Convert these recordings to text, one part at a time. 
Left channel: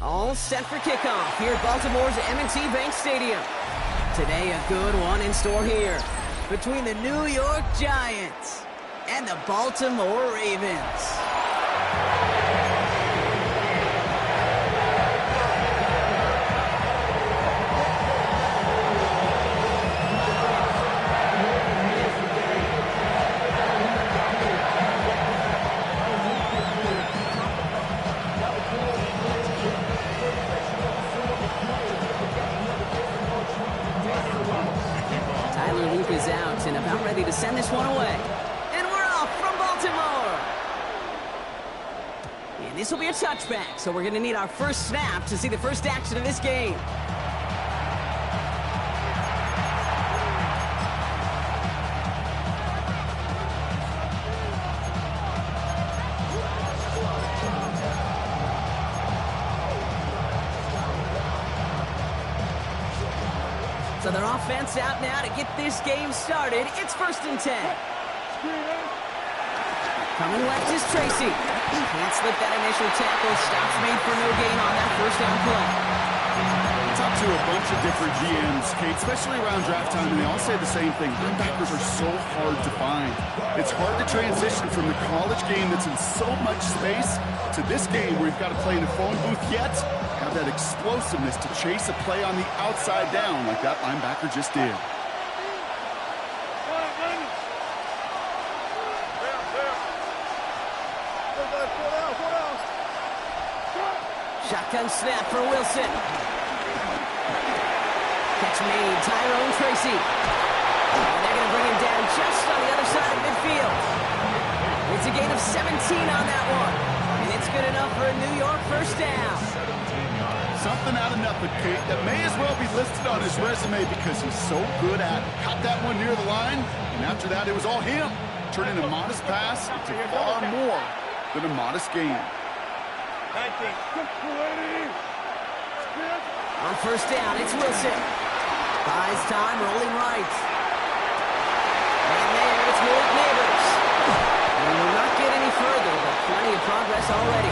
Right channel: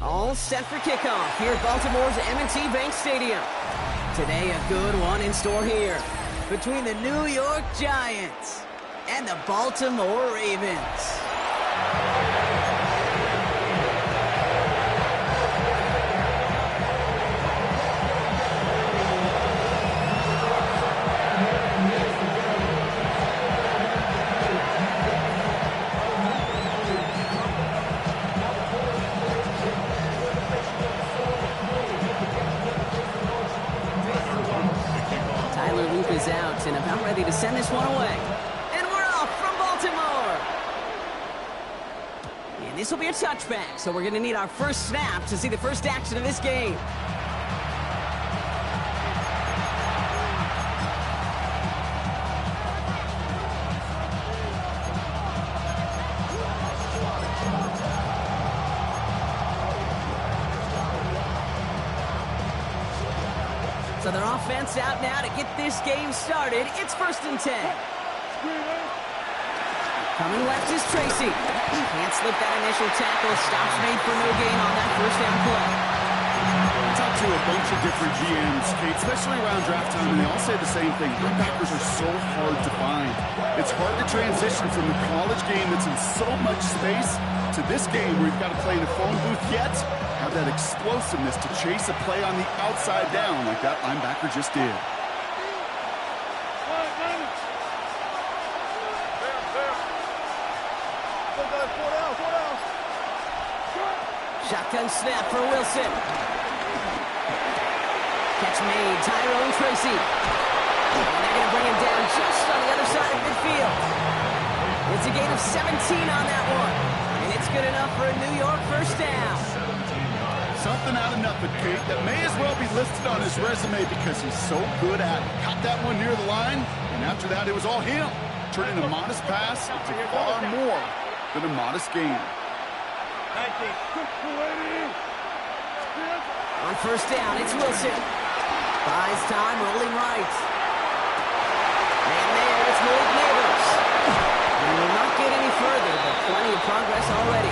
All set for kickoff here at Baltimore's M&T Bank Stadium. Today, a good one in store here between the New York Giants and the Baltimore Ravens. Is out and about ready to send this one away. And we're off from Baltimore. And this will be a touchback, so we're going to need our first snap to see the first action of this game. So their offense out now to get this game started. It's 1st and 10. Coming left is Tracy. Can't slip that initial tackle. Stops made for no gain on that first down play. I talked to a bunch of different GMs, Kate, especially around draft time, and they all say the same thing. Linebackers are so hard to find. It's hard to transition from the college game that's in so much space to this game where you've got to play in a phone booth yet have that explosiveness to chase a play on the outside down like that linebacker just did. Shotgun snap for Wilson. Catch made, Tyrone Tracy. And they're going to bring him down just on the other side of midfield. It's a gain of 17 on that one. And it's good enough for a New York first down. Something out of nothing, Kate, that may as well be listed on his resume because he's so good at it. Caught that one near the line, and after that, it was all him. Turning a modest pass into far more than a modest gain. On first down, it's Wilson. Buys time, rolling right. And there, it's Malik Neighbors. We will not get any further, but plenty of progress already.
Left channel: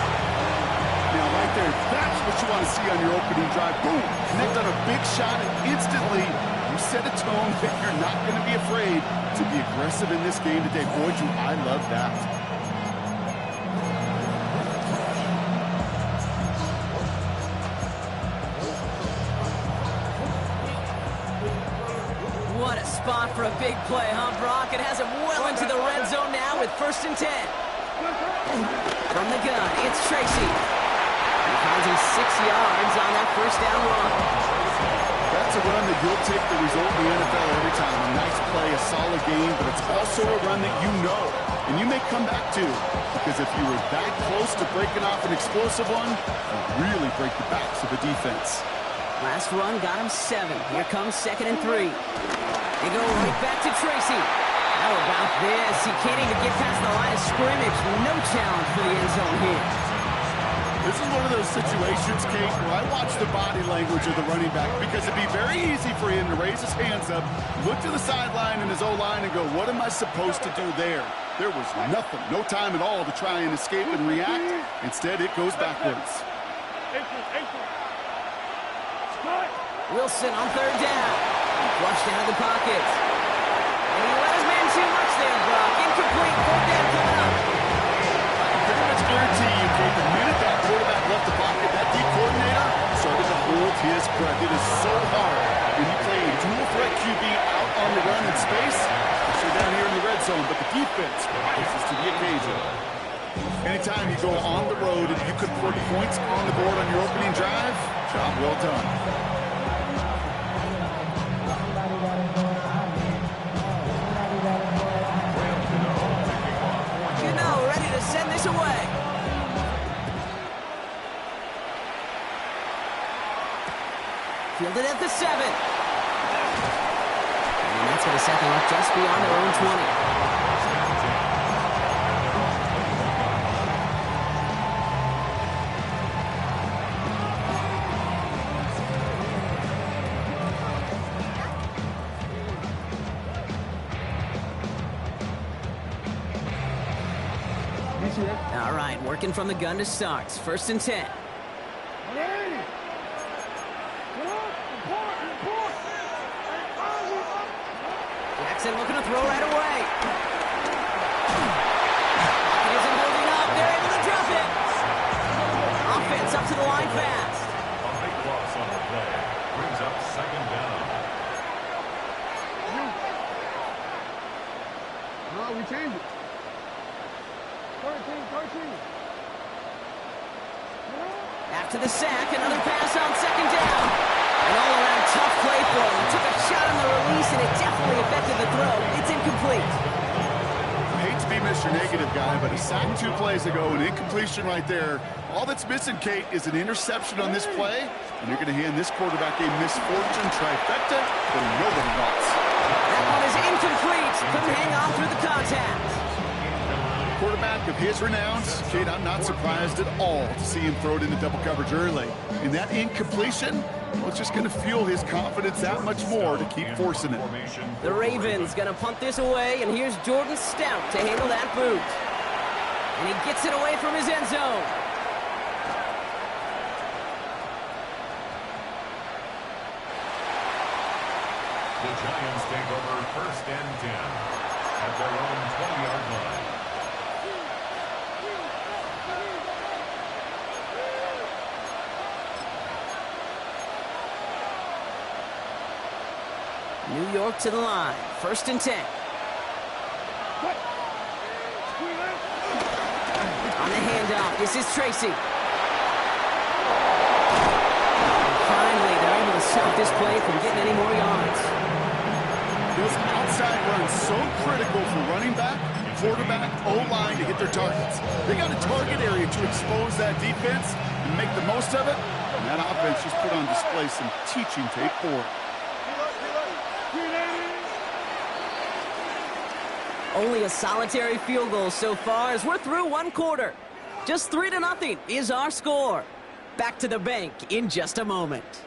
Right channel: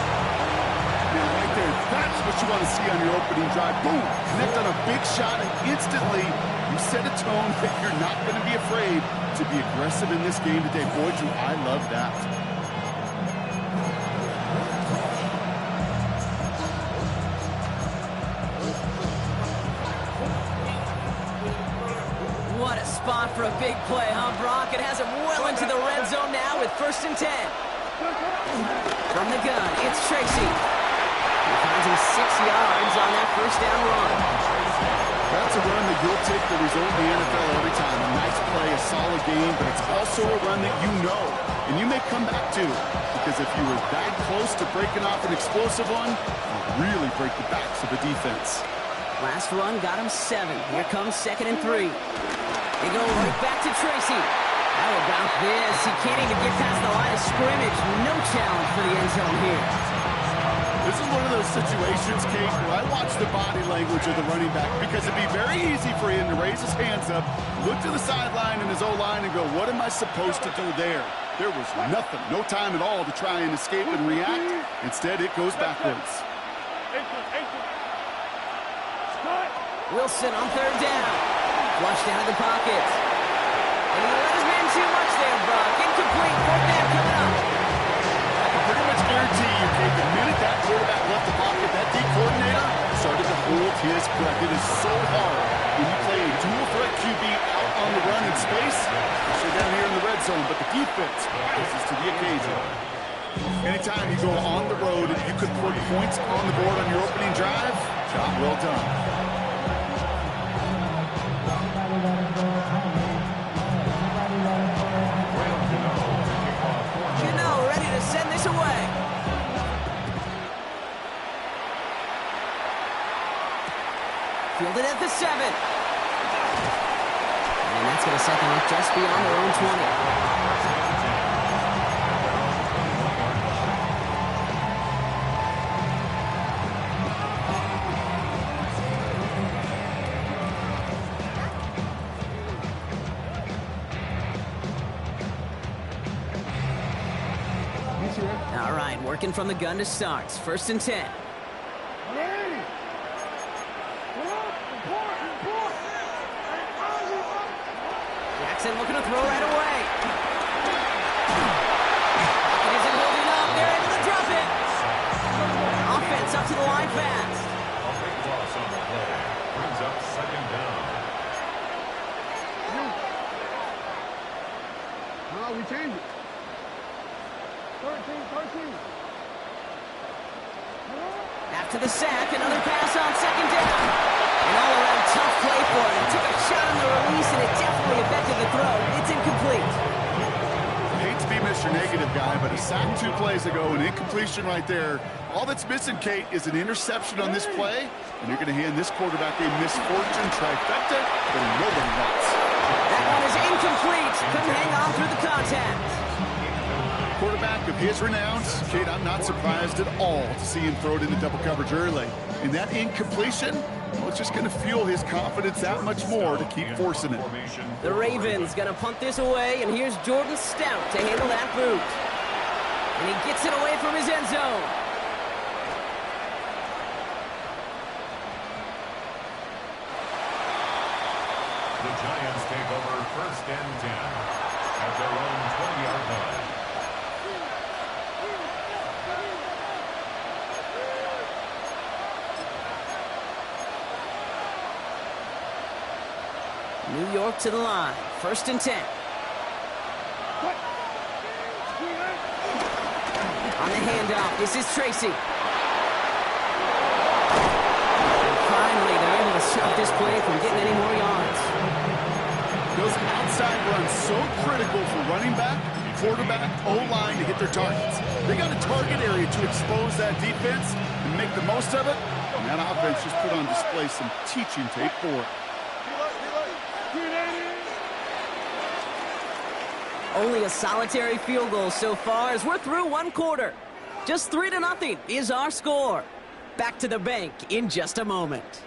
Now, right there, that's what you want to see on your opening drive. Boom! Connect on a big shot, and instantly you set a tone that you're not going to be afraid to be aggressive in this game today. Boy, do I love that. What a spot for a big play, huh, Brock? It has him well into the red zone now with 1st and 10. From the gun, it's Tracy. He finds him 6 yards on that first down run. That's a run that you'll take the result in the NFL every time. A nice play, a solid game, but it's also a run that you know, and you may come back to, because if you were that close to breaking off an explosive one, you really break the backs of the defense. Last run got him 7. Here comes 2nd and 3. They go right back to Tracy. How about this? He can't even get past the line of scrimmage. No challenge for the end zone here. This is one of those situations, Kate, where I watch the body language of the running back because it'd be very easy for him to raise his hands up, look to the sideline and his O-line and go, what am I supposed to do there? There was nothing, no time at all to try and escape and react. Instead, it goes backwards. Wilson on 3rd down. Flushed out of the pocket. And he let his man too much there, Brock. Incomplete. 4th down coming up. pretty much guarantee you, Kate, the minute that quarterback left the pocket, that D coordinator started to hold his breath. It is so hard when you play a dual threat QB out on the run in space, especially down here in the red zone, but the defense rises to the occasion. Anytime you go on the road and you can put points on the board on your opening drive, job well done. Ready to send this away. Fielded at the 7. And that's going to set them up just beyond their own 20. All right, working from the gun to start. 1st and 10. Jackson looking to throw right away. Pocket isn't holding up. They're able to drop it. Offense up to the line fast. A big loss on the play. Brings up 2nd down. No, we change it. 13. After the sack, another pass on 2nd down. An all-around tough play for him. Took a shot on the release, and it definitely affected the throw. It's incomplete. I hate to be Mr. Negative guy, but a sack 2 plays ago, an incompletion right there. All that's missing, Kate, is an interception on this play, and you're going to hand this quarterback a misfortune trifecta that nobody wants. That one is incomplete. Couldn't hang on through the contact. Quarterback of his renown, Kate, I'm not surprised at all to see him throw it into double coverage early. And that incompletion, well, it's just going to fuel his confidence that much more to keep forcing it. The Ravens going to punt this away, and here's Jordan Stout to handle that boot. And he gets it away from his end zone. The Giants take over 1st and 10 at their own 20-yard line. New York to the line. 1st and 10. On the handoff, this is Tracy. And finally, they're able to stop this play from getting any more yards. Those outside runs so critical for running back, quarterback, O-line to hit their targets. They got a target area to expose that defense and make the most of it. And that offense just put on display some teaching tape for it. Only a solitary field goal so far as we're through 1 quarter. Just 3-0 is our score. Back to the bank in just a moment.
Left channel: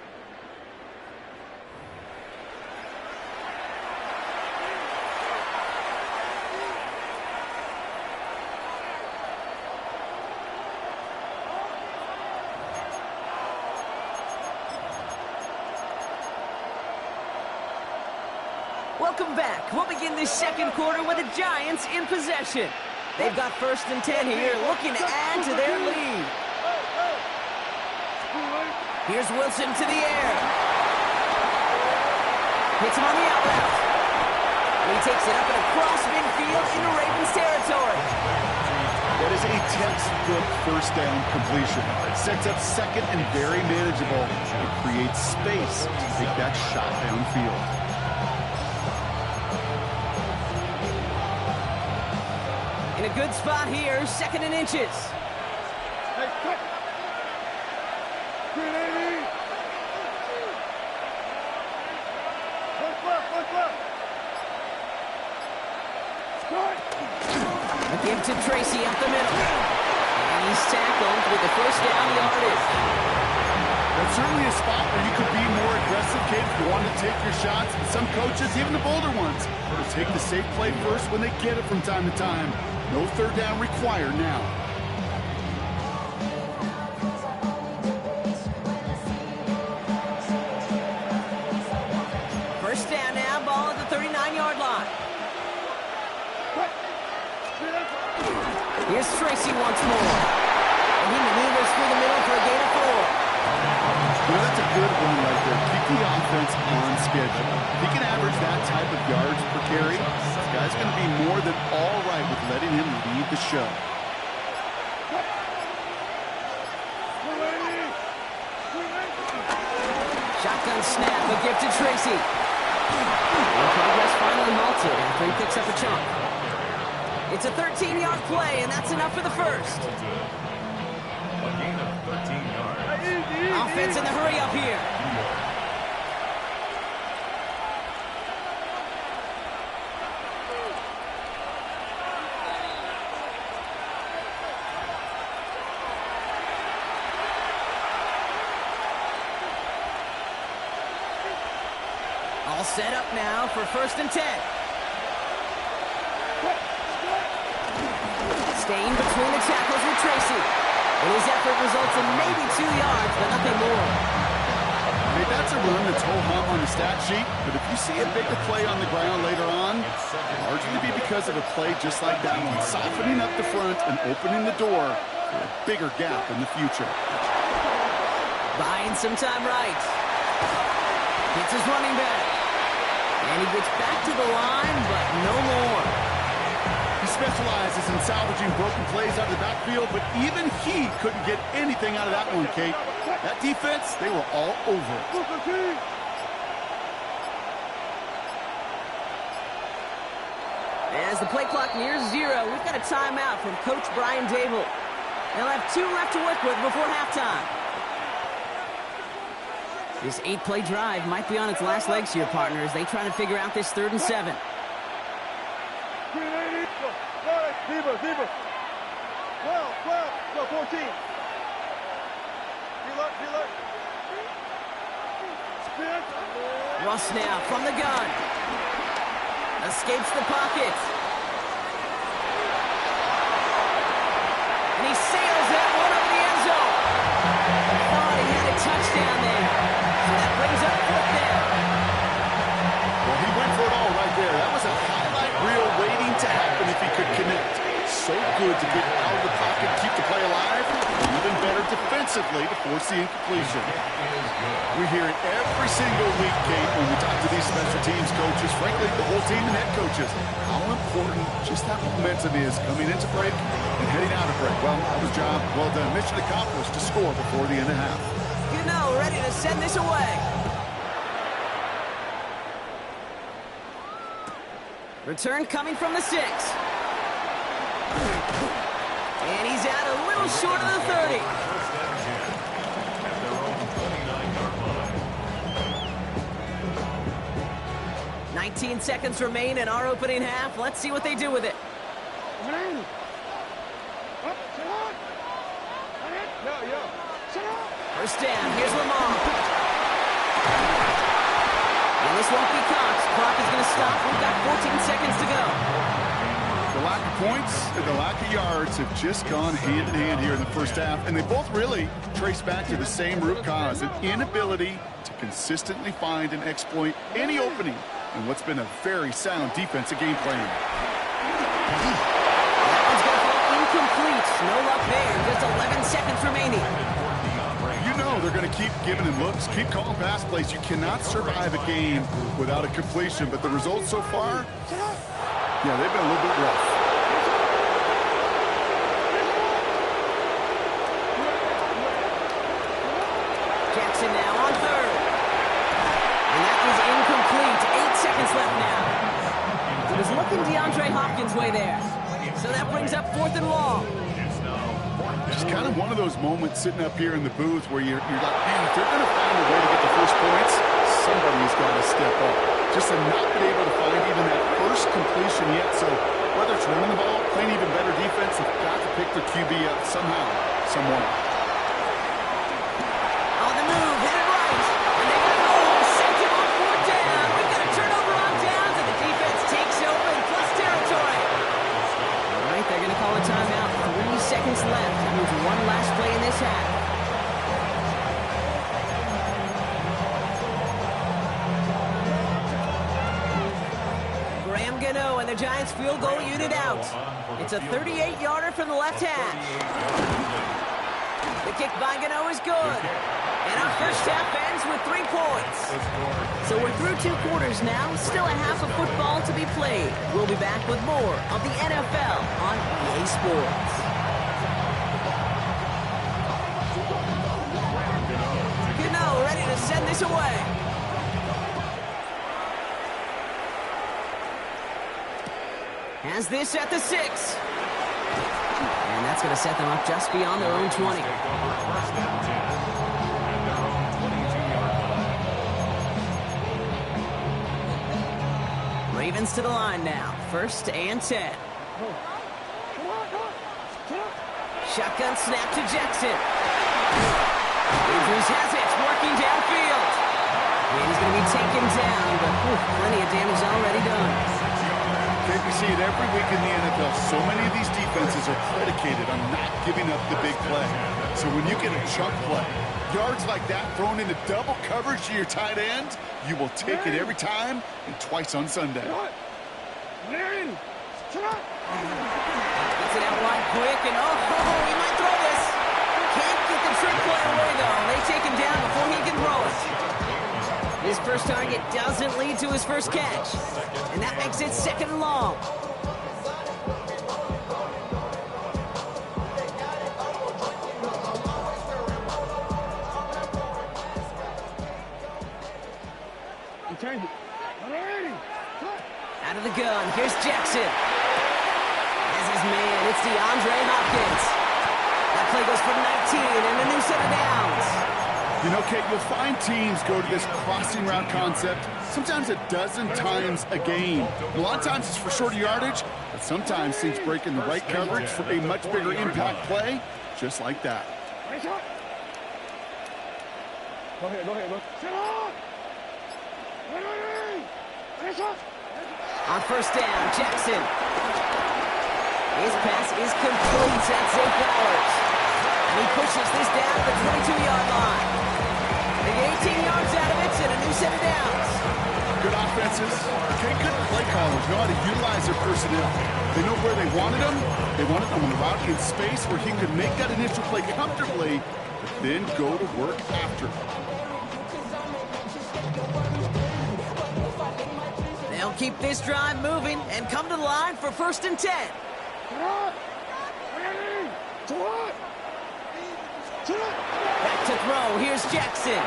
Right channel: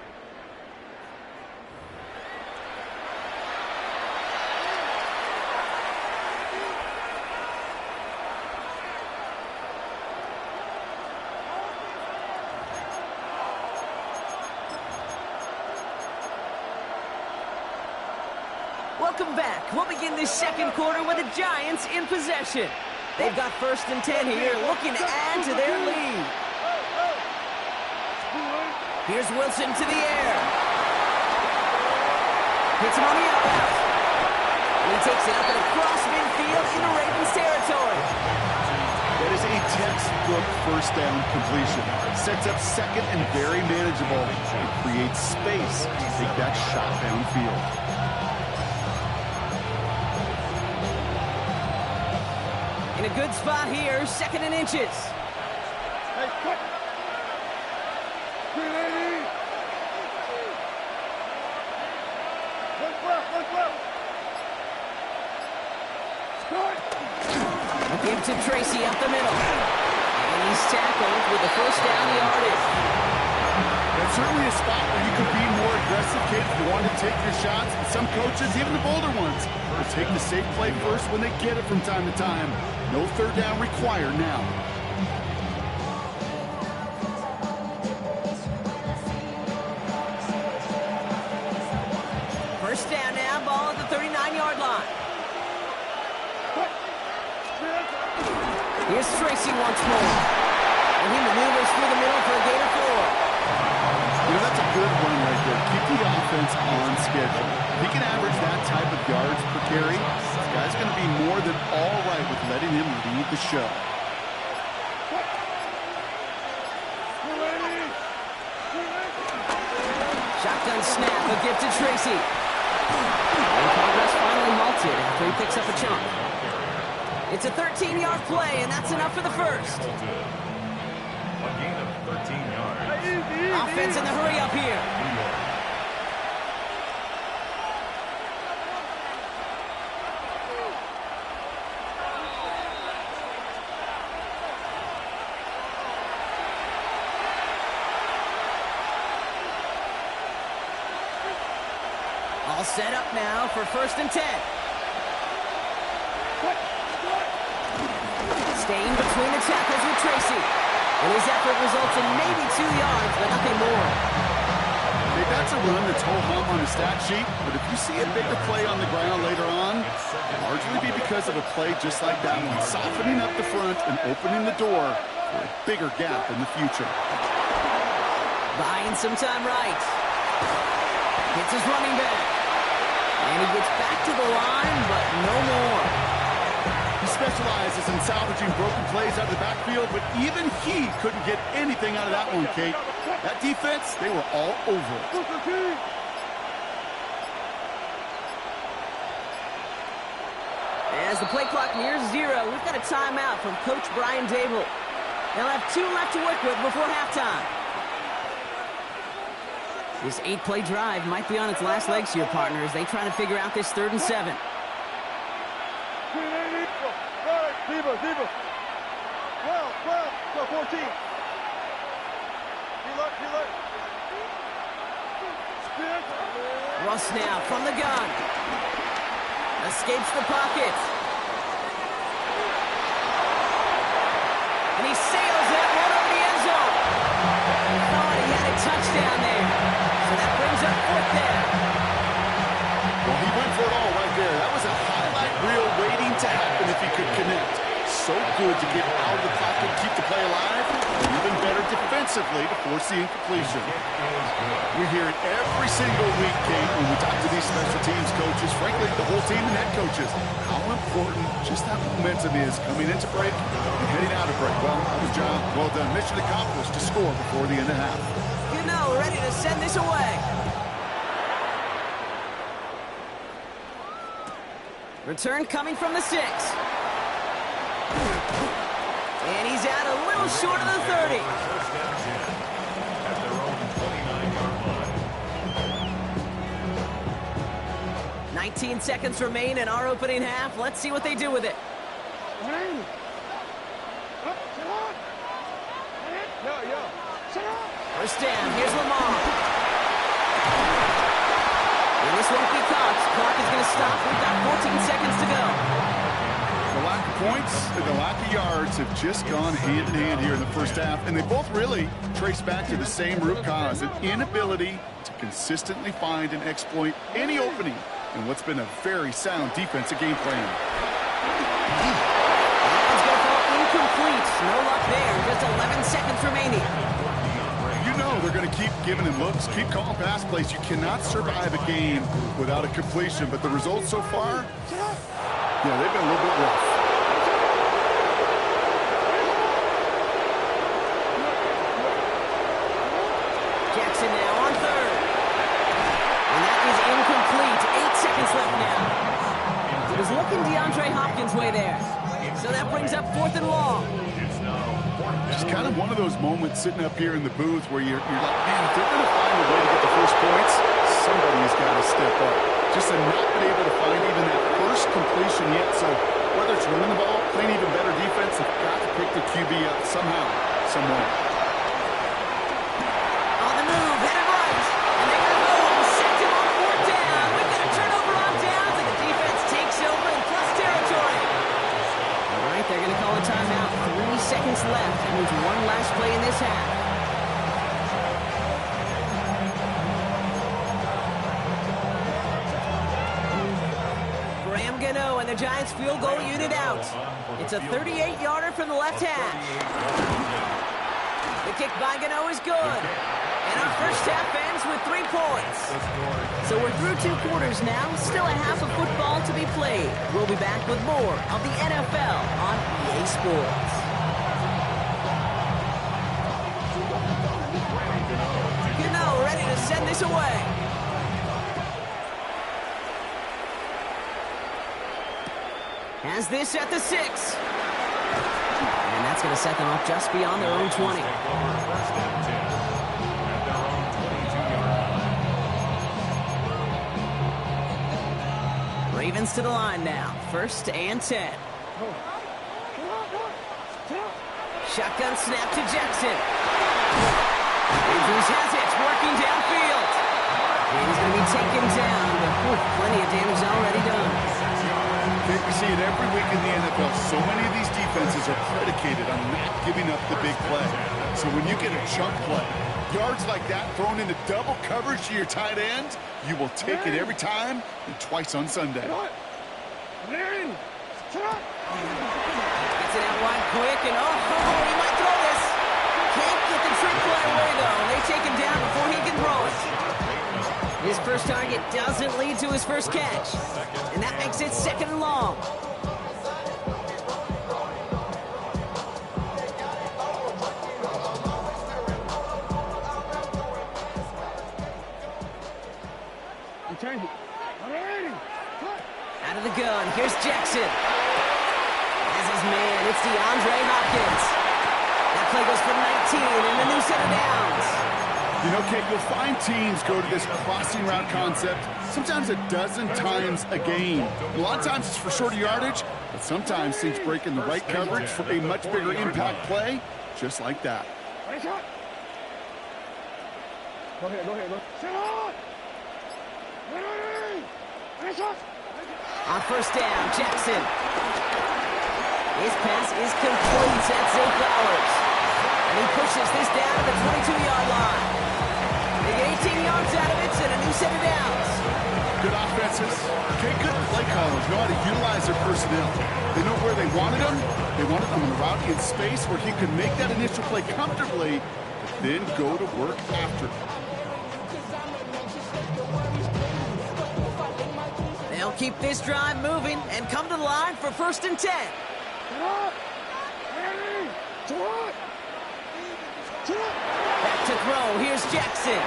Welcome back. We'll begin this 2nd quarter with the Giants in possession. They've got 1st and 10 here, looking to add to their lead. Here's Wilson to the air. Hits him on the out route. And he takes it up and across midfield into Ravens territory. That is a textbook 1st down completion. It sets up 2nd and very manageable. It creates space to take that shot downfield. In a good spot here, 2nd and inches. Hey, cut! 380! Look left! Start! A give to Tracy up the middle. And he's tackled with the 1st down yardage. That's certainly a spot where you could be more aggressive, kid, if you want to take your shots. And some coaches, even the bolder ones, will take the safe play first when they get it from time to time. No 3rd down required now. First down now, ball at the 39-yard line. Here's Tracy once more. And he maneuvers through the middle for a gain of 4. You know, that's a good run right there. Keep the offense on schedule. If he can average that type of yards per carry, this guy's going to be more than all right with letting him lead the show. Shotgun snap, a gift to Tracy. And progress finally halted after he picks up a chunk. It's a 13-yard play, and that's enough for the first. A gain of 13 yards. Offense in the hurry up here. New York. All set up now for 1st and 10. Staying between the tackles with Tracy. And his effort results in maybe 2 yards, but nothing more. Hey, that's a run that's ho-hum on the stat sheet, but if you see a bigger play on the ground later on, largely be because of a play just like that one, softening up the front and opening the door for a bigger gap in the future. Buying some time right. Hits his running back. And he gets back to the line, but no more. He specializes in salvaging broken plays out of the backfield, but even he couldn't get anything out of that one, Kate. That defense, they were all over it. As the play clock nears 0, we've got a timeout from Coach Brian Dable. They'll have 2 left to work with before halftime. This 8-play drive might be on its last legs here, partners. They try to figure out this 3rd and 7. Zebra. 12, 14. Heel. Sprint. Russ now from the gun. Escapes the pocket. And he sails that one over the end zone. Thought he had a touchdown there. So that brings up 4th down. Well, he went for it all right there. That was a highlight reel waiting to happen if he could connect. So good to get out of the pocket, keep the play alive, and even better defensively to force the incompletion. We hear it every single week, Kate, when we talk to these special teams coaches, frankly, the whole team and head coaches, how important just that momentum is coming into break and heading out of break. Well, that was job well done. Mission accomplished to score before the end of half. You know, ready to send this away. Return coming from the 6. And he's out a little short of the 30. 1st and 10 at their own 29-yard line. 19 seconds remain in our opening half. Let's see what they do with it. First down. Here's Lamar. And this won't be caught. Clock is going to stop. We've got 14 seconds to go. The lack of points and the lack of yards have just gone hand in hand here in the first half, and they both really trace back to the same root cause, an inability to consistently find and exploit any opening in what's been a very sound defensive game plan. That one's going to fall incomplete. No luck there. Just 11 seconds remaining. You know they're going to keep giving him looks, keep calling pass plays. You cannot survive a game without a completion, but the results so far, yeah, they've been a little bit rough. Jackson now on 3rd. And that is incomplete. 8 seconds left now. He was looking DeAndre Hopkins' way there. So that brings up 4th and long. Just kind of one of those moments sitting up here in the booth where you're like, man, if they're going to find a way to get the first points, somebody's got to step up. Just to not been able to find even that first completion yet. So whether it's running the ball, playing even better defense, they've got to pick their QB up somehow, somewhere. On the move, headed right. And they got home, sacked him on 4th down. We've got a turnover on downs, and the defense takes over in plus territory. All right, they're going to call a timeout. 3 seconds left. That means one last play in this half. Bongano and the Giants field goal unit out. It's a 38-yarder from the left hash. The kick by Gano is good. And our first half ends with 3 points. So we're through 2 quarters now. Still a half of football to be played. We'll be back with more of the NFL on EA Sports. Gano ready to send this away. Has this at the 6. And that's going to set them up just beyond their own 20. Take over first and 10 at their own 22-yard line. Ravens to the line now. First and 10. Shotgun snap to Jackson. Andrews has it, working downfield. And he's going to be taken down, but plenty of damage already done. Okay, we see it every week in the NFL. So many of these defenses are predicated on not giving up the big play. So when you get a chunk play, yards like that thrown into double coverage to your tight end, you will take it every time and twice on Sunday. Gets it out wide quick, and he might throw this. Can't get the trick play away, though. They take him down before he can throw it. His first target doesn't lead to his first catch, and that makes it 2nd and long. Out of the gun, here's Jackson. As his man, it's DeAndre Hopkins. That play goes for 19 and a new set of downs. You know, Kate, you'll find teams go to this crossing route concept sometimes a dozen times a game. A lot of times it's for shorter yardage, but sometimes teams break in the right coverage for a much bigger impact play, just like that. Go ahead. On first down, Jackson. His pass is complete. That's Zay Flowers. And he pushes this down to the 22-yard line. They get 18 yards out of it and a new set of downs. Good offenses. Okay, good play callers know how to utilize their personnel. They know where they wanted them. They wanted them on the route in space where he could make that initial play comfortably, but then go to work after. They'll keep this drive moving and come to the line for 1st and 10. Back to throw. Here's Jackson.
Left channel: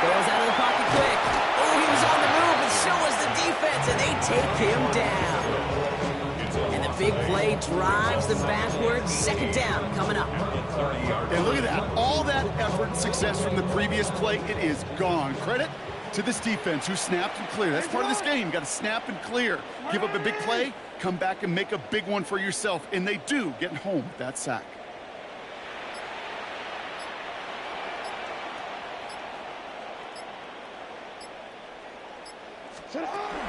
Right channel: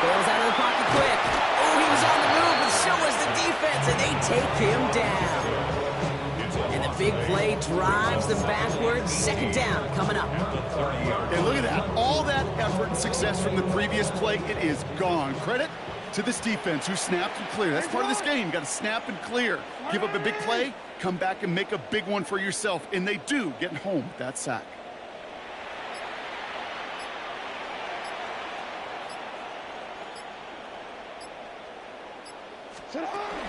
Bails out of the pocket quick. He was on the move, but so was the defense, and they take him down. And the big play drives them backwards. 2nd down coming up. And look at that. All that effort and success from the previous play, it is gone. Credit to this defense who snapped and cleared. That's part of this game. You got to snap and clear. Give up a big play, come back and make a big one for yourself. And they do, getting home with that sack.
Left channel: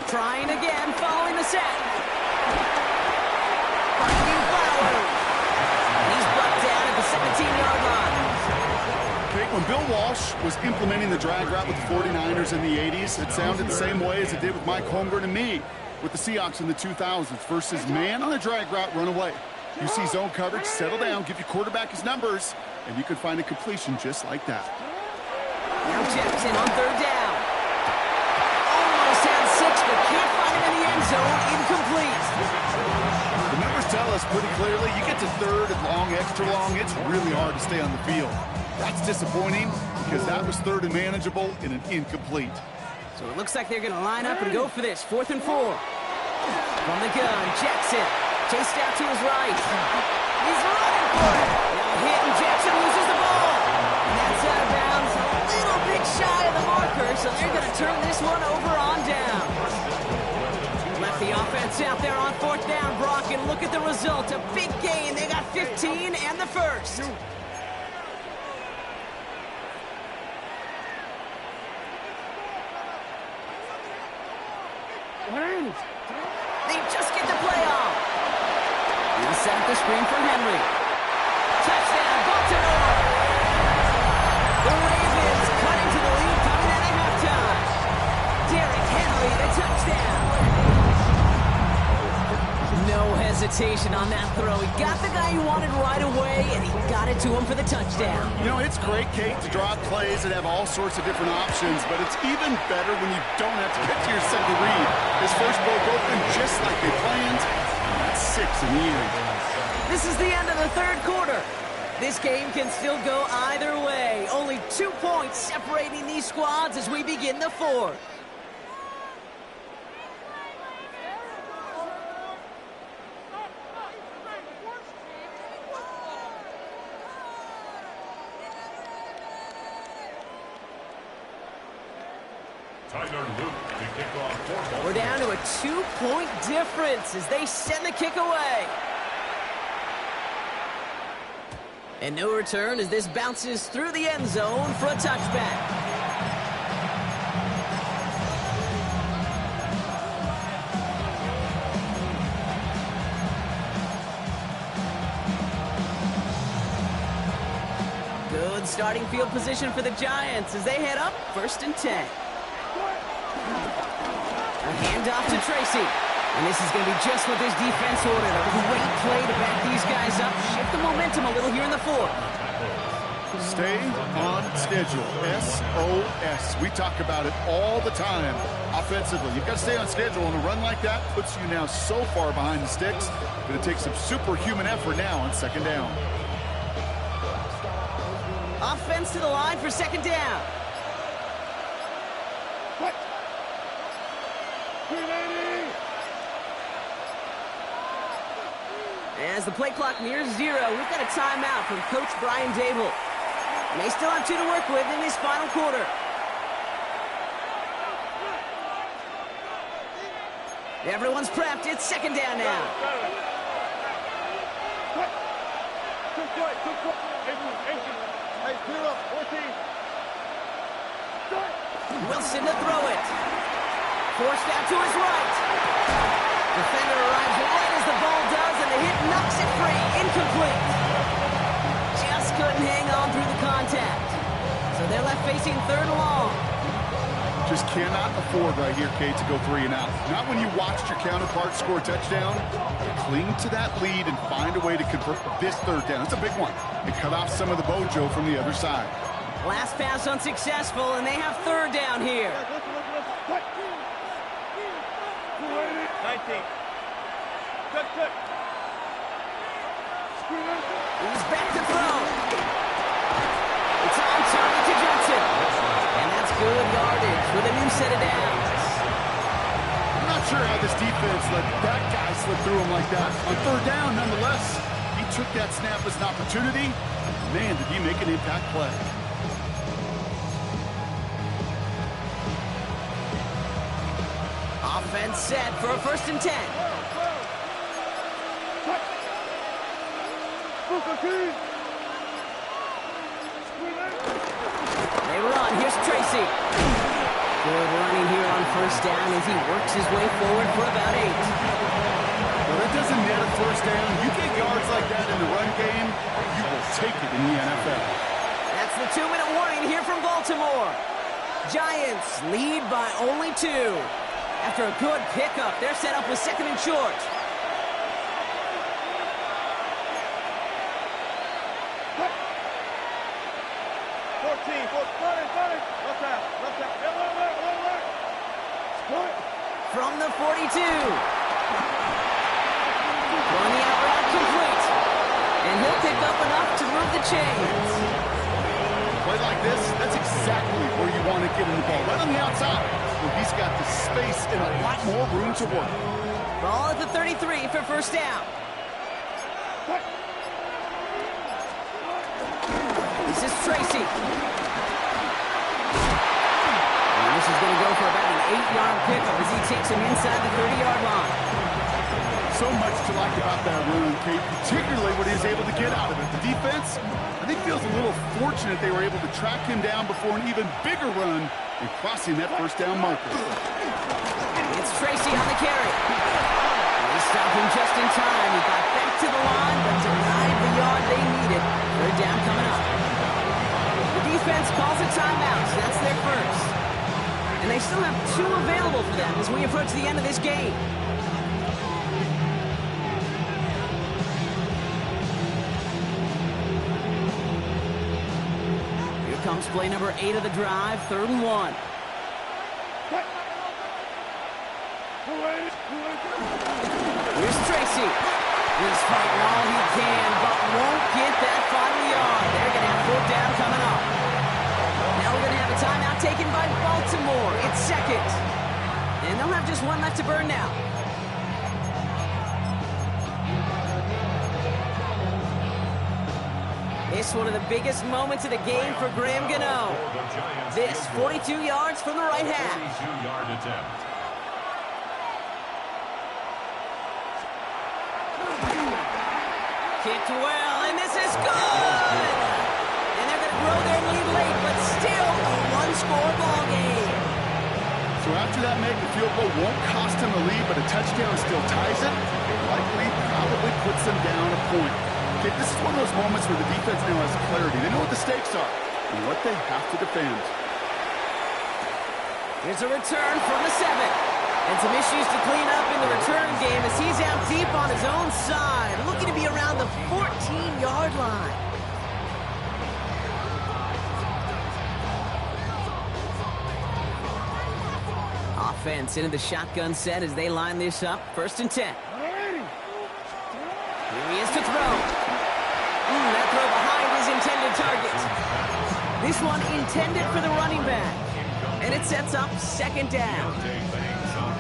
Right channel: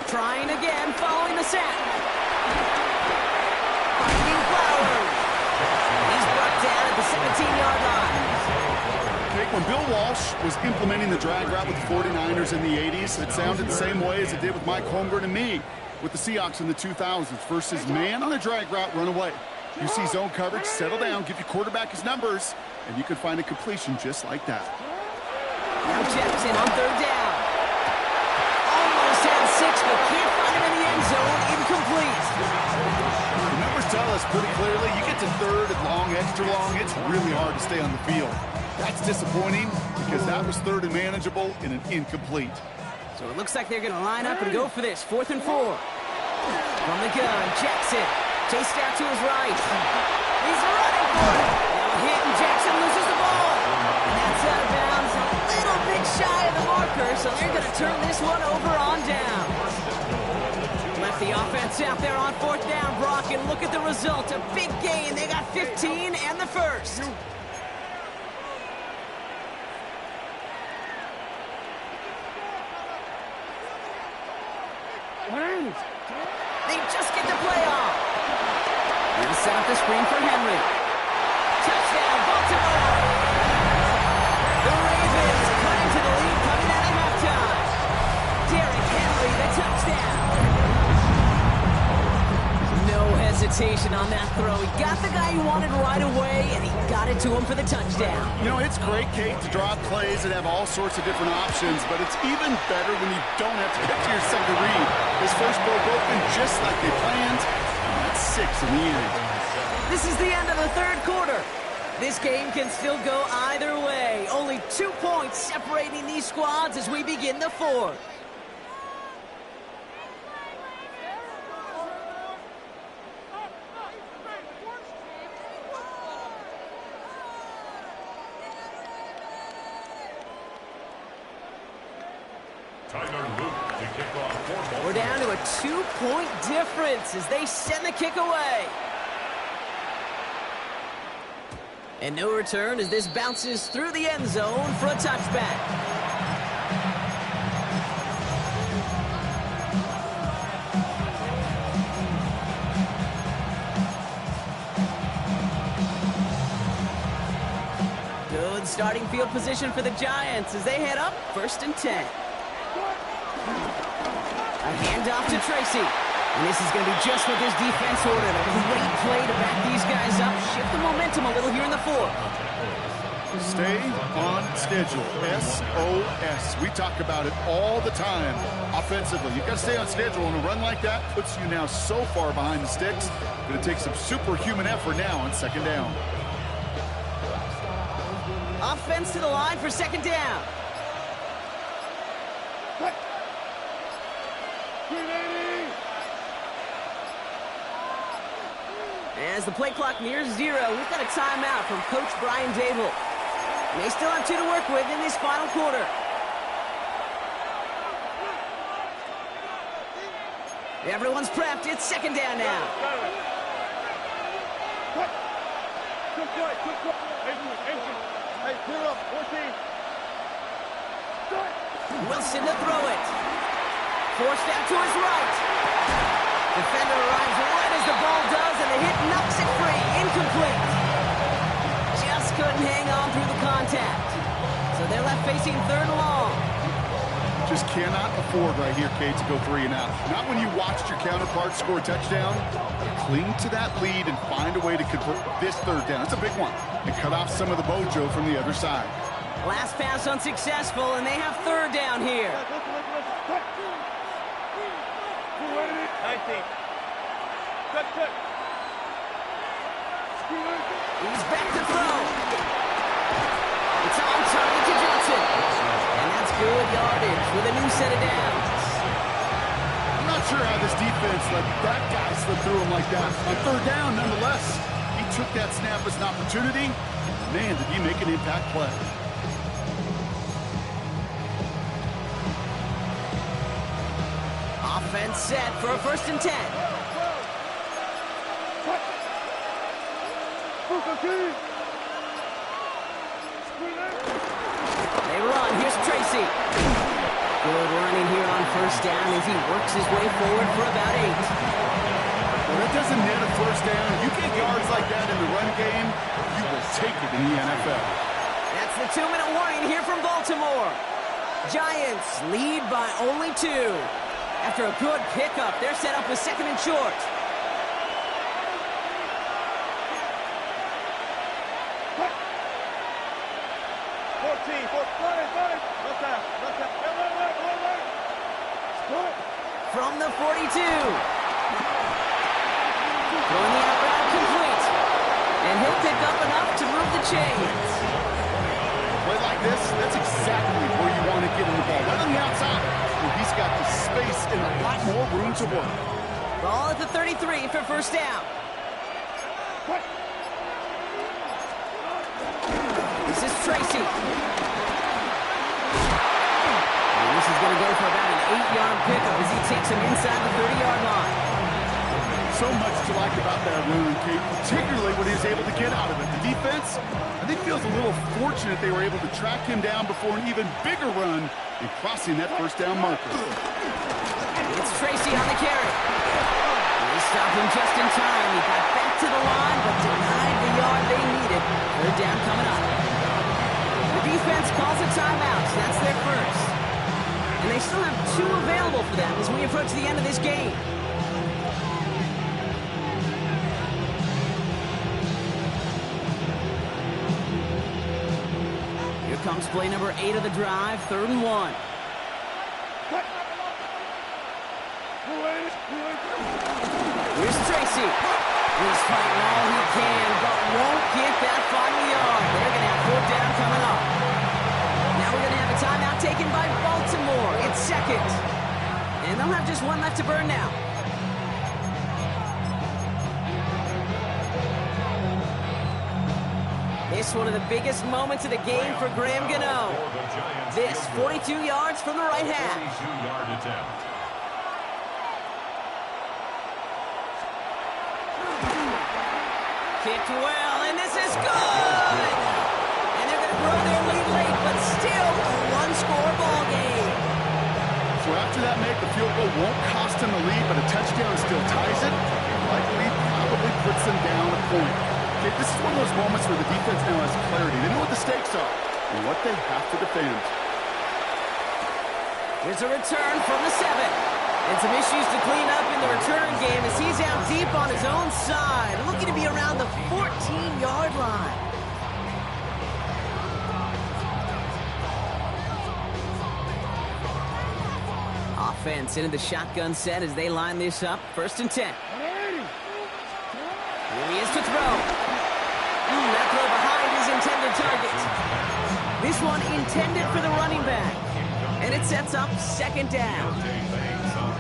Trying again, following the sack. Finding Flowers. He's brought down at the 17-yard line. Okay, when Bill Walsh was implementing the drag route with the 49ers in the 80s, it sounded the same way as it did with Mike Holmgren and me with the Seahawks in the 2000s versus man on a drag route, run away. You see zone coverage, settle down, give your quarterback his numbers, and you can find a completion just like that. Now Jackson on 3rd down. Almost had 6, but can't find him in the end zone. Incomplete. The numbers tell us pretty clearly, you get to 3rd and long, extra long, it's really hard to stay on the field. That's disappointing because that was 3rd and manageable in an incomplete. So it looks like they're going to line up and go for this. 4th and 4. From the gun, Jackson chased out to his right. He's running for it. Now a hit, and Jackson loses the ball. And that's out of bounds, a little bit shy of the marker, so they're going to turn this one over on down. Left the offense out there on 4th down, Brock, and look at the result. A big gain. They got 15 and the first. They just get the play off. And set up the screen for Henry. Touchdown, Baltimore. The Ravens cut into the lead coming out of halftime. Derrick Henry, the touchdown. hesitation on that throw. He got the guy he wanted right away, and he got it to him for the touchdown. You know, it's great, Kate, to draw plays and have all sorts of different options, but it's even better when you don't have to get to your second read. His first broke open just like they planned, and that's 6 in the end. This is the end of the third quarter. This game can still go either way. Only 2 points separating these squads as we begin the fourth. To kick off for Baltimore. We're down to a 2-point difference as they send the kick away. And no return as this bounces through the end zone for a touchback. Good starting field position for the Giants as they head up 1st and 10. A handoff to Tracy. And this is going to be just what this defense ordered. A great play to back these guys up. Shift the momentum a little here in the fourth. Stay on schedule. SOS. We talk about it all the time. Offensively, you've got to stay on schedule, and a run like that puts you now so far behind the sticks. Going to take some superhuman effort now on 2nd down. Offense to the line for 2nd down. As the play clock nears 0, we've got a timeout from Coach Brian Dable. May still have 2 to work with in this final quarter. Everyone's prepped. It's 2nd down now. Wilson to throw it. Forced out to his right. Defender arrives right as the ball does, and the hit knocks it free. Incomplete. Just couldn't hang on through the contact. So they're left facing 3rd and long. Just cannot afford right here, Kate, to go 3 and out. Not when you watched your counterpart score a touchdown. Gotta cling to that lead and find a way to convert this 3rd down. It's a big one. And cut off some of the mojo from the other side. Last pass unsuccessful, and they have 3rd down here. 19. Cut. He's back to throw. It's on target to Johnson. And that's good yardage with a new set of downs. I'm not sure how this defense let that guy slip through him like that. On 3rd down, nonetheless, he took that snap as an opportunity. Man, did he make an impact play. Offense set for a 1st and 10. They run. Here's Tracy. Good running here on 1st down as he works his way forward for about 8. Well, that doesn't net a 1st down. You get yards like that in the run game, you will take it in the NFL. That's the 2-minute warning here from Baltimore. Giants lead by only 2. After a good pickup, they're set up with 2nd and short. From the 42. Throwing the out route complete. And he'll pick up enough to move the chains. Play like this, that's exactly where you want to get in the ball. Right on the outside, where he's got the space and a lot more room to work. Ball at the 33 for 1st down. This is Tracy. And this is going to go for about an 8-yard pickup as he takes him inside the 30-yard line. So much to like about that run, Kate, particularly what he was able to get out of it. The defense, I think, feels a little fortunate they were able to track him down before an even bigger run and crossing that 1st down marker. It's Tracy on the carry. They stop him just in time. He got back to the line, but denied the yard they needed. 3rd down coming up. The defense calls a timeout, so that's their 1st. And they still have 2 available for them as we approach the end of this game. comes play number 8 of the drive, 3rd and 1. Here's Tracy. He's fighting all he can, but won't get that final yard. They're going to have 4th down coming up. Now we're going to have a timeout taken by Baltimore. It's 2nd. And they'll have just 1 left to burn now. This one of the biggest moments of the game for Graham Gano. This 42 yards from the right half. 42-yard attempt. Kicked well, and this is good! And they're going to grow their lead late, but still a one-score ball game. So after that make, the field goal won't cost him the lead, but a touchdown still ties it. It likely probably puts them down a point. Okay, this is one of those moments where the defense now has clarity. They know what the stakes are and what they have to defend. Here's a return from the 7. And some issues to clean up in the return game as he's out deep on his own side, looking to be around the 14-yard line. Offense into the shotgun set as they line this up. 1st and 10. Here he is to throw. That throw behind his intended target. This one intended for the running back. And it sets up 2nd down.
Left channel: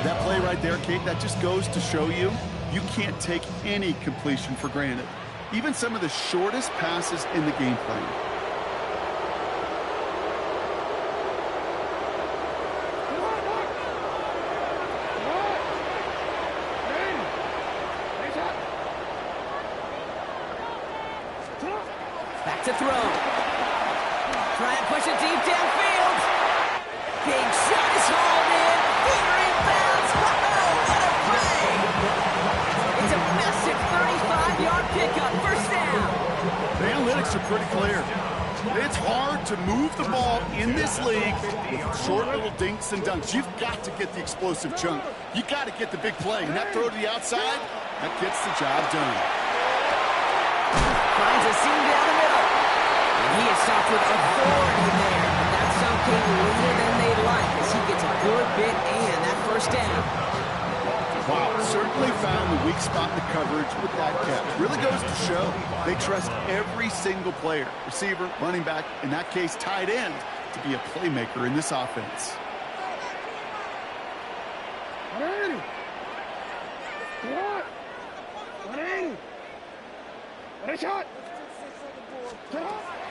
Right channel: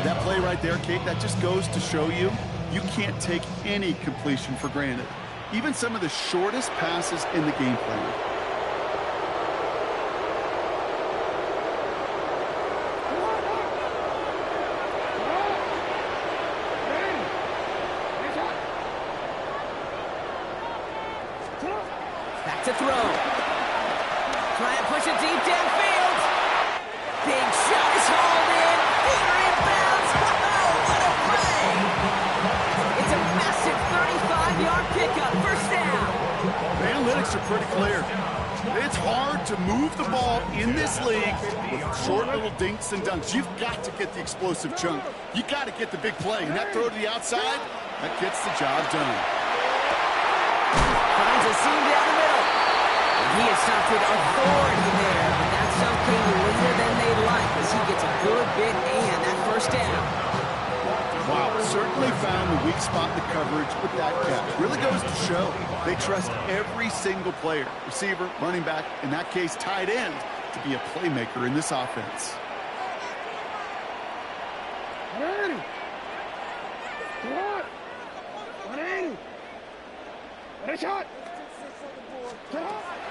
That play right there, Kate, that just goes to show you, you can't take any completion for granted. Even some of the shortest passes in the game plan. Back to throw. Try and push it deep downfield. Big shot is hauled in. Peter inbounds. Oh, what a play! It's a massive 35-yard pickup. 1st down. The analytics are pretty clear. It's hard to move the ball in this league with short little dinks and dunks. You've got to get the explosive chunk. You got to get the big play. And that throw to the outside, that gets the job done. Finds a seam down the middle. And he is stopped with authority there, but that stop came later than they'd like as he gets a good bit and that 1st down. Wow, certainly found the weak spot in the coverage with that catch. Really goes to show they trust every single player, receiver, running back, in that case tight end, to be a playmaker in this offense.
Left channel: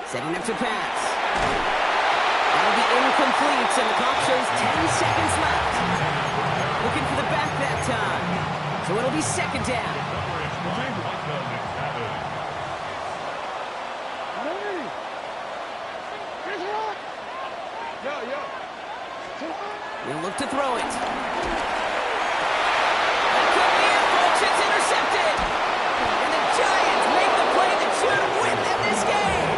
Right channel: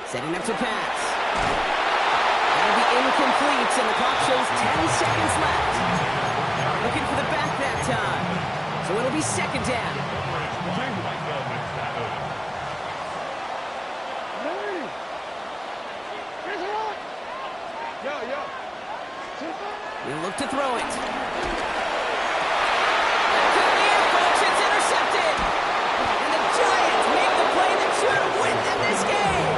Setting up to pass. That'll be incomplete, and the clock shows 10 seconds left. Looking for the back that time. So it'll be 2nd down. He'll look to throw it. That could be it, folks. It's intercepted. And the Giants make the play that should win them this game.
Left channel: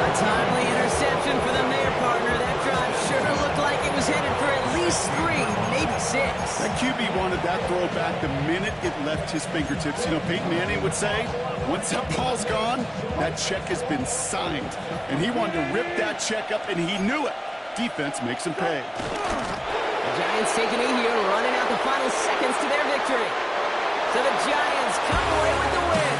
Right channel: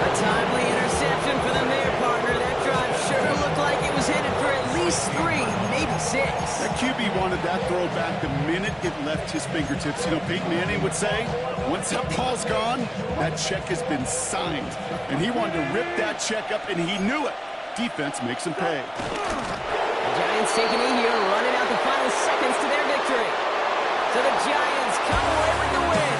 A timely interception for them there, partner. That drive sure looked like it was headed for at least 3, maybe 6. That QB wanted that throw back the minute it left his fingertips. You know, Peyton Manning would say, once that ball's gone, that check has been signed. And he wanted to rip that check up, and he knew it. Defense makes him pay. The Giants taking it here, running out the final seconds to their victory. So the Giants come away with the win.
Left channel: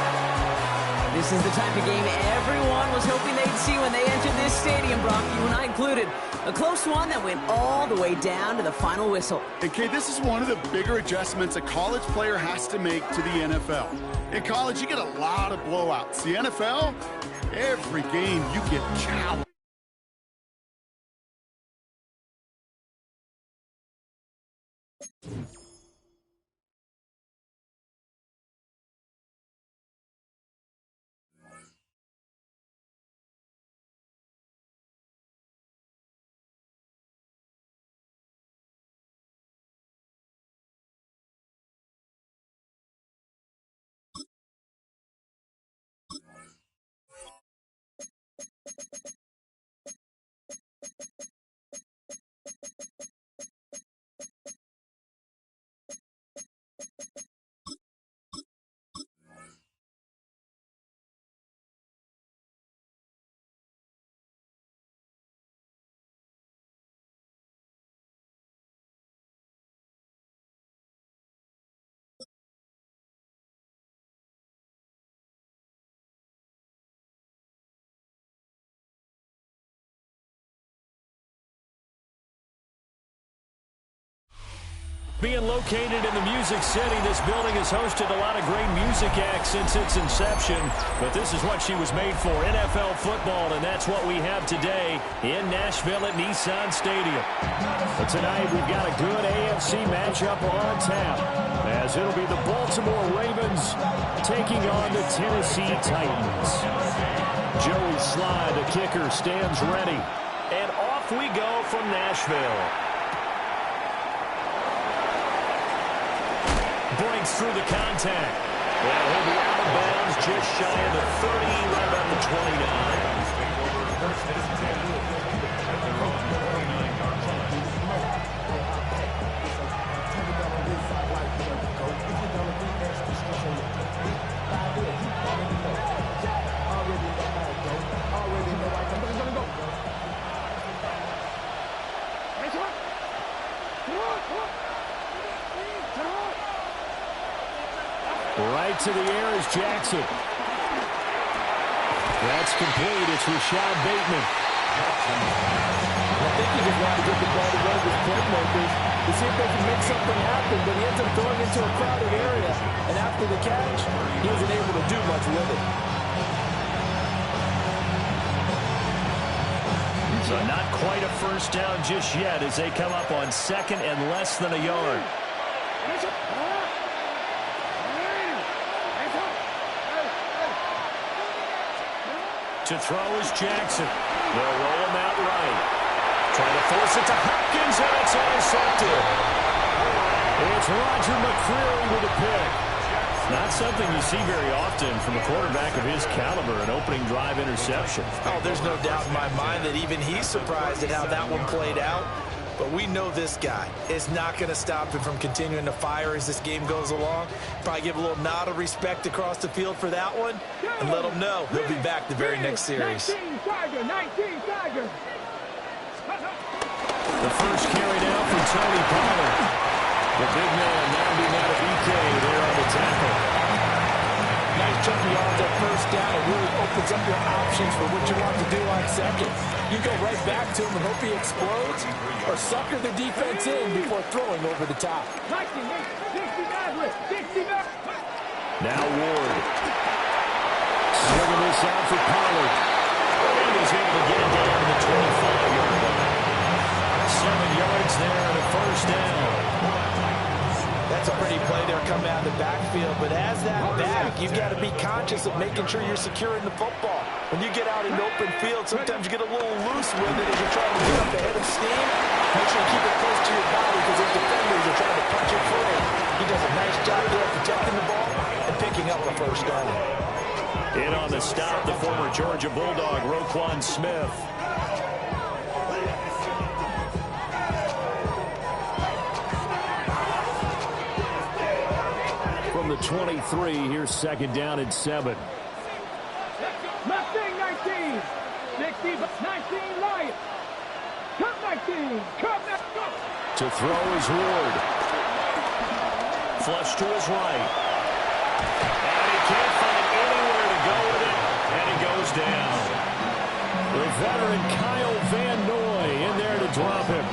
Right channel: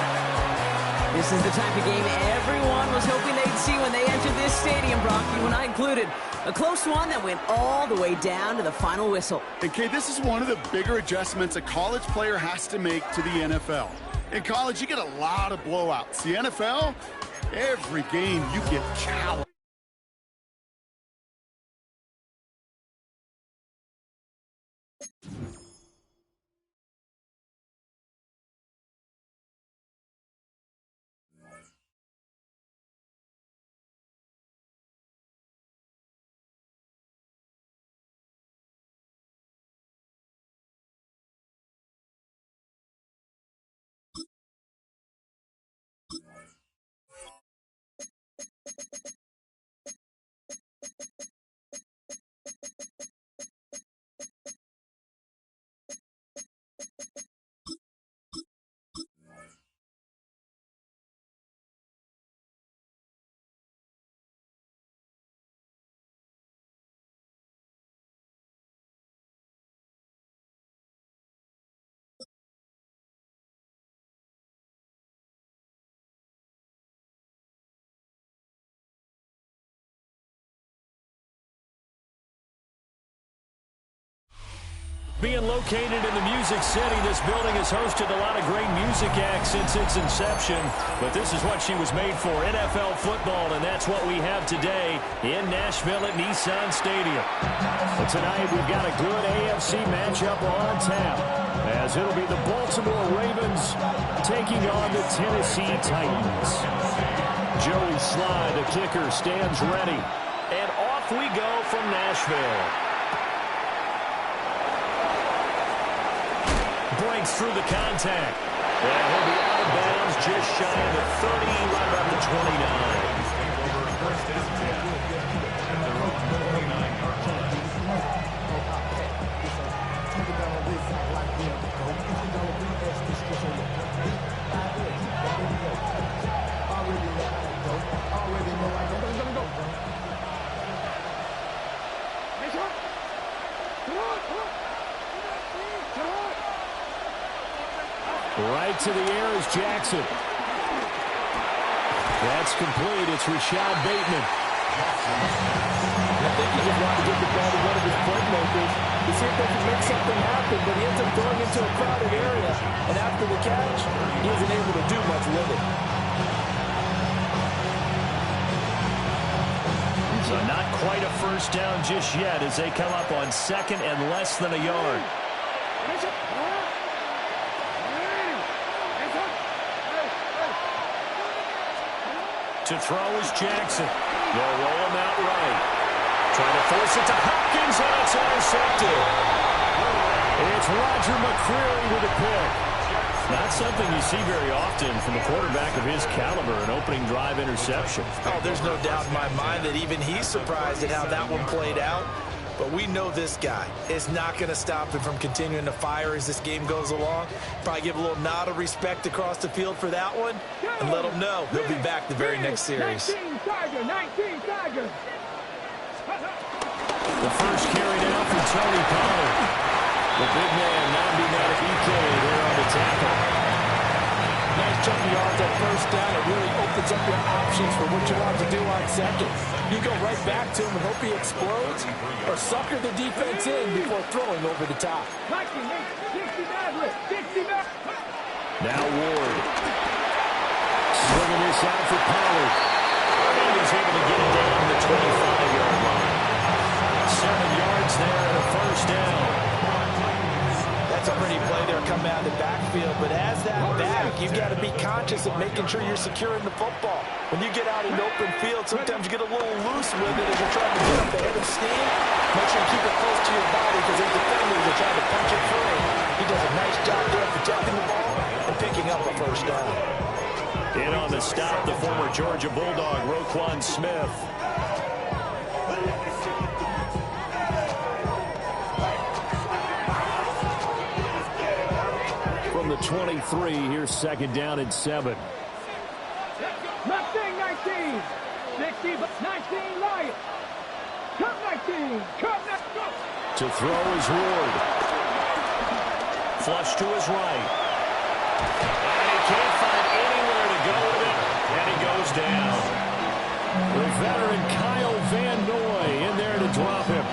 This is the type of game everyone was hoping they'd see when they entered this stadium, Brock, you and I included. A close one that went all the way down to the final whistle. Okay, this is one of the bigger adjustments a college player has to make to the NFL. In college, you get a lot of blowouts. The NFL, every game you get challenged. Being located in the Music City, this building has hosted a lot of great music acts since its inception. But this is what she was made for, NFL football, and that's what we have today in Nashville at Nissan Stadium. But tonight we've got a good AFC matchup on tap, as it'll be the Baltimore Ravens taking on the Tennessee Titans. Joey Sly, the kicker, stands ready. And off we go from Nashville. Breaks through the contact. And he'll be out of bounds just shy of the 30, right about the 29. Take over first and 10 at their own 29-yard line. Right to the air is Jackson. That's complete. It's Rashad Bateman. I think he just wanted to get the ball to one of his playmakers to see if they can make something happen, but he ends up throwing into a crowded area, and after the catch, he isn't able to do much with it. So not quite a first down just yet as they come up on second and less than a yard. To throw is Jackson. They'll roll him out right. Trying to force it to Hopkins, and it's intercepted. It's Roger McCreary with a pick. Not something you see very often from a quarterback of his caliber, an opening drive interception. Oh, there's no doubt in my mind that even he's surprised at how that one played out. But we know this guy is not going to stop him from continuing to fire as this game goes along. Probably give a little nod of respect across the field for that one and let him know he'll be back the very next series. 19 Tiger. The first carry now for Tony Pollard. The big man, Nnamdi Madubuike, there on the tackle. Nice chunk of yards on first down. It really opens up your options for what you want to do on second. You go right back to him and hope he explodes, or sucker the defense in before throwing over the top. Now Ward. Swinging this out for Pollard. And he's able to get it down to the 25-yard line. 7 yards there and a first down. That's a pretty play there coming out of the backfield, but as that back, you've got to be conscious of making sure you're securing the football. When you get out in open field, sometimes you get a little loose with it as you're trying to get up the head of steam. Make sure you keep it close to your body because those defenders are trying to punch it free. He does a nice job there protecting the ball and picking up a first down. In on the stop, the former Georgia Bulldog, Roquan Smith. From the 23, here's second down and 7. Mustang 19. 60, 19 Lions. Cup 19. Cup 19. To throw is Ward. Flush to his right. And he can't find anywhere to go with it. And he goes down. The veteran Kyle Van Noy in there to drop him.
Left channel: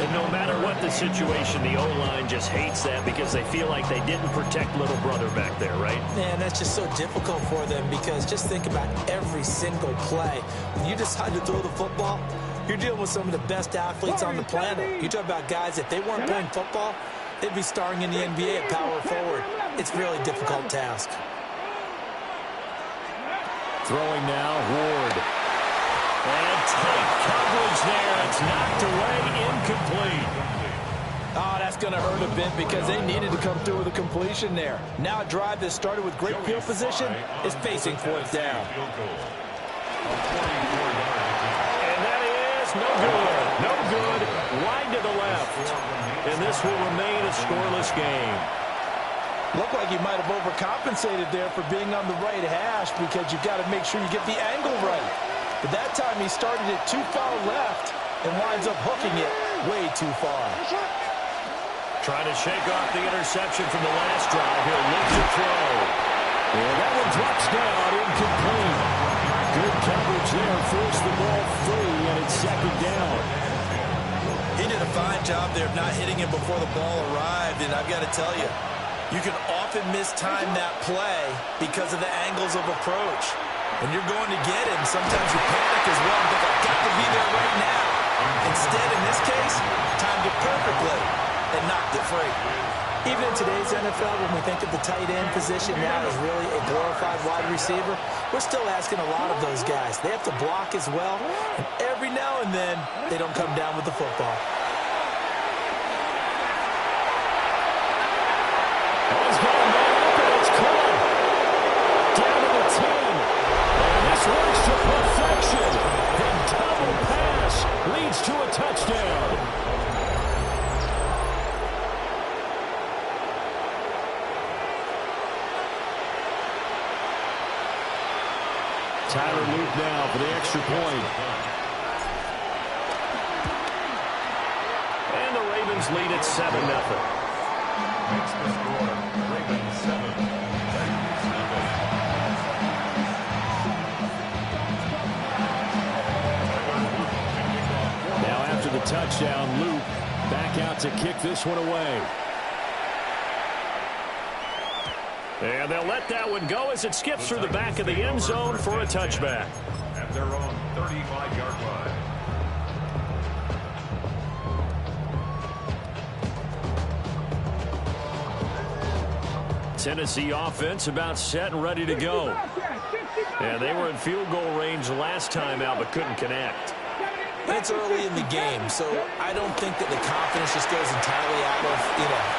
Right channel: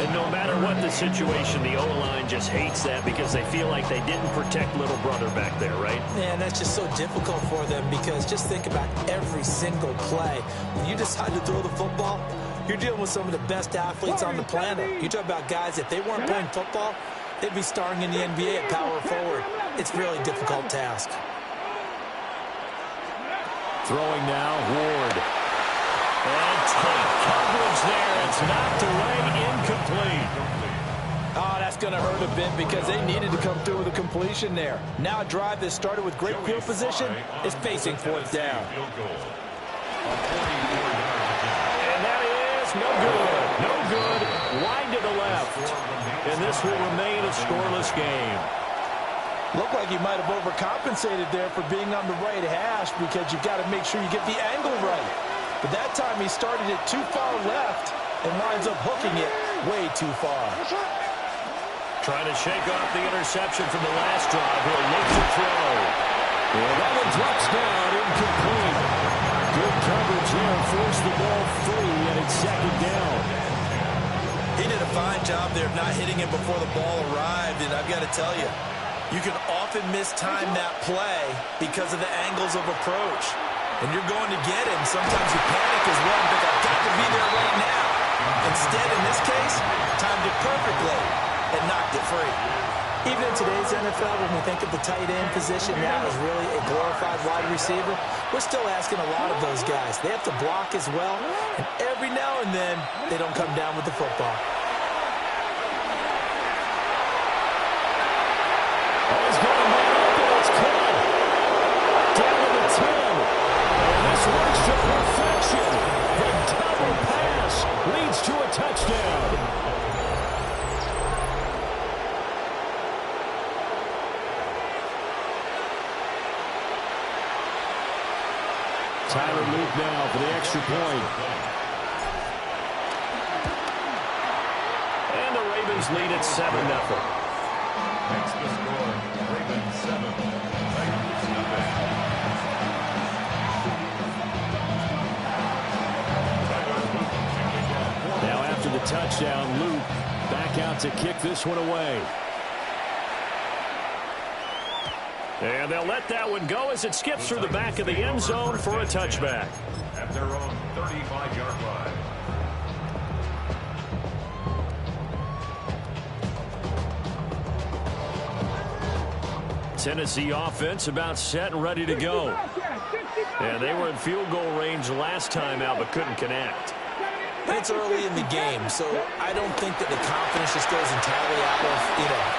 And no matter what the situation, the O-line just hates that because they feel like they didn't protect little brother back there, right? Man, that's just so difficult for them because just think about every single play. When you decide to throw the football, you're dealing with some of the best athletes on the planet. You talk about guys, if they weren't playing football, they'd be starring in the NBA at power forward. It's a really difficult task. Throwing now, Ward. And tight coverage there. It's knocked away, incomplete. Oh, that's going to hurt a bit because they needed to come through with a completion there. Now a drive that started with great field position is facing fourth down. And that is no good. No good. Wide to the left. And this will remain a scoreless game. Looked like he might have overcompensated there for being on the right hash because you've got to make sure you get the angle right. But that time he started it too far left and winds up hooking it way too far. Trying to shake off the interception from the last drive. He'll look to throw. And that one drops down, incomplete. Good coverage there. Forced the ball free, and it's second down. He did a fine job there of not hitting him before the ball arrived, and I've got to tell you, you can often mistime that play because of the angles of approach. When you're going to get him, sometimes you panic as well and think, I've got to be there right now. Instead, in this case, timed it perfectly and knocked it free. Even in today's NFL, when we think of the tight end position now as really a glorified wide receiver, we're still asking a lot of those guys. They have to block as well, and every now and then, they don't come down with the football. Oh, he's got a man open. It's caught. Down to the 10. And this works to perfection. The double pass leads to a touchdown. Tyler Luke now for the extra point. And the Ravens lead at 7-0. Makes the score Ravens 7, Titans 0. Now after the touchdown, Luke back out to kick this one away. And they'll let that one go as it skips through the back of the end zone for a touchback. At their own 35-yard line. Tennessee offense about set and ready to go. And they were in field goal range last time out but couldn't connect. It's early in the game, so I don't think that the confidence just goes entirely out of,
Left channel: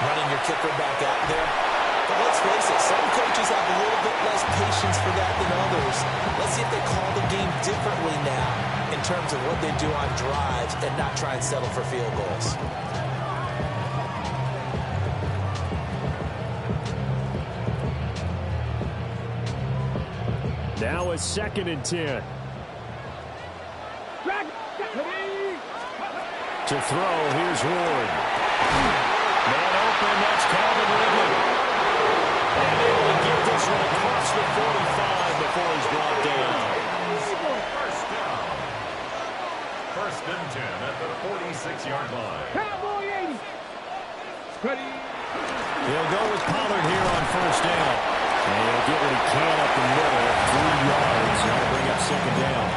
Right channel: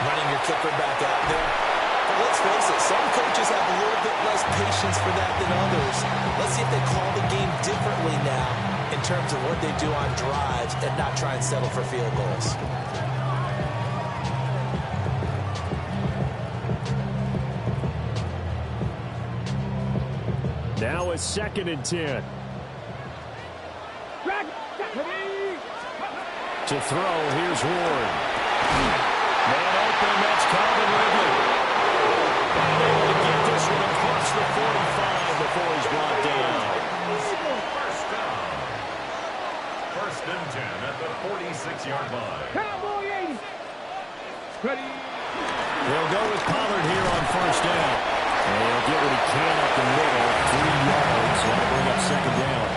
running your kicker back out there. But let's face it, some coaches have a little bit less patience for that than others. Let's see if they call the game differently now in terms of what they do on drives and not try and settle for field goals. Now a 2nd and 10. To throw, here's Ward. Man open, that's Calvin Ridley. And able to get this one across the 45 before he's brought down. First down. 1st and 10 at the 46-yard line. Cowboy 80. Ready. He'll go with Pollard here on 1st down. And he'll get what he can up the middle, 3 yards. That'll bring up 2nd down.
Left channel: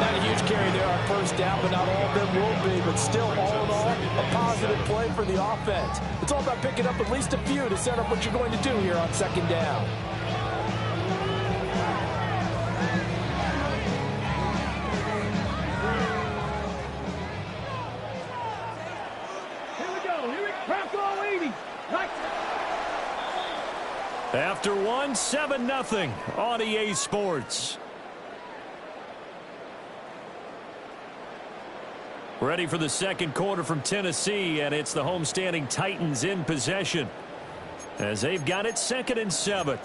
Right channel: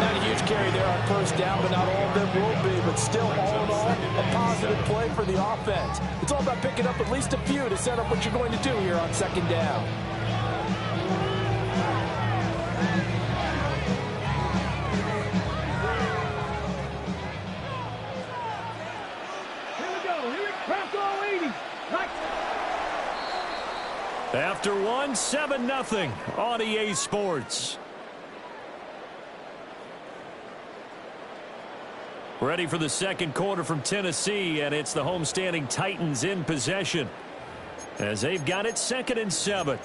Not a huge carry there on 1st down, but not all of them will be. But still, all in all, a positive play for the offense. It's all about picking up at least a few to set up what you're going to do here on 2nd down. Here we go. Here it Bronco 80. After one, 7-0 on EA Sports. Ready for the 2nd quarter from Tennessee, and it's the homestanding Titans in possession as they've got it 2nd and 7.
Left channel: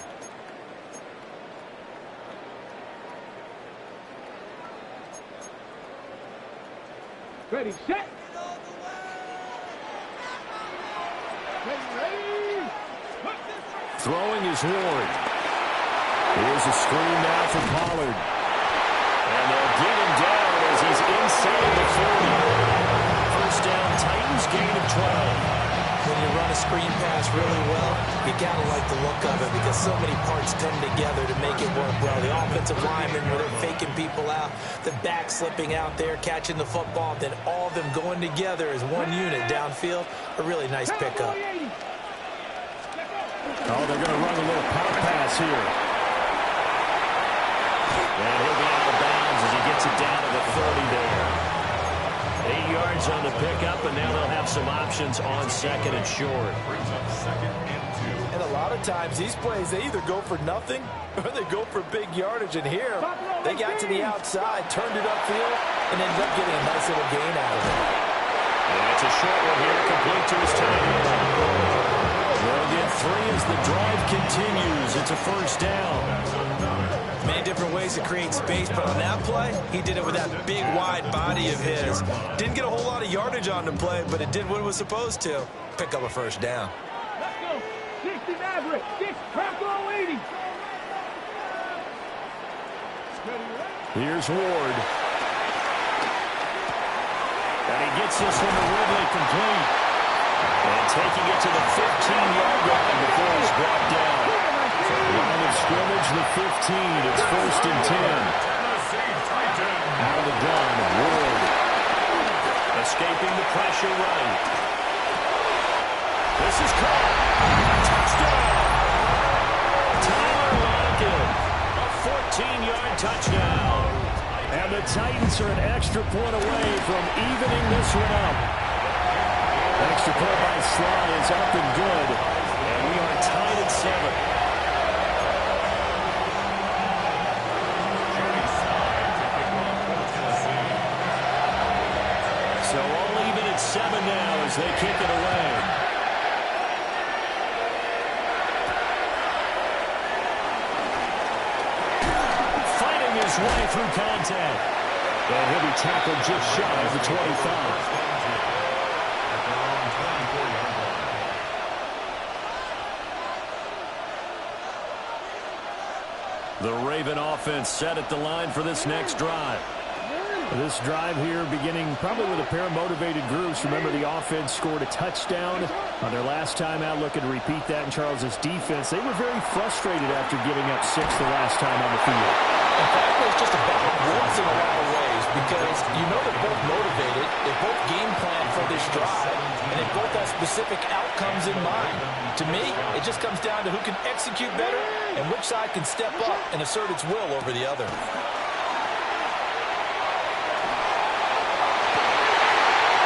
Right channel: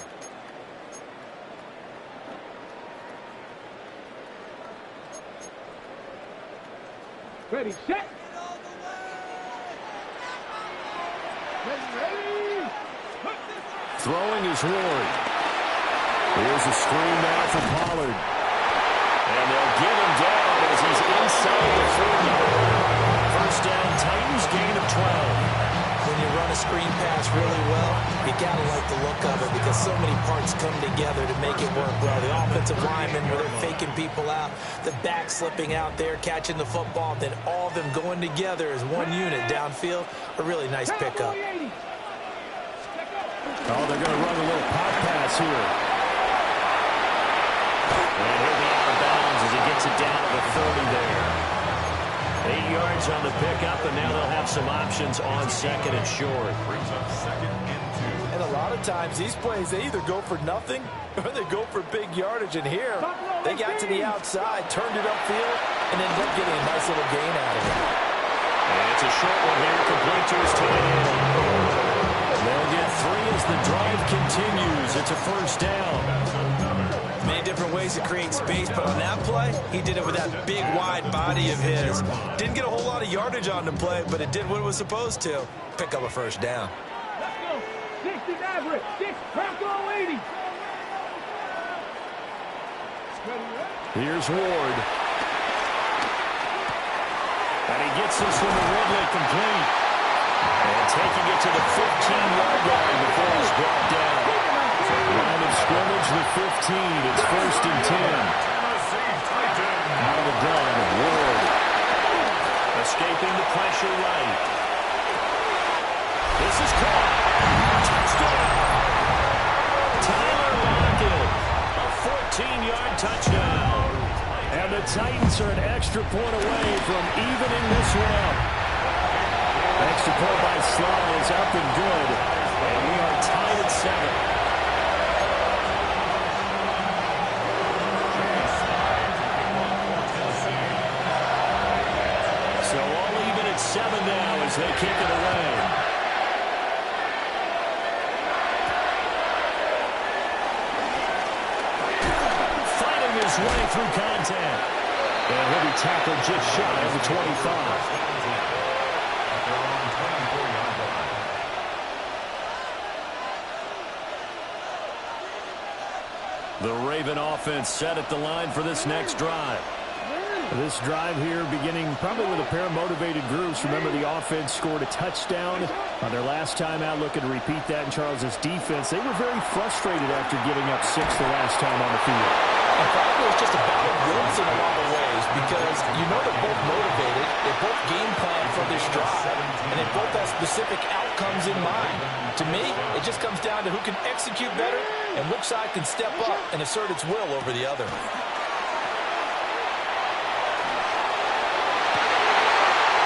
Ready, set. Ready. Throwing is Ward. Here's a screen now for Pollard. And they'll get him down as he's inside the 40. 1st down, Titans, gain of 12. When you run a screen pass really well, you got to like the look of it because so many parts come together to make it work well. The offensive linemen, where they're faking people out, the back slipping out there, catching the football, then all of them going together as one unit downfield. A really nice pickup. Oh, they're going to run a little pop pass here. And he'll be out of bounds as he gets it down to the 30 there. 8 yards on the pickup, and now they'll have some options on 2nd and short. Brings up 2nd and 2. And a lot of times, these plays, they either go for nothing or they go for big yardage. And here, they got to the outside, turned it upfield, and ended up getting a nice little gain out of it. And it's a short one here, complete to his tight end. They'll get 3 as the drive continues. It's a 1st down. Many different ways to create space, but on that play, he did it with that big, wide body of his. Didn't get a whole lot of yardage on the play, but it did what it was supposed to. Pick up a 1st down. Let's go. 60 Maverick. 6 Bronco 80. Here's Ward. And he gets this one to Ridley, complete. And taking it to the 15-yard line before he's brought down. Line of scrimmage, the 15. It's 1st and 10. Out of the gun, Ward. Escaping the pressure right. This is caught. Touchdown. Tyler Lockett. A 14-yard touchdown. And the Titans are an extra point away from evening this one up. Extra point by Sly is up and good. And we are tied at 7. So all even at 7 now as they kick it away. Fighting his way through contact. And he'll be tackled just shy of the 25. The Raven offense set at the line for this next drive. This drive here beginning probably with a pair of motivated groups. Remember, the offense scored a touchdown on their last time out. Looking to repeat that in Charles's defense. They were very frustrated after giving up 6 the last time on the field. And frankly, it's just a battle of wits in a lot of ways because you know they're both motivated. They both game plan for this drive, and they both have specific outcomes in mind. To me, it just comes down to who can execute better and which side can step up and assert its will over the other.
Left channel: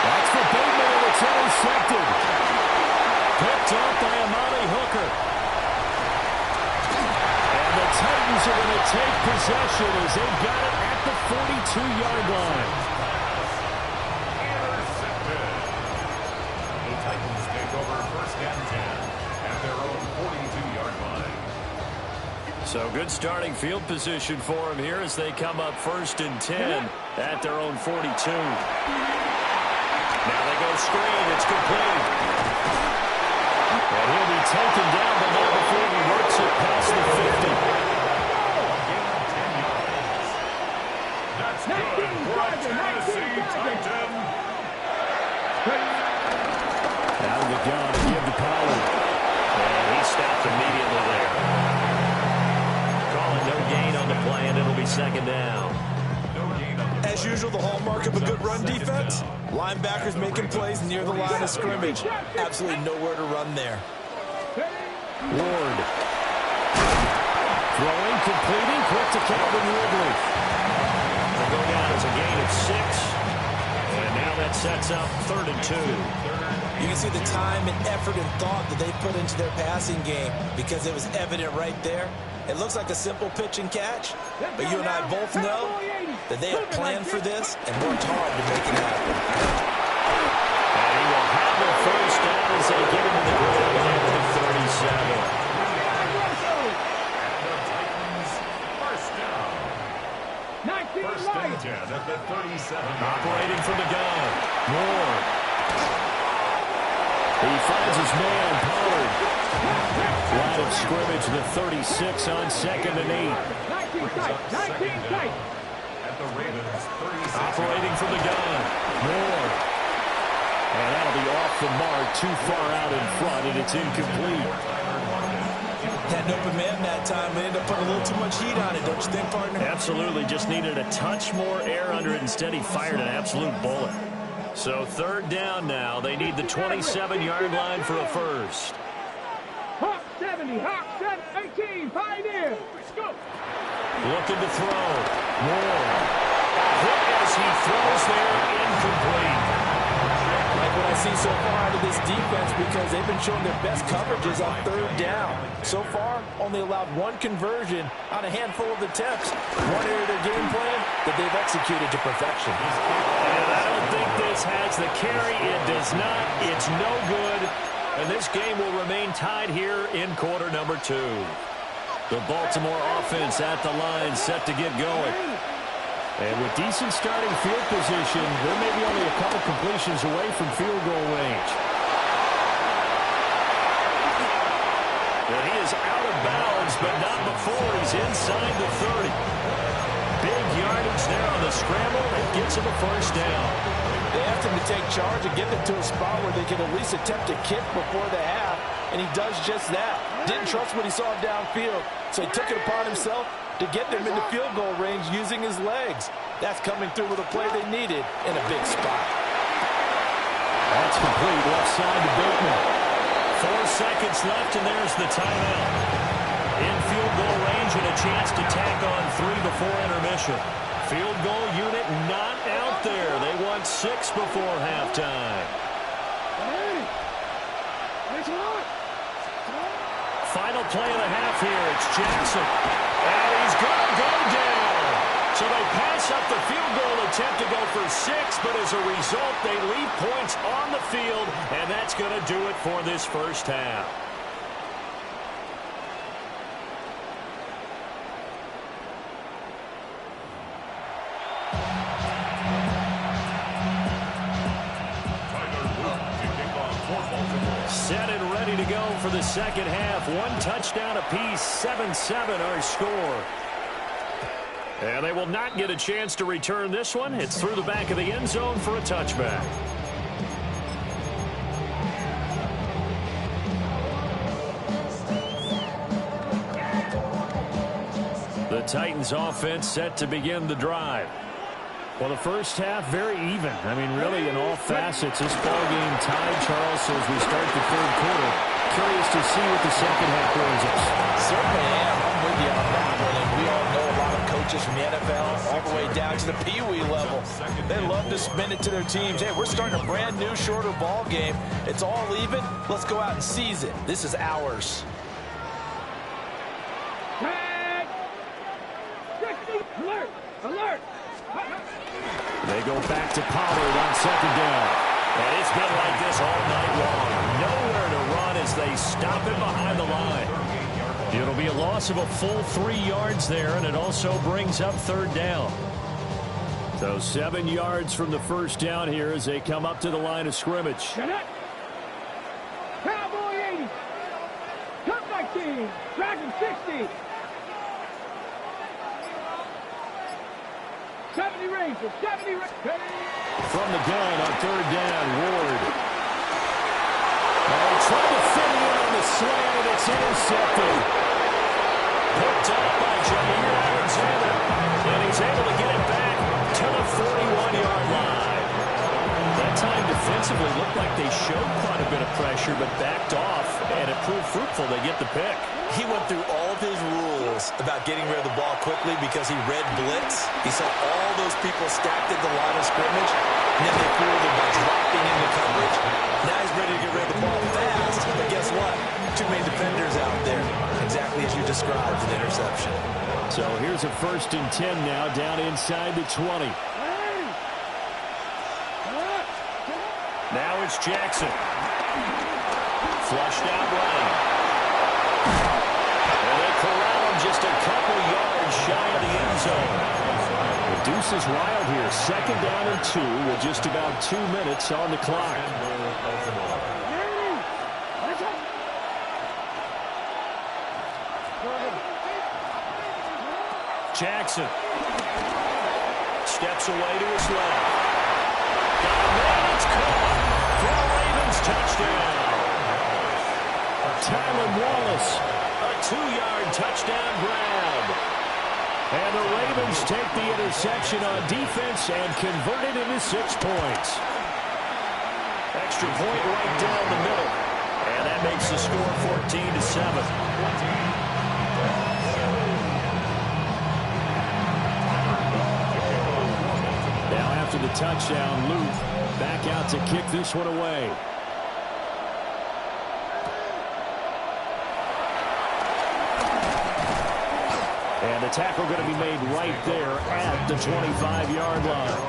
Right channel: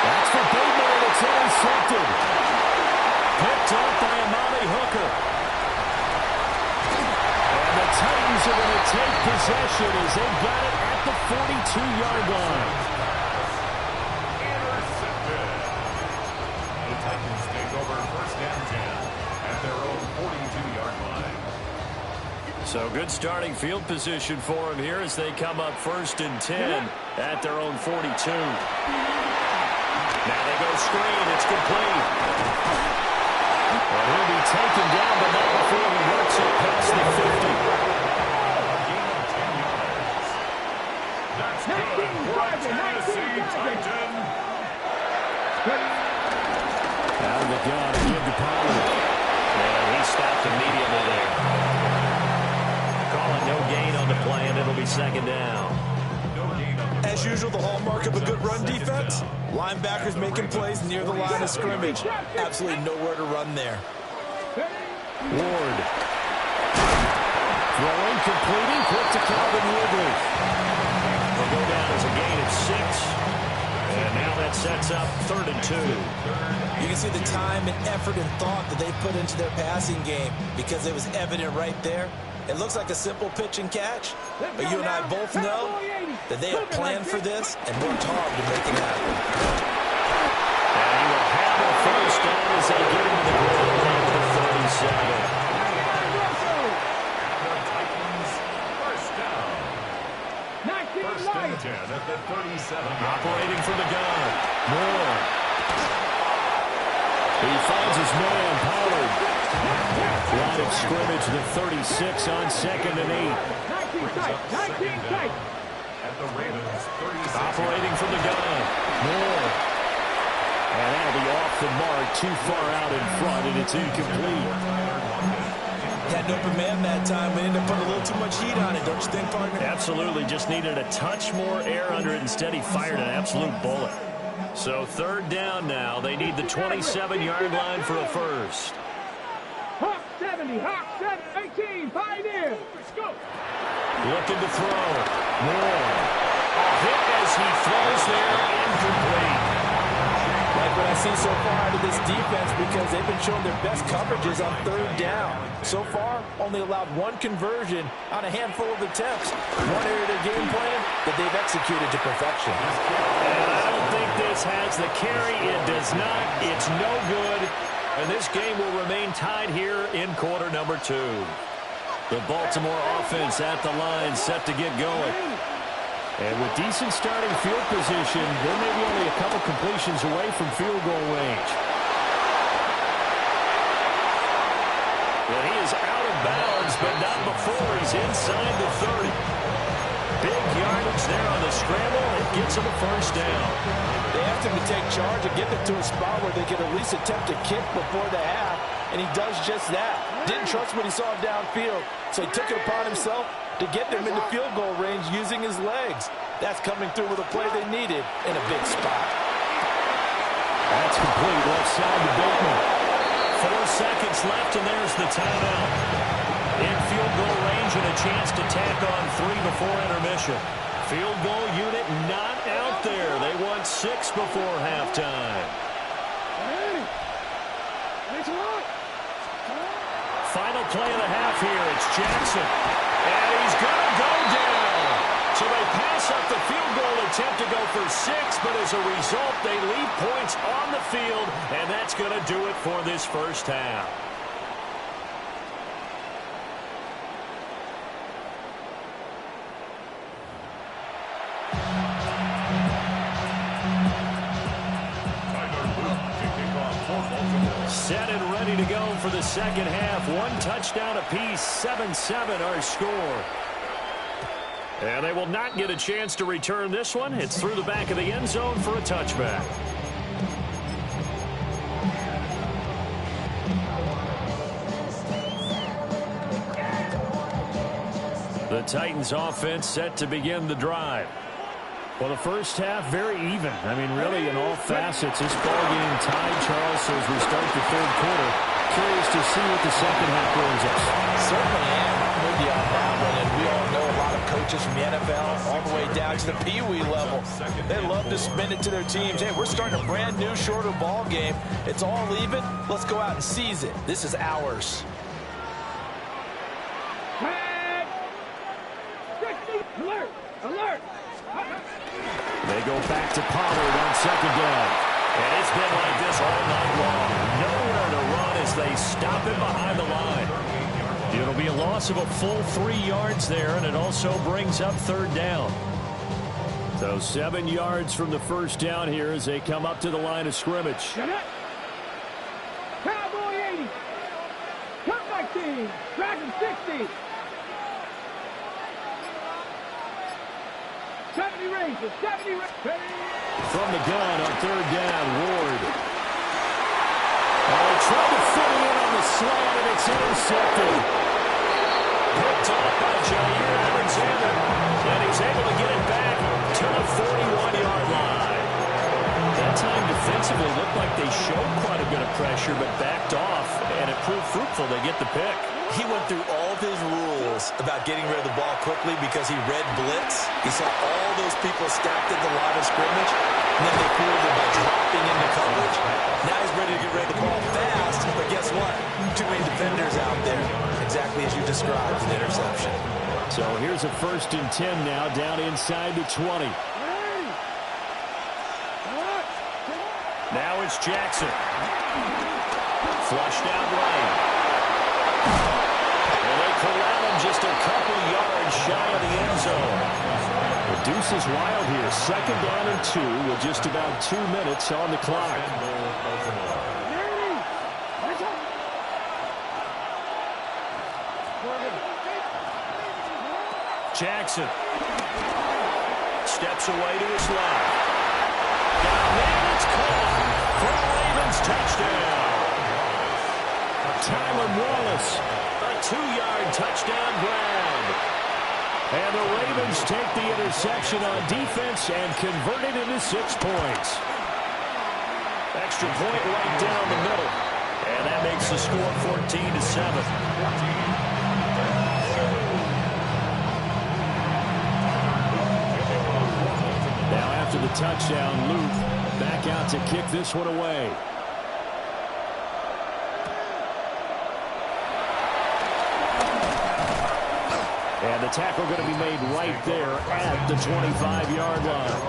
That's for Bateman, and it's intercepted. Picked up by Amani Hooker. And the Titans are going to take possession as they've got it at the 42-yard line. Intercepted. The Titans take over 1st and 10 at their own 42-yard line. So good starting field position for them here as they come up 1st and 10 at their own 42. Now they go screen. It's complete. And he'll be taken down, but not before he works it past the 50. A gain of 10 yards. That's good for a Tennessee Titan. Out of the gun to give to Pollard. And he stopped immediately there. Calling no gain on the play, and it'll be 2nd down. As usual, the hallmark of a good run defense, linebackers making plays near the line of scrimmage. Absolutely nowhere to run there. Ward. Throwing, completing, quick to Calvin Ridley. Will go down as a gain of 6. And now that sets up 3rd and 2. You can see the time and effort and thought that they put into their passing game because it was evident right there. It looks like a simple pitch and catch, but you and I both know that they have planned for this and worked hard to make it happen. And he will have a 1st down as they get into the ground at the 37. And the Titans 1st down. 1st and 10 at the 37. Operating from the gun. Moore. He finds his man, Pollard. Line of scrimmage, the 36 on 2nd and 8. At the Ravens 36. Operating from the gun. Moore. And that'll be off the mark, too far out in front, and it's incomplete. Had an open man that time. We ended up putting a little too much heat on it, don't you think, partner? Absolutely. Just needed a touch more air under it. Instead, he fired an absolute bullet. So 3rd down now. They need the 27-yard line for a 1st. Hawk 70, Hawk 18, Pioneer. Let's go. Looking to throw. Moore. A hit as he throws there, incomplete. Like what I see so far out of this defense because they've been showing their best coverages on 3rd down. So far, only allowed 1 conversion on a handful of attempts. One area of their game plan that they've executed to perfection. And I don't think this has the carry. It does not. It's no good. And this game will remain tied here in quarter number 2. The Baltimore offense at the line set to get going. And with decent starting field position, they're maybe only a couple completions away from field goal range. And he is out of bounds, but not before he's inside the 30. Big yardage there on the scramble. It gets him a first down. They asked him to take charge and get them to a spot where they could at least attempt to kick before the half, and he does just that. Didn't trust what he saw downfield, so he took it upon himself to get them into field goal range using his legs. That's coming through with a play they needed in a big spot. That's complete left side to Bateman. 4 seconds left, and there's the timeout. In field goal range and a chance to tack on 3 before intermission. Field goal unit not out there. They want 6 before halftime. Final play of the half here. It's Jackson. And he's going to go down. So they pass up the field goal attempt to go for 6, but as a result, they leave points on the field, and that's going to do it for this first half. Set and ready to go for the second half. 1 touchdown apiece, 7-7 our score. And they will not get a chance to return this one. It's through the back of the end zone for a touchback. The Titans offense set to begin the drive. Well, the first half, very even. I mean, really, in all facets, this ball game tied, Charles. So as we start the third quarter, curious to see what the second half brings us. Certainly am. I'm with you on that one. And we all know a lot of coaches from the NFL all the way down to the Pee-wee level. They love to spin it to their teams. Hey, we're starting a brand new, shorter ball game. It's all even. Let's go out and seize it. This is ours. Alert! Alert! They go back to Pollard on second down. And it's been like this all night long. Nowhere to run as they stop him behind the line. It'll be a loss of a full 3 yards there, and it also brings up third down. So 7 yards from the first down here as they come up to the line of scrimmage. Cowboy 80. Cut 19. Dragon 60. 70 Rangers, 70 Rangers. From the gun on third down, Ward. Oh, he tried to fit it in on the slant, and it's intercepted. Picked up by Jair Alexander, and he's able to get it back to the 41-yard line. That time defensively looked like they showed quite a bit of pressure, but backed off, and it proved fruitful. They get the pick. He went through all of his rules about getting rid of the ball quickly because he read blitz. He saw all those people stacked at the line of scrimmage, and then they fooled him by dropping into coverage. Now he's ready to get rid of the ball fast, but guess what? Too many defenders out there. Exactly as you described, an interception. So here's a 1st and 10 now, down inside the 20. Now it's Jackson. Flushed out right. And they corral him just a couple yards shy of the end zone. The deuce is wild here. 2nd down and 2 with just about 2 minutes on the clock. Jackson steps away to his left. Got a man, it's caught for a Ravens touchdown. Tylan Wallace, a 2-yard touchdown grab. And the Ravens take the interception on defense and convert it into 6 points. Extra point right down the middle. And that makes the score 14-7. Now after the touchdown, Luke back out to kick this one away. And the tackle going to be made right there at the 25-yard line.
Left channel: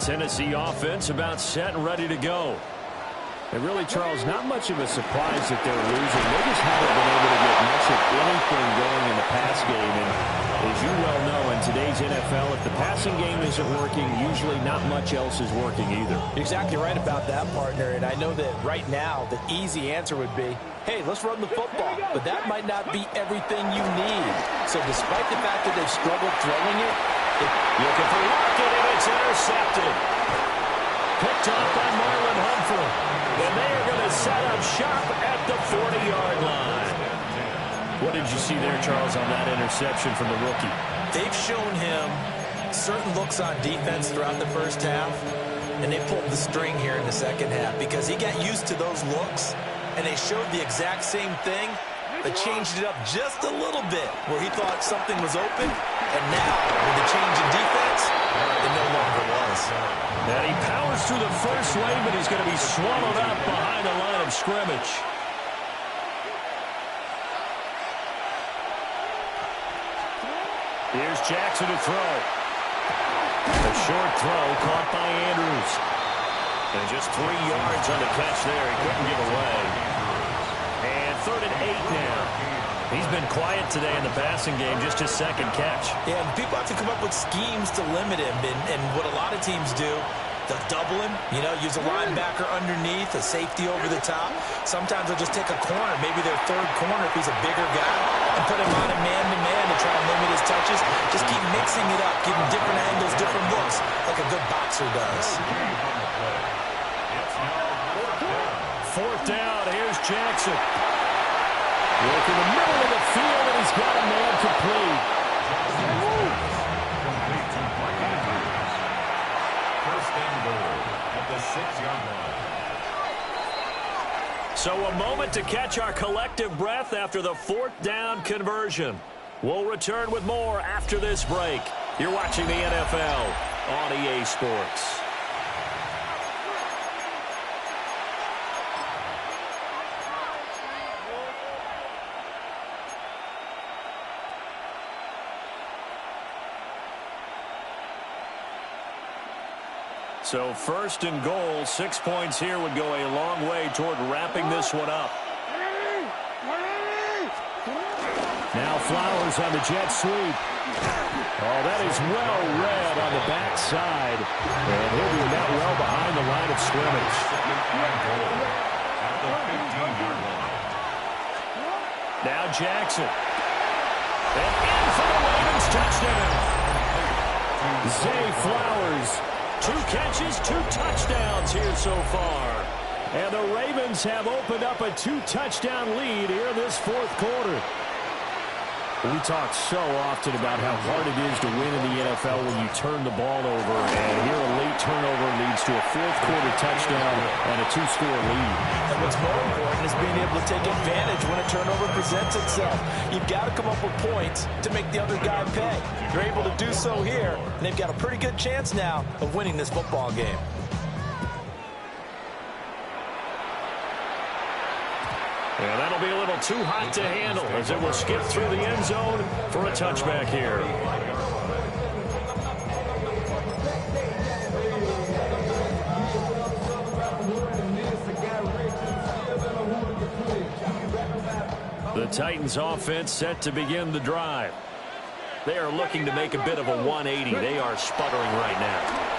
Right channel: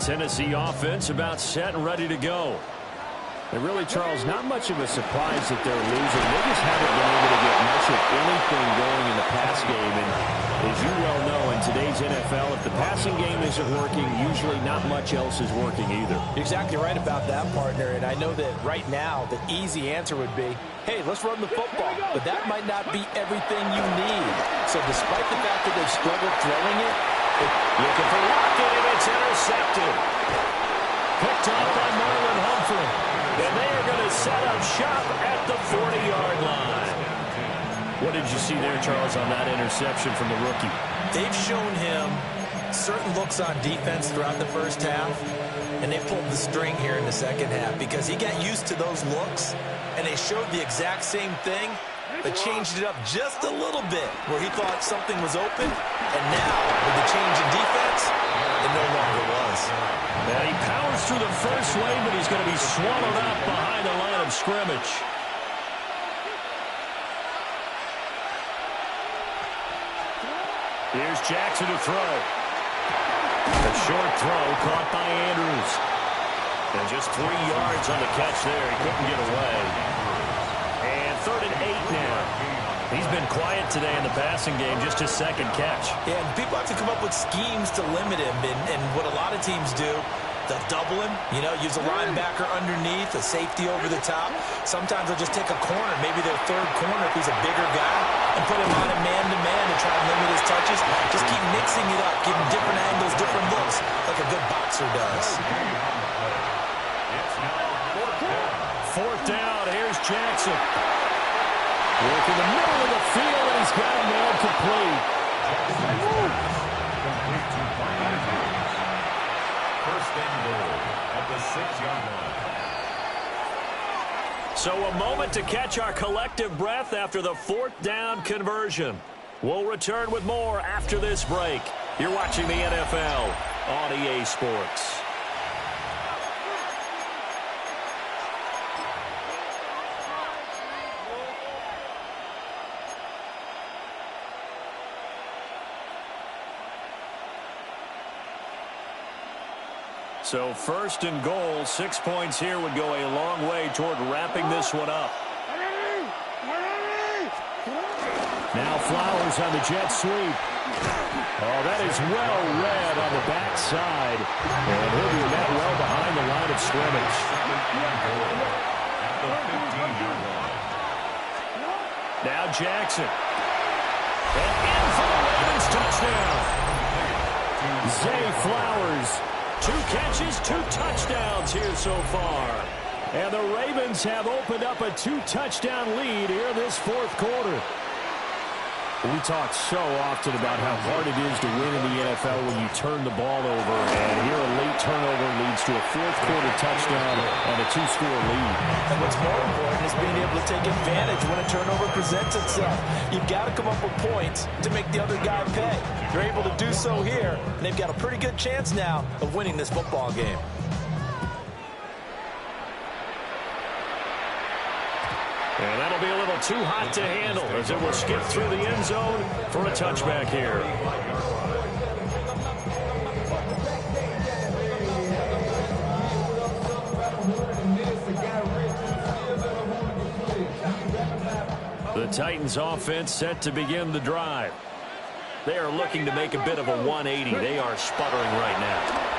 Tennessee offense about set and ready to go. And really, Charles, not much of a surprise that they're losing. They just haven't been able to get much of anything going in the pass game. And as as you well know, in today's NFL, if the passing game isn't working, usually not much else is working either. You're exactly right about that, partner. And I know that right now the easy answer would be, hey, let's run the football. But that might not be everything you need. So despite the fact that they've struggled throwing it, looking for Lockett, and it's intercepted. Picked off by Marlon Humphrey. And they are going to set up shop at the 40-yard line. What did you see there, Charles, on that interception from the rookie? They've shown him certain looks on defense throughout the first half, and they pulled the string here in the second half because he got used to those looks, and they showed the exact same thing, but changed it up just a little bit where he thought something was open, and now with the change in defense, it no longer was. And he powers through the first wave, but he's going to be swallowed up behind the line of scrimmage. Here's Jackson to throw. A short throw caught by Andrews. And just 3 yards on the catch there. He couldn't get away. And 3rd and 8 now. He's been quiet today in the passing game, just his second catch. Yeah, and people have to come up with schemes to limit him. And what a lot of teams do, they'll double him, use a linebacker underneath, a safety over the top. Sometimes they'll just take a corner, maybe their third corner if he's a bigger guy, and put him on a man-to-man to try and limit his touches. Just keep mixing it up, give him different angles, different looks, like a good boxer does. Fourth down, here's Jackson. Work in the middle of the field, and he's got a man complete. Complete to Mark Andrews. First and goal at the 6-yard line. So a moment to catch our collective breath after the 4th down conversion. We'll return with more after this break. You're watching the NFL on EA Sports. So 1st and goal, 6 points here would go a long way toward wrapping this one up. Now Flowers on the jet sweep. Oh, that is well read on the backside. And he'll be met well behind the line of scrimmage. At the 15-yard line. Now Jackson. And in for the Ravens touchdown. Zay Flowers. 2 catches, 2 touchdowns here so far. And the Ravens have opened up a 2-touchdown lead here in this 4th quarter. We talk so often about how hard it is to win in the NFL when you turn the ball over. And here a late turnover leads to a 4th quarter touchdown and a 2-score lead. And what's more important is being able to take advantage when a turnover presents itself. You've got to come up with points to make the other guy pay. They're able to do so here, and they've got a pretty good chance now of winning this football game. And that'll be a little too hot to handle as it will skip through the end zone for a touchback here. The Titans offense set to begin the drive. They are looking to make a bit of a 180. They are sputtering right now.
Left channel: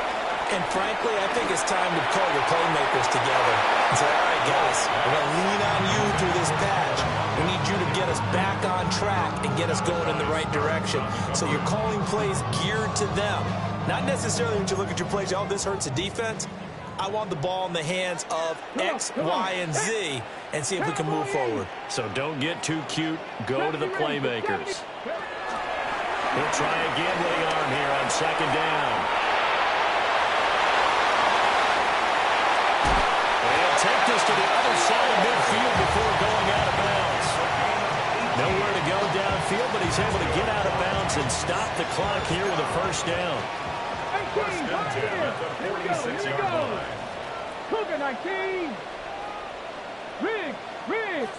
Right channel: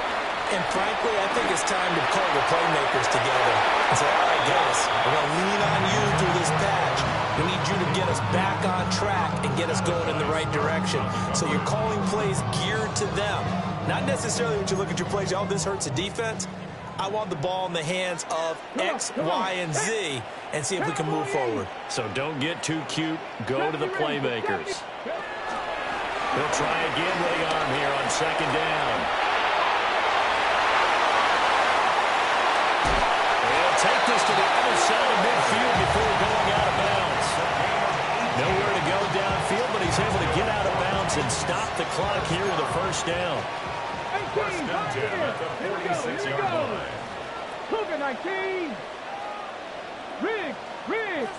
And frankly, I think it's time to call your playmakers together and say, all right, guys, we're going to lean on you through this patch. We need you to get us back on track and get us going in the right direction. So you're calling plays geared to them. Not necessarily when you look at your plays, oh, this hurts the defense. I want the ball in the hands of X, Y, and Z and see if we can move forward. So don't get too cute. Go to the playmakers. He'll try again with the arm here on 2nd down. Take this to the other side of midfield before going out of bounds. Nowhere to go downfield, but he's able to get out of bounds and stop the clock here with a 1st down. First and 10 at the 46-yard line. Cougar 19. Riggs.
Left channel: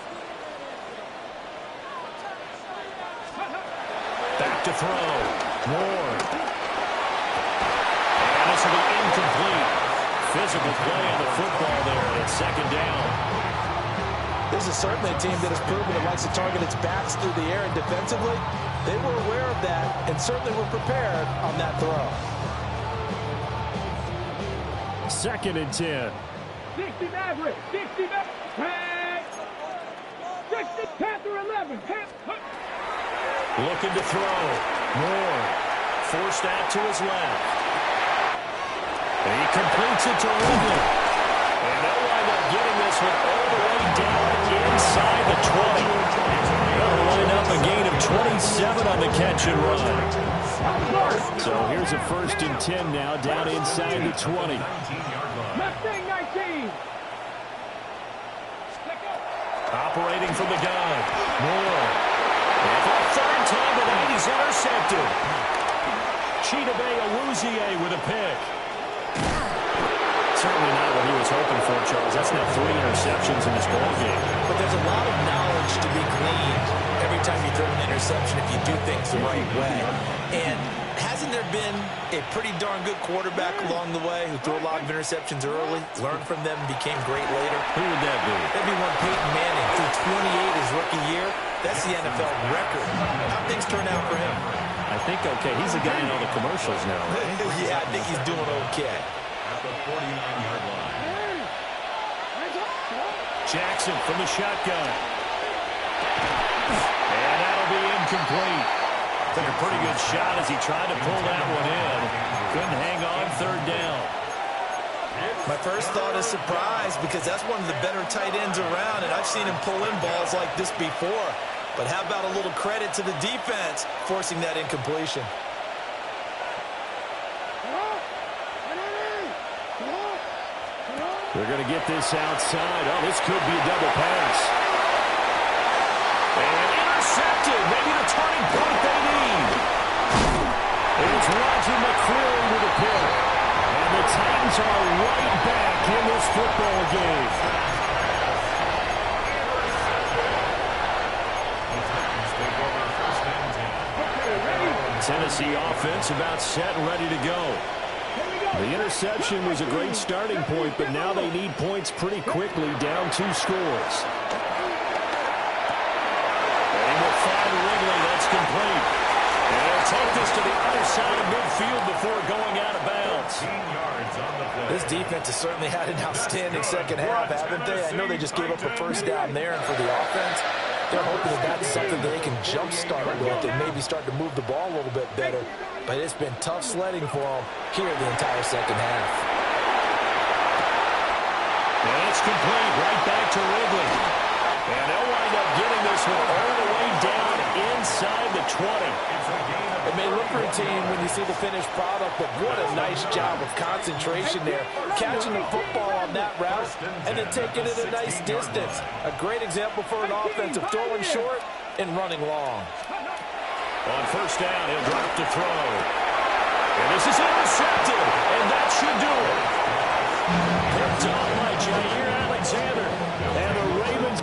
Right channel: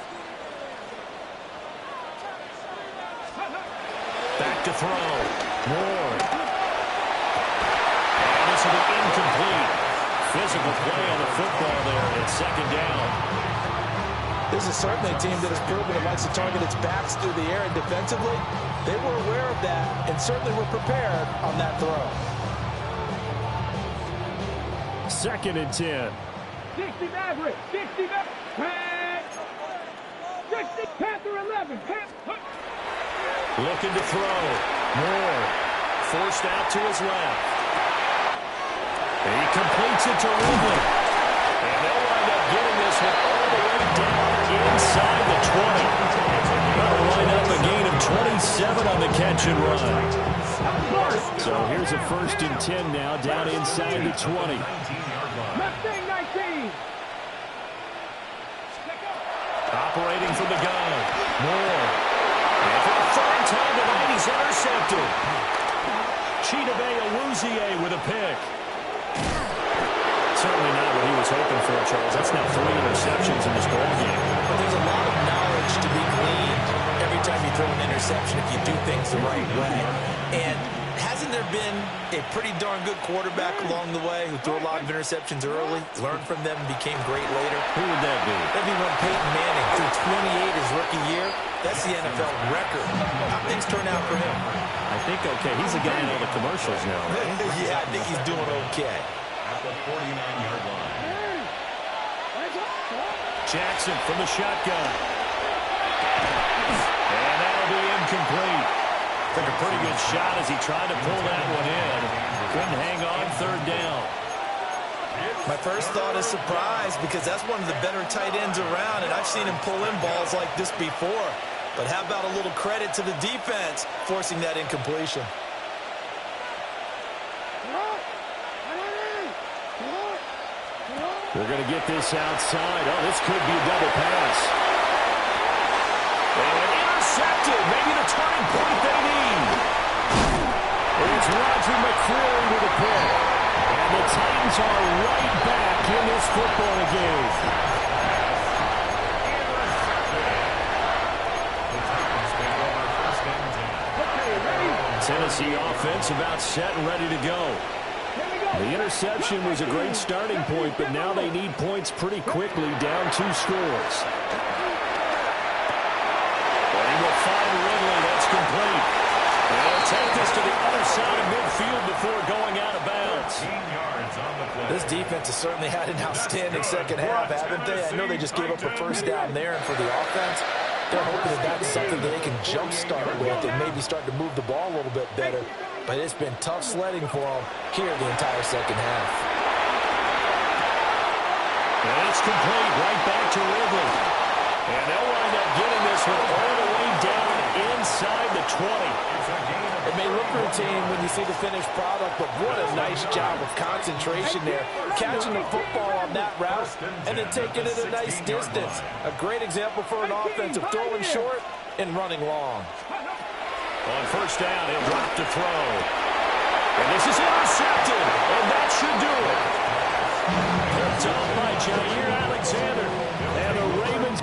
Back to throw. Ward. And this will be incomplete. Physical play on the football there, and it's 2nd down. This is certainly a team that has proven it likes to target its backs through the air, and defensively, They were aware of that and certainly were prepared on that throw. 2nd and 10. 60 Maverick. 60 Maverick. 60 Panther 11. Looking to throw. Moore forced out to his left. And he completes it to Ridley. And they'll wind up getting this one all the way down inside the 20. That'll wind up a gain of 27 on the catch and run. So here's a 1st and 10 now down inside the 20. Mustang 19. Operating from the gun. Moore. And for a 3rd time tonight, he's intercepted. Chidobe Awuzie with a pick. Certainly not what he was hoping for, Charles. That's now 3 interceptions in this ballgame. But there's a lot of knowledge to be gleaned every time you throw an interception if you do things the right way. And hasn't there been a pretty darn good quarterback along the way who threw a lot of interceptions early, learned from them, and became great later? Who would that be? That'd be one Peyton Manning. Threw 28 his rookie year. That's the NFL record. How things turn out for him? I think okay. He's the guy in all the commercials now, right? Yeah, I think he's doing okay. At the 49-yard line. Jackson from the shotgun. And that'll be incomplete. Took a pretty good shot as he tried to pull that one in. Couldn't hang on 3rd down. My first thought is surprise because that's one of the better tight ends around, and I've seen him pull in balls like this before. But how about a little credit to the defense forcing that incompletion? They're going to get this outside. Oh, this could be a double pass. And intercepted. Maybe the turning point they need. It's Roger McCreary with a pick. And the Titans are right back in this football game. The Titans take over 1st and 10. Okay, ready? Tennessee offense about set and ready to go. The interception was a great starting point, but now they need points pretty quickly, down 2 scores. They will find Ridley. That's complete. And they'll take this to the other side of midfield before going out of bounds. 14 yards on the play. This defense has certainly had an outstanding second half, haven't they? I know they just gave up a 1st down there, and for the offense, they're hoping that that's something they can jumpstart with and maybe start to move the ball a little bit better. But it's been tough sledding for them here the entire second half. And it's complete right back to Ridley. And they'll wind up getting this one all the way down inside the 20. It may look routine when you see the finished product, but what a nice job of concentration there. Catching the football on that route and then taking it a nice distance. A great example for an offense of throwing short and running long. On 1st down, he'll drop to throw. And this is intercepted, and that should do it. Picked off by Jair Alexander. And the Ravens...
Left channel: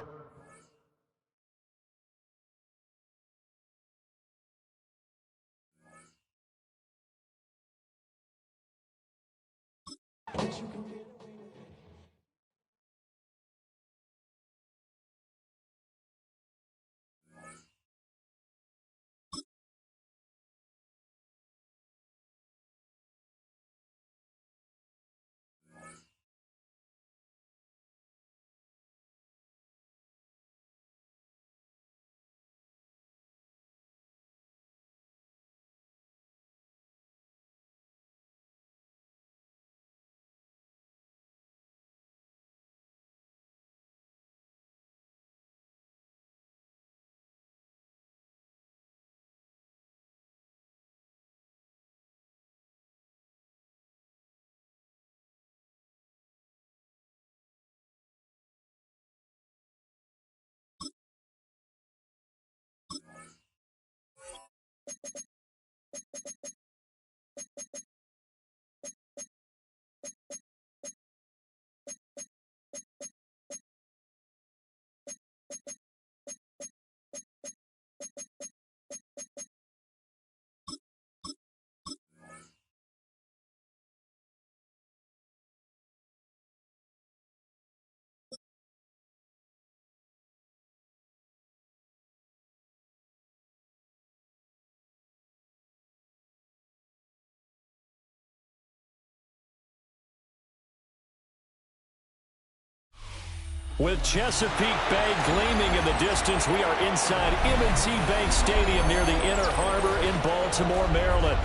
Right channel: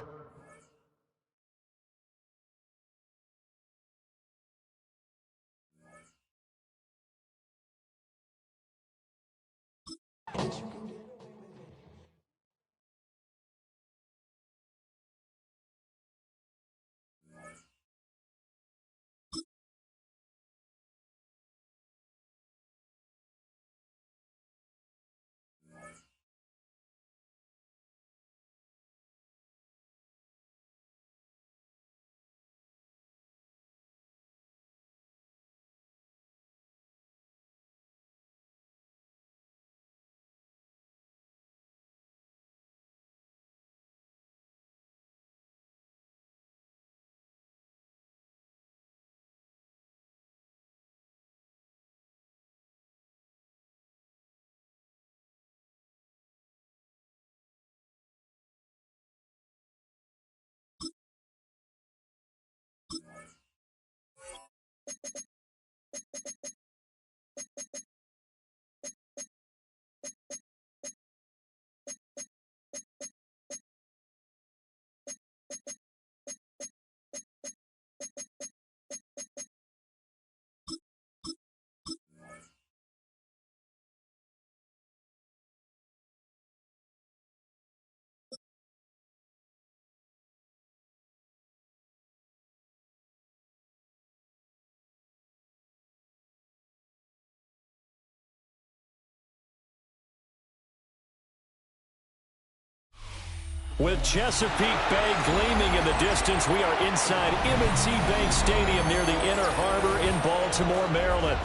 With Chesapeake Bay gleaming in the distance, we are inside M&T Bank Stadium near the Inner Harbor in Baltimore, Maryland.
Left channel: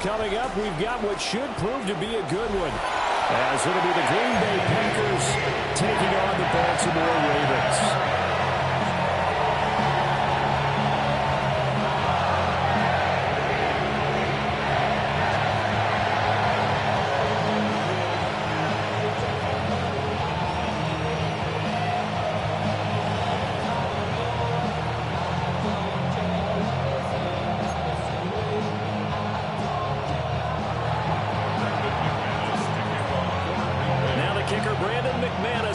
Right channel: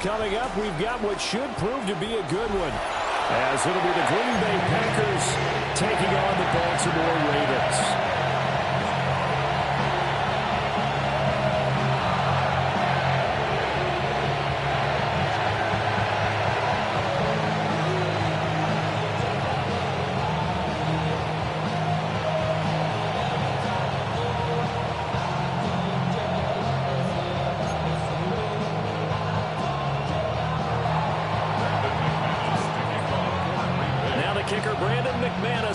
Coming up, we've got what should prove to be a good one, as it'll be the Green Bay Packers taking on the Baltimore Ravens.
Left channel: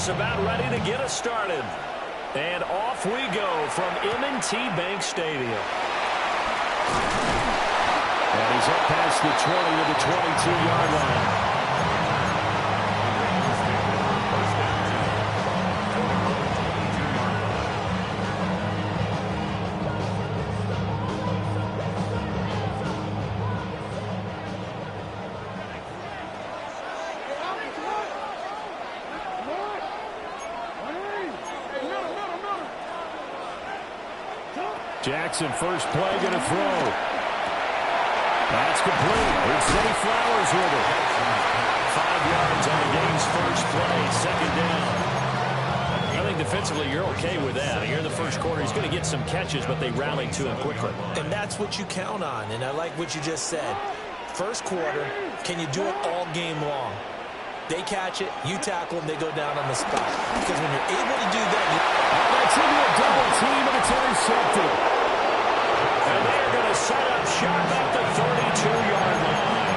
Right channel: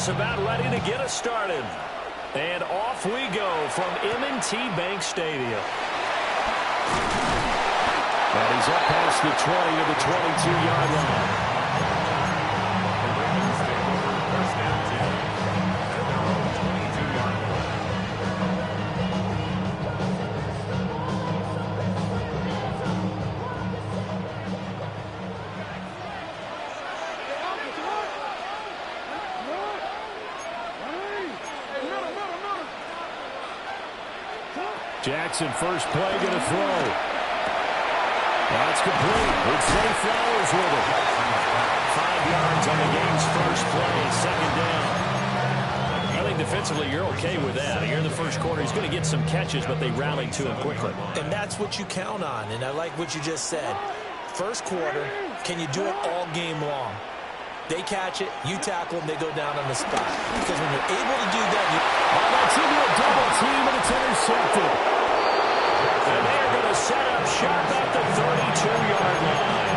About ready to get us started. And off we go from M&T Bank Stadium. And he's up past the 20 to the 22-yard line. The Ravens take over first down 10 at their own 22-yard line. Jackson, first play, going to throw. That's complete. It's Zay Flowers with it. 5 yards on the game's first play, second down. I think defensively you're okay with that. You're in the first quarter. He's going to get some catches, but they rallied to him quickly. And that's what you count on, and I like what you just said. First quarter, can you do it all game long? They catch it, you tackle them, they go down on the spot. Because when you're able to do that, that's into a double team, and it's intercepted. And they are going to set up shop at the 32-yard line.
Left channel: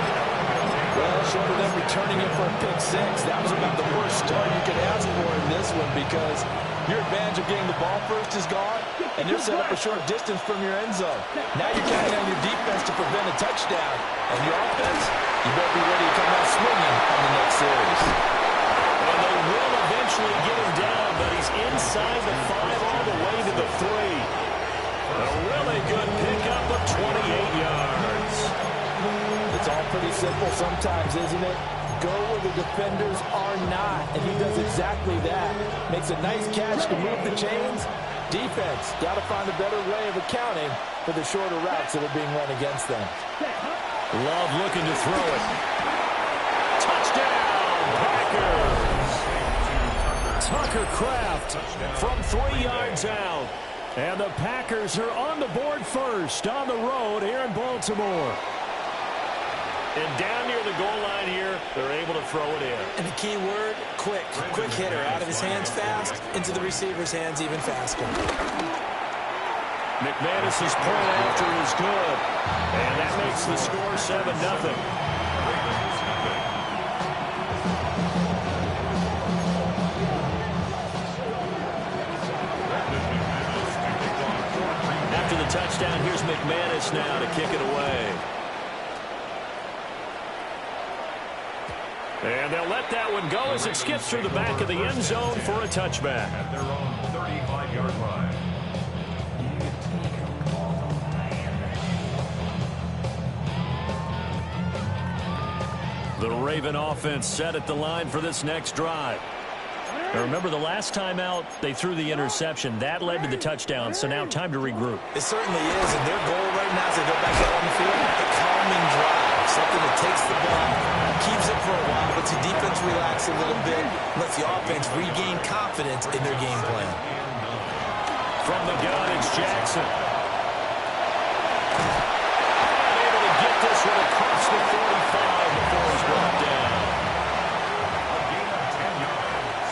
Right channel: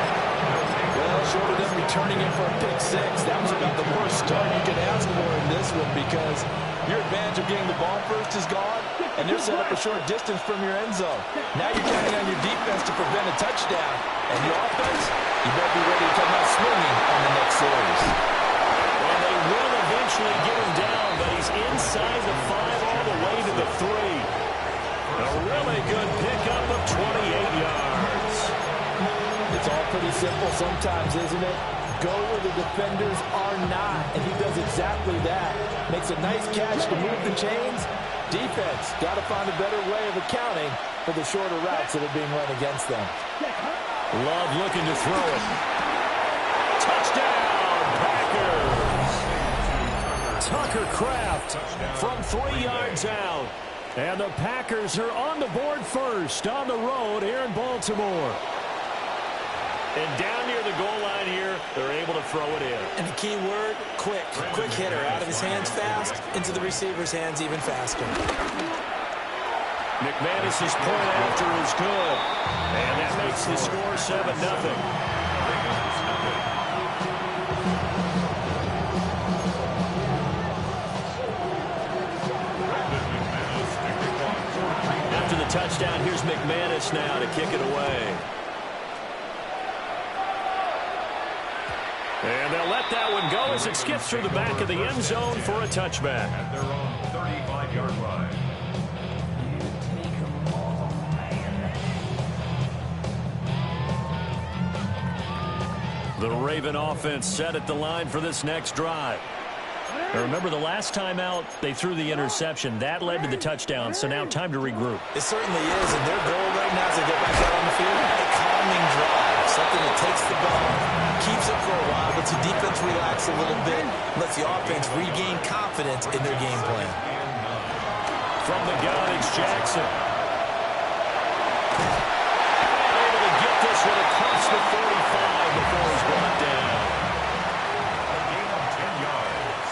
Well, short of them returning it for a pick six, that was about the worst start you could ask for in this one, because your advantage of getting the ball first is gone, and they're set up a short distance from your end zone. Now you're counting on your defense to prevent a touchdown, and your offense, you better be ready to come out swinging on the next series. And they will eventually get him down, but he's inside the 5 all the way to the 3. A really good pickup of 28 yards. It's all pretty simple sometimes, isn't it? Go where the defenders are not, and he does exactly that. Makes a nice catch to move the chains. Defense, got to find a better way of accounting for the shorter routes that are being run against them. Love looking to throw it. Touchdown, Packers. Tucker Kraft from 3 yards out. And the Packers are on the board first on the road here in Baltimore. And down near the goal line here, they're able to throw it in. And the key word, quick. Quick hitter. Out of his hands fast, into the receiver's hands even faster. McManus's point after is good. And that makes the score 7-0. After the touchdown, here's McManus now to kick it away. And they'll let that one go as it skips through the back of the end zone for a touchback. At their own 35-yard line. The Raven offense set at the line for this next drive. Now remember, the last time out, they threw the interception. That led to the touchdown, so now time to regroup. It certainly is, and their goal right now as they go back out on the field, a calming drive, something that takes the ball, keeps it for a while, lets the defense relax a little bit, lets the offense regain confidence in their game plan. From the gun, it's Jackson. And able to get this one across the 45 before he's brought down. A gain of 10 yards.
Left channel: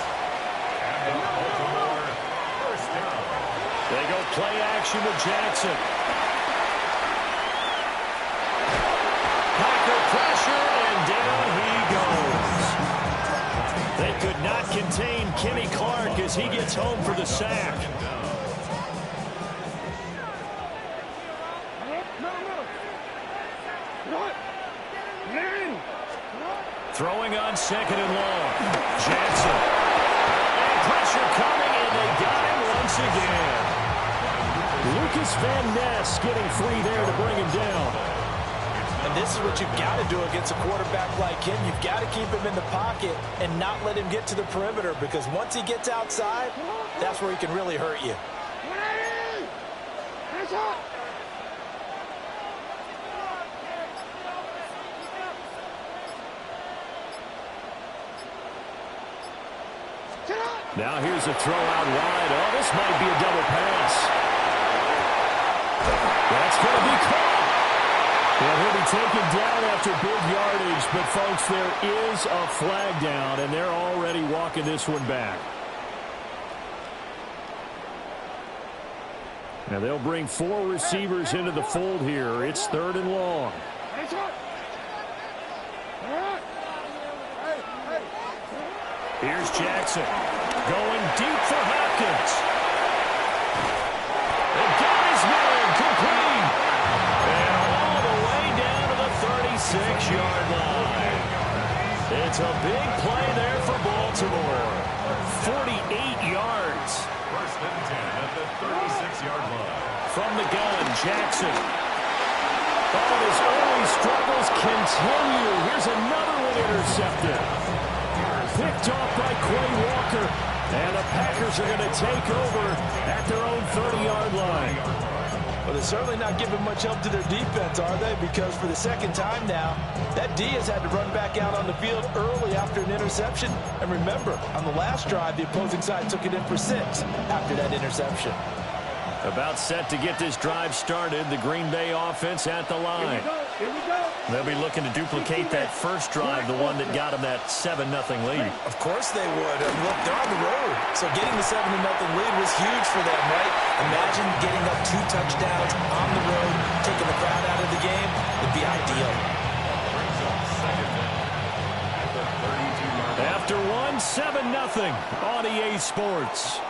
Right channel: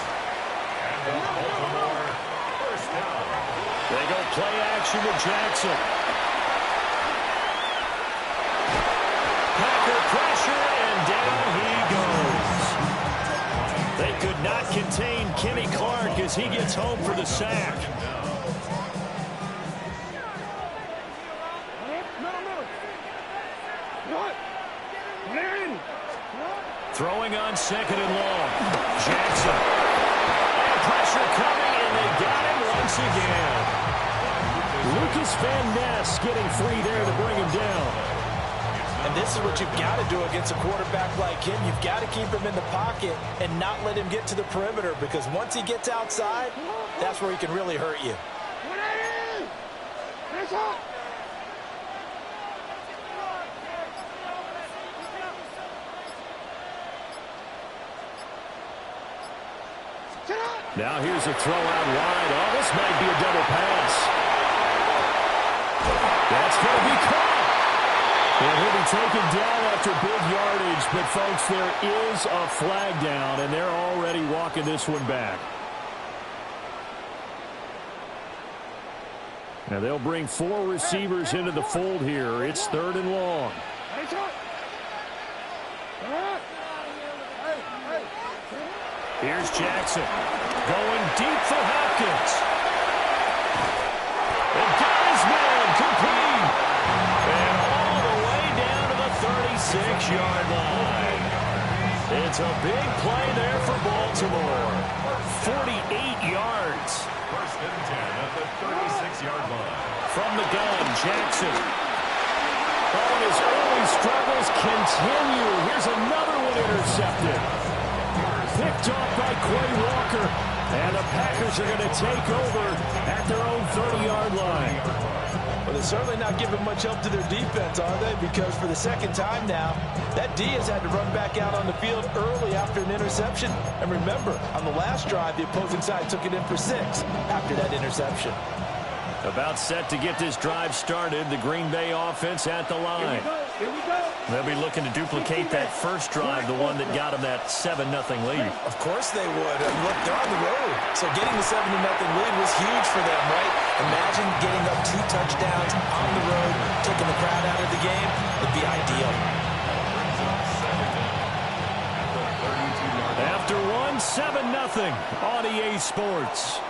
And the Baltimore first down. They go play action with Jackson. Packer pressure, and down he goes. They could not contain Kenny Clark as he gets home for the sack. Throwing on second and long. Jackson. And pressure coming, and they got him once again. Lucas Van Ness getting free there to bring him down. And this is what you've got to do against a quarterback like him. You've got to keep him in the pocket and not let him get to the perimeter, because once he gets outside, that's where he can really hurt you. Now here's a throw out wide. Oh, this might be a double pass. That's going to be caught. And he'll be taken down after big yardage. But, folks, there is a flag down, and they're already walking this one back. Now they'll bring 4 receivers into the fold here. It's 3rd and long. Here's Jackson going deep for Hopkins. And got his man complete. And all the way down to the 36-yard line. It's a big play there for Baltimore. 48 yards. 1st and 10 at the 36-yard line. From the gun, Jackson. Oh, and his early struggles continue. Here's another one intercepted. Picked off by Quay Walker. And the Packers are going to take over at their own 30-yard line. Well, they're certainly not giving much help to their defense, are they? Because for the 2nd time now, that D has had to run back out on the field early after an interception. And remember, on the last drive, the opposing side took it in for 6 after that interception. About set to get this drive started. The Green Bay offense at the line. Here we go. They'll be looking to duplicate that first drive, the one that got them that 7-0 lead. Of course they would. And look, they're on the road. So getting the 7-0 lead was huge for them, right? Imagine getting up 2 touchdowns on the road, taking the crowd out of the game. It'd be ideal. Brings up 2nd down at the 32-yard line. After 7-0 on EA Sports.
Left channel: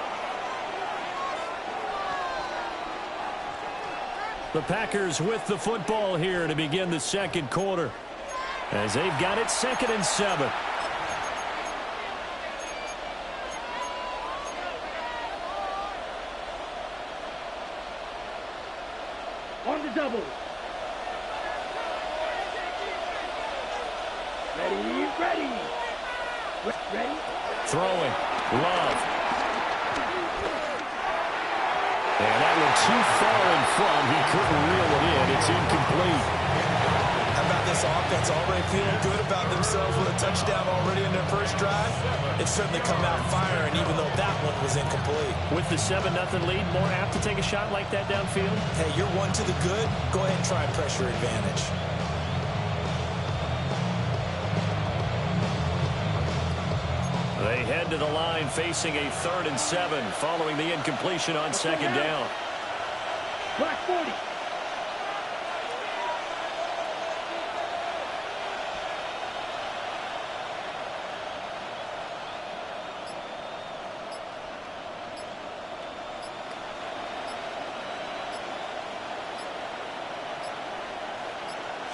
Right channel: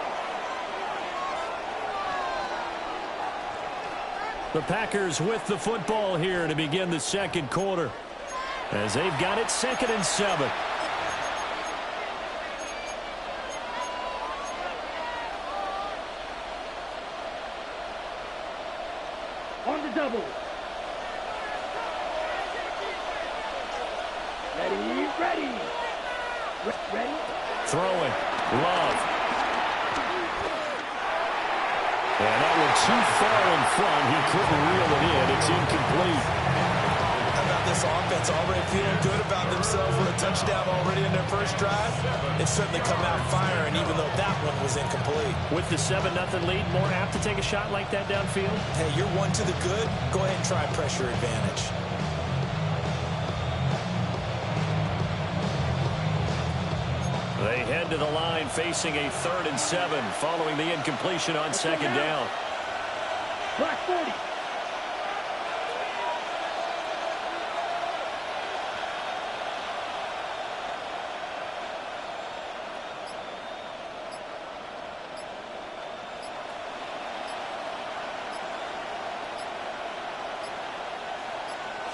The Packers with the football here to begin the 2nd quarter, as they've got it 2nd and 7. On the double. Ready. Throwing. Love. And that one too far in front. He couldn't reel it in. It's incomplete. How about this offense already feeling good about themselves with a touchdown already in their first drive? It's certainly come out firing, even though that one was incomplete. With the 7-0 lead, more apt to take a shot like that downfield? Hey, you're one to the good. Go ahead and try pressure advantage. They head to the line facing a 3rd and 7 following the incompletion on 2nd down. Black 40.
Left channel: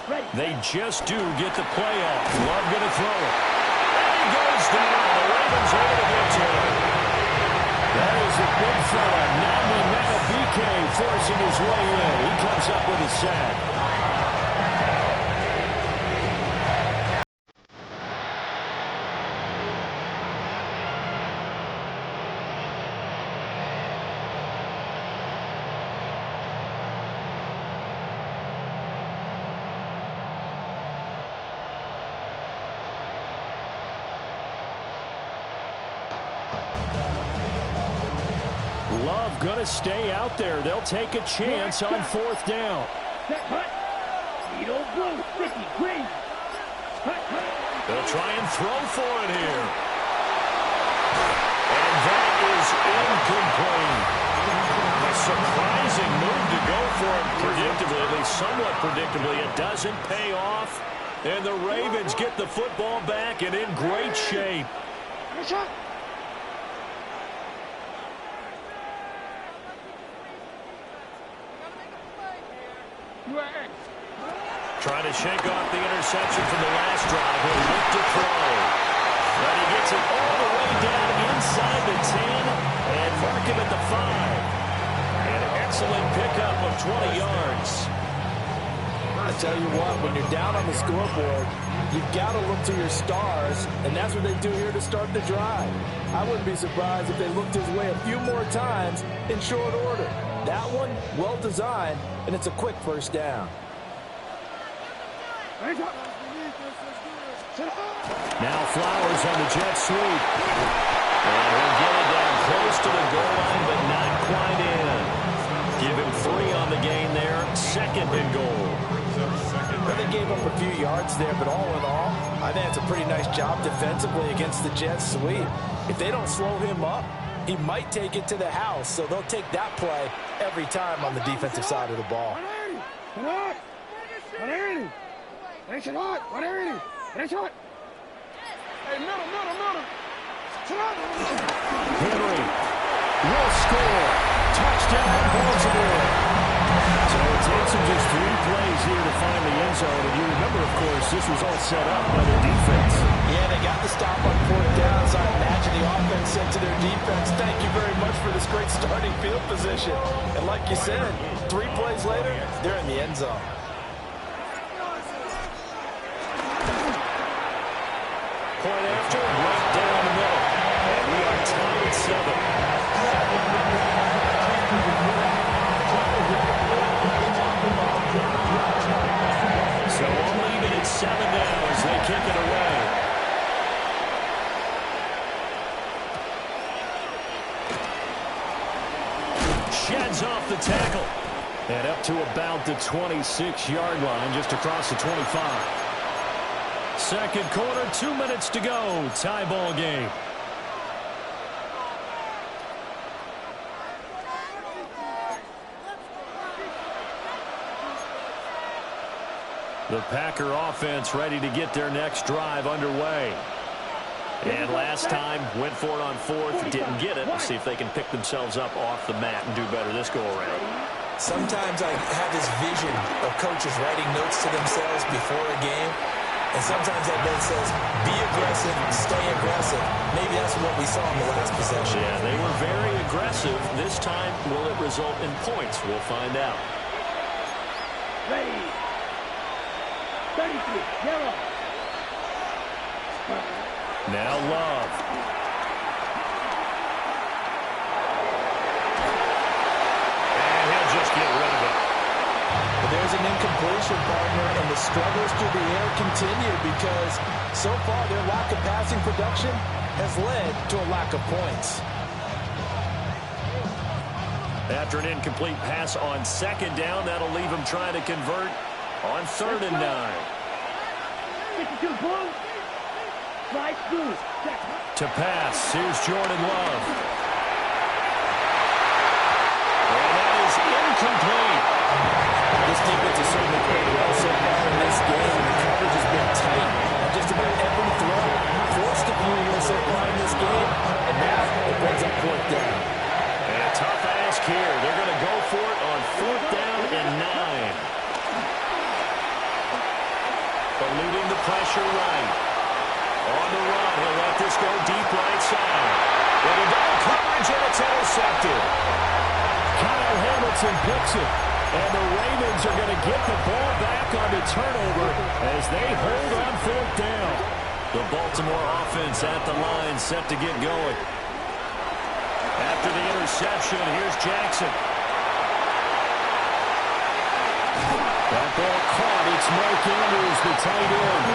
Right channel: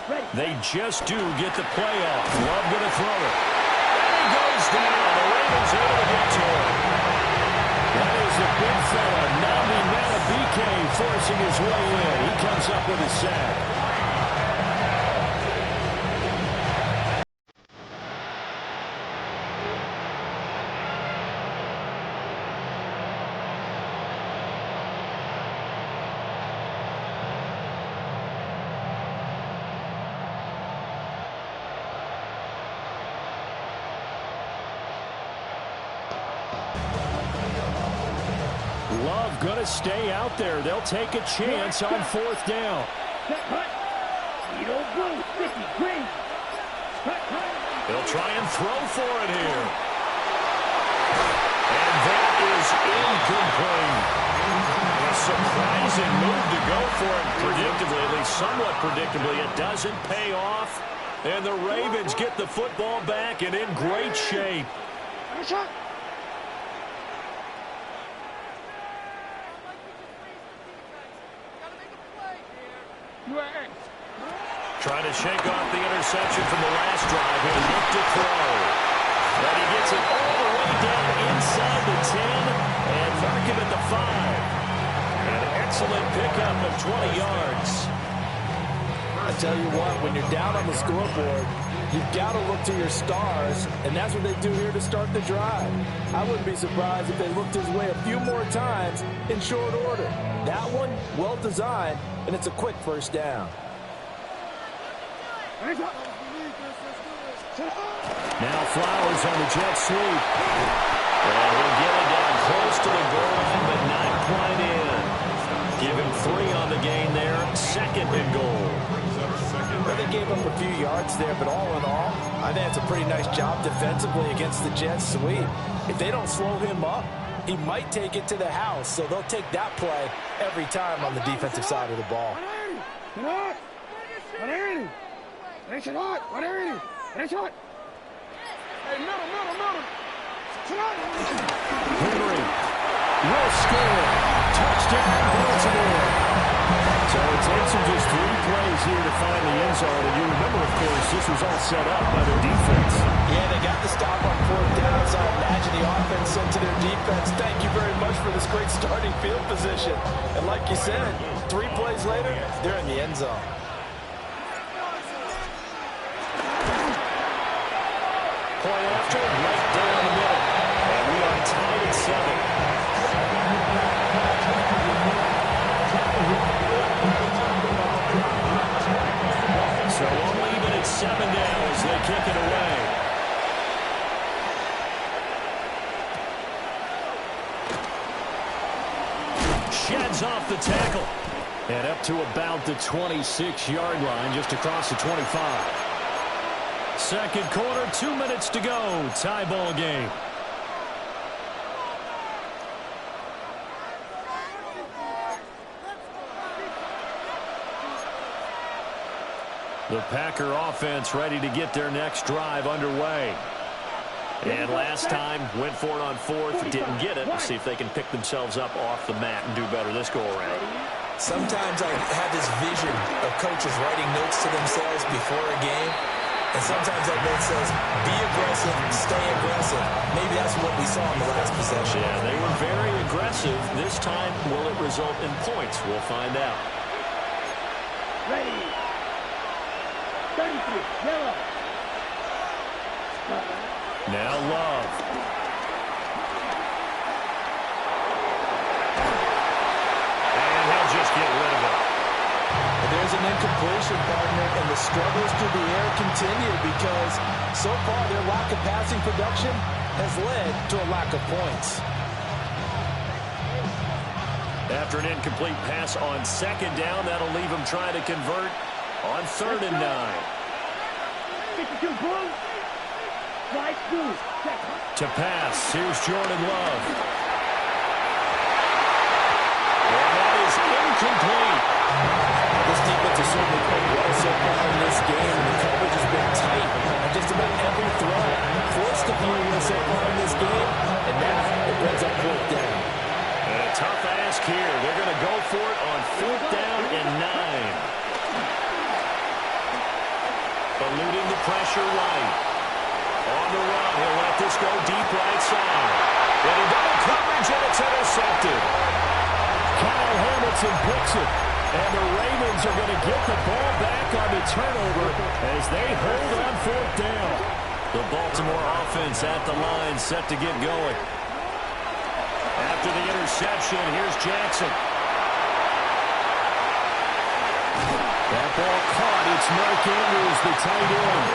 Ready. They just do get the play off. Love going to throw it. And he goes down. The Ravens able to get to him. That is a big fella, Nandi Madubuike, forcing his way in. He comes up with a sack. Love going to stay out there. They'll take a chance on 4th down. Set, cut. Needle blue, 50, green. Cut. They'll try and throw for it here. And that is incomplete. A surprising move to go for it predictably, at least somewhat predictably. It doesn't pay off. And the Ravens get the football back and in great shape. Trying to shake off the interception from the last drive. He'll look to throw. But he gets it all the way down inside the 10 and mark him at the 5. An excellent pickup of 20 yards. I tell you what, when you're down on the scoreboard, you've got to look to your stars, and that's what they do here to start the drive. I wouldn't be surprised if they looked his way a few more times in short order. That one, well designed, and it's a quick first down. Now Flowers on the jet sweep. And he'll get it down close to the goal line, but not quite in. Give him 3 on the gain there. 2nd and goal. Well, they gave up a few yards there, but all in all, I think it's a pretty nice job defensively against the jet sweep. If they don't slow him up, he might take it to the house, so they'll take that play every time on the defensive side of the ball. Henry will score. Touchdown, Baltimore. So it takes them just 3 plays here to find the end zone. And you remember, of course, this was all set up by their defense. Yeah, they got the stop on 4th down, so I imagine the offense said to their defense, thank you very much for this great starting field position. And like you said, 3 plays later, they're in the end zone. Point after, right down the middle. And we are tied at 7. So only even at 7 now as they kick it away. Sheds off the tackle. And up to about the 26-yard line, just across the 25. Second quarter, 2 minutes to go. Tie ball game. The Packer offense ready to get their next drive underway. And last time, went for it on 4th, didn't get it. We'll see if they can pick themselves up off the mat and do better this go-around. Sometimes I have this vision of coaches writing notes to themselves before a game. And sometimes that note says, be aggressive, stay aggressive. Maybe that's what we saw in the last possession. Yeah, they were very aggressive. This time, will it result in points? We'll find out. Ready. 33, yellow. Now Love. And he'll just get rid of it. But there's an incompletion, partner, and the struggles through the air continue because so far their lack of passing production has led to a lack of points. After an incomplete pass on 2nd down, that'll leave him trying to convert on 3rd and 9. 52, boom. Slide through. To pass, here's Jordan Love. And that is incomplete. This defense has certainly played well so far in this game, and the coverage has been tight on just about every throw. Forced a few here so far in this game, and now it brings up 4th down. And a tough ask here. They're going to go for it on 4th down and 9. Eluding the pressure right. On the run, he'll let this go deep right side. And a double coverage, and it's intercepted. Kyle Hamilton picks it. And the Ravens are going to get the ball back on the turnover as they hold on 4th down. The Baltimore offense at the line, set to get going. After the interception, here's Jackson. That ball caught. It's Mark Andrews, the tight end.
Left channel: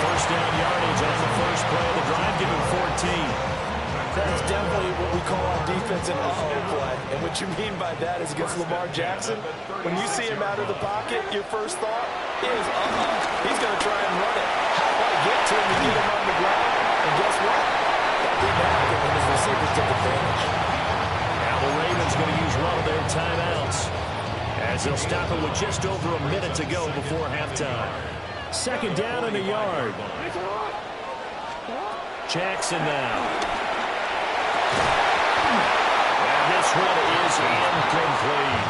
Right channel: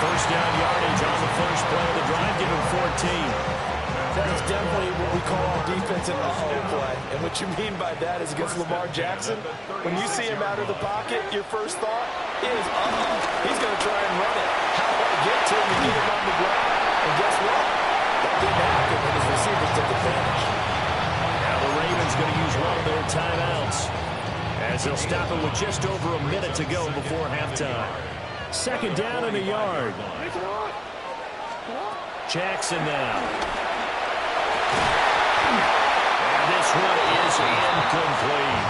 First down yardage on the first play of the drive, give him 14. That is definitely what we call on defense an uh-oh play. And what you mean by that is against Lamar Jackson, when you see him out of the pocket, your first thought is, uh-oh, he's going to try and run it. How do I get to him and get him on the ground? And guess what? That didn't happen, and his receivers took advantage. Now the Ravens going to use one of their timeouts as they'll stop it with just over a minute to go before halftime. 2nd down and a yard. Jackson now. And this one is incomplete.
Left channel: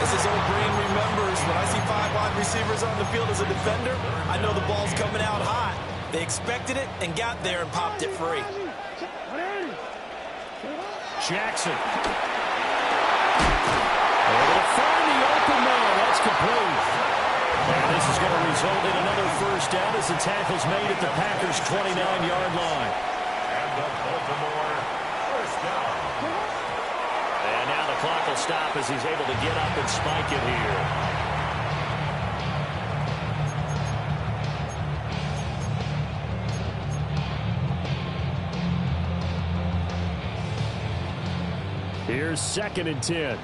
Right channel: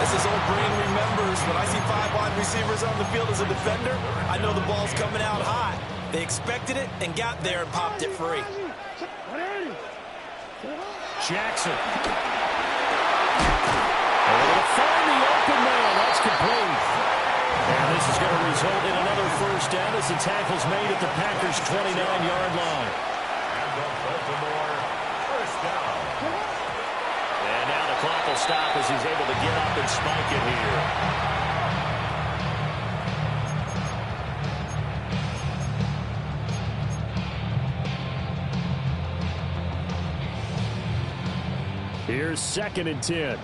As his old brain remembers, when I see 5 wide receivers on the field as a defender, I know the ball's coming out hot. They expected it and got there and popped it free. Jackson. Able to find the open man. That's complete. And this is going to result in another first down as the tackle's made at the Packers' 29-yard line. And the Baltimore first down. And now the clock will stop as he's able to get up and spike it here. Here's 2nd and 10.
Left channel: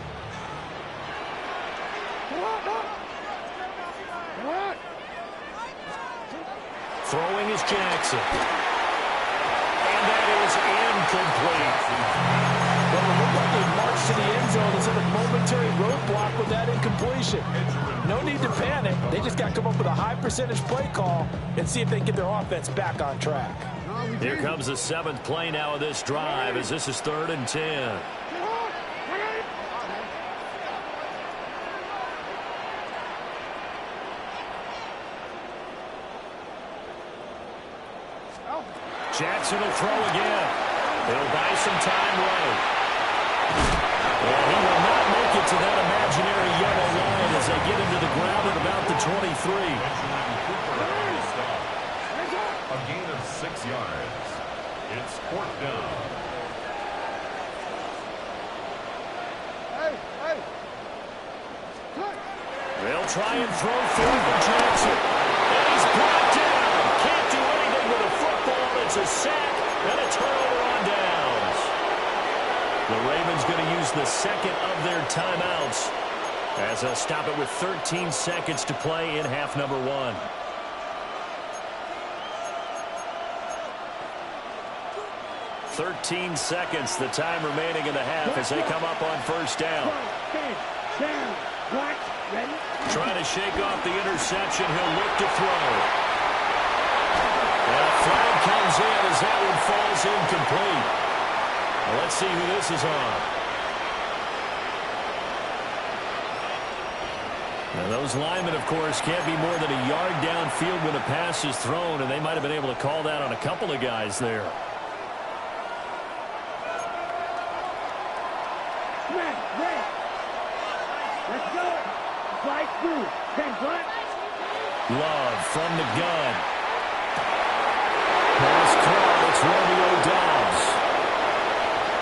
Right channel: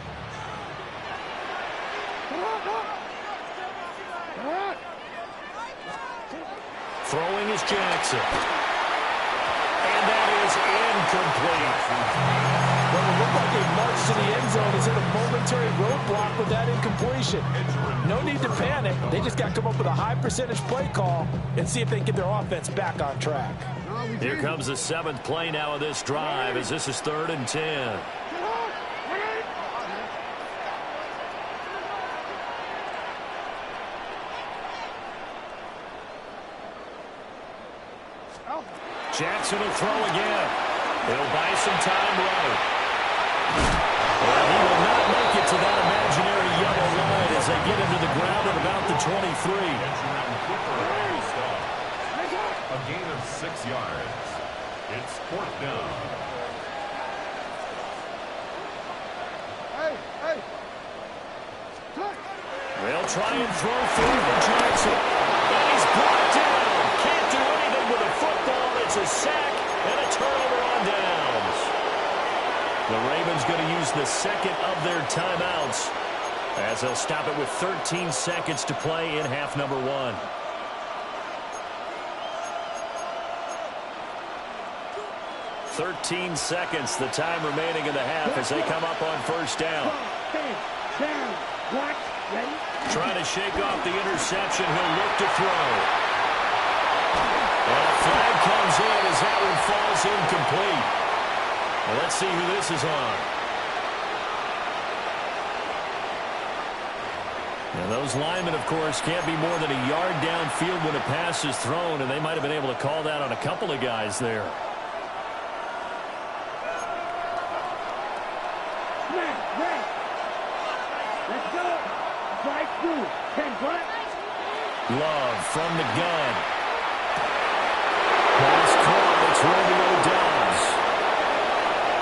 Throwing is Jackson. And that is incomplete. Well, it looked like a march to the end zone instead of momentary roadblock with that incompletion. No need to panic. They just got to come up with a high percentage play call and see if they can get their offense back on track. Here comes the 7th play now of this drive as this is 3rd and 10. Jackson will throw again. He'll buy some time right. Well, he will not make it to that imaginary yellow line as they get into the ground at about the 23. A gain of 6 yards. It's 4th down. They'll try and throw forward for Jackson. And he's brought down. Can't do anything with a football. It's a sack and a turnover on downs. The Ravens going to use the 2nd of their timeouts as they'll stop it with 13 seconds to play in half number 1. "13 seconds, the time remaining in the half as they come up on first down. Trying to shake off the interception. He'll look to throw. And a flag comes in as that one falls incomplete. Well, let's see who this is on. Now, those linemen, of course, can't be more than a yard downfield when a pass is thrown, and they might have been able to call that on a couple of guys there. Let's go. Slide through. 10 black. Love from the gun. Pass caught. It's Romeo Doubs.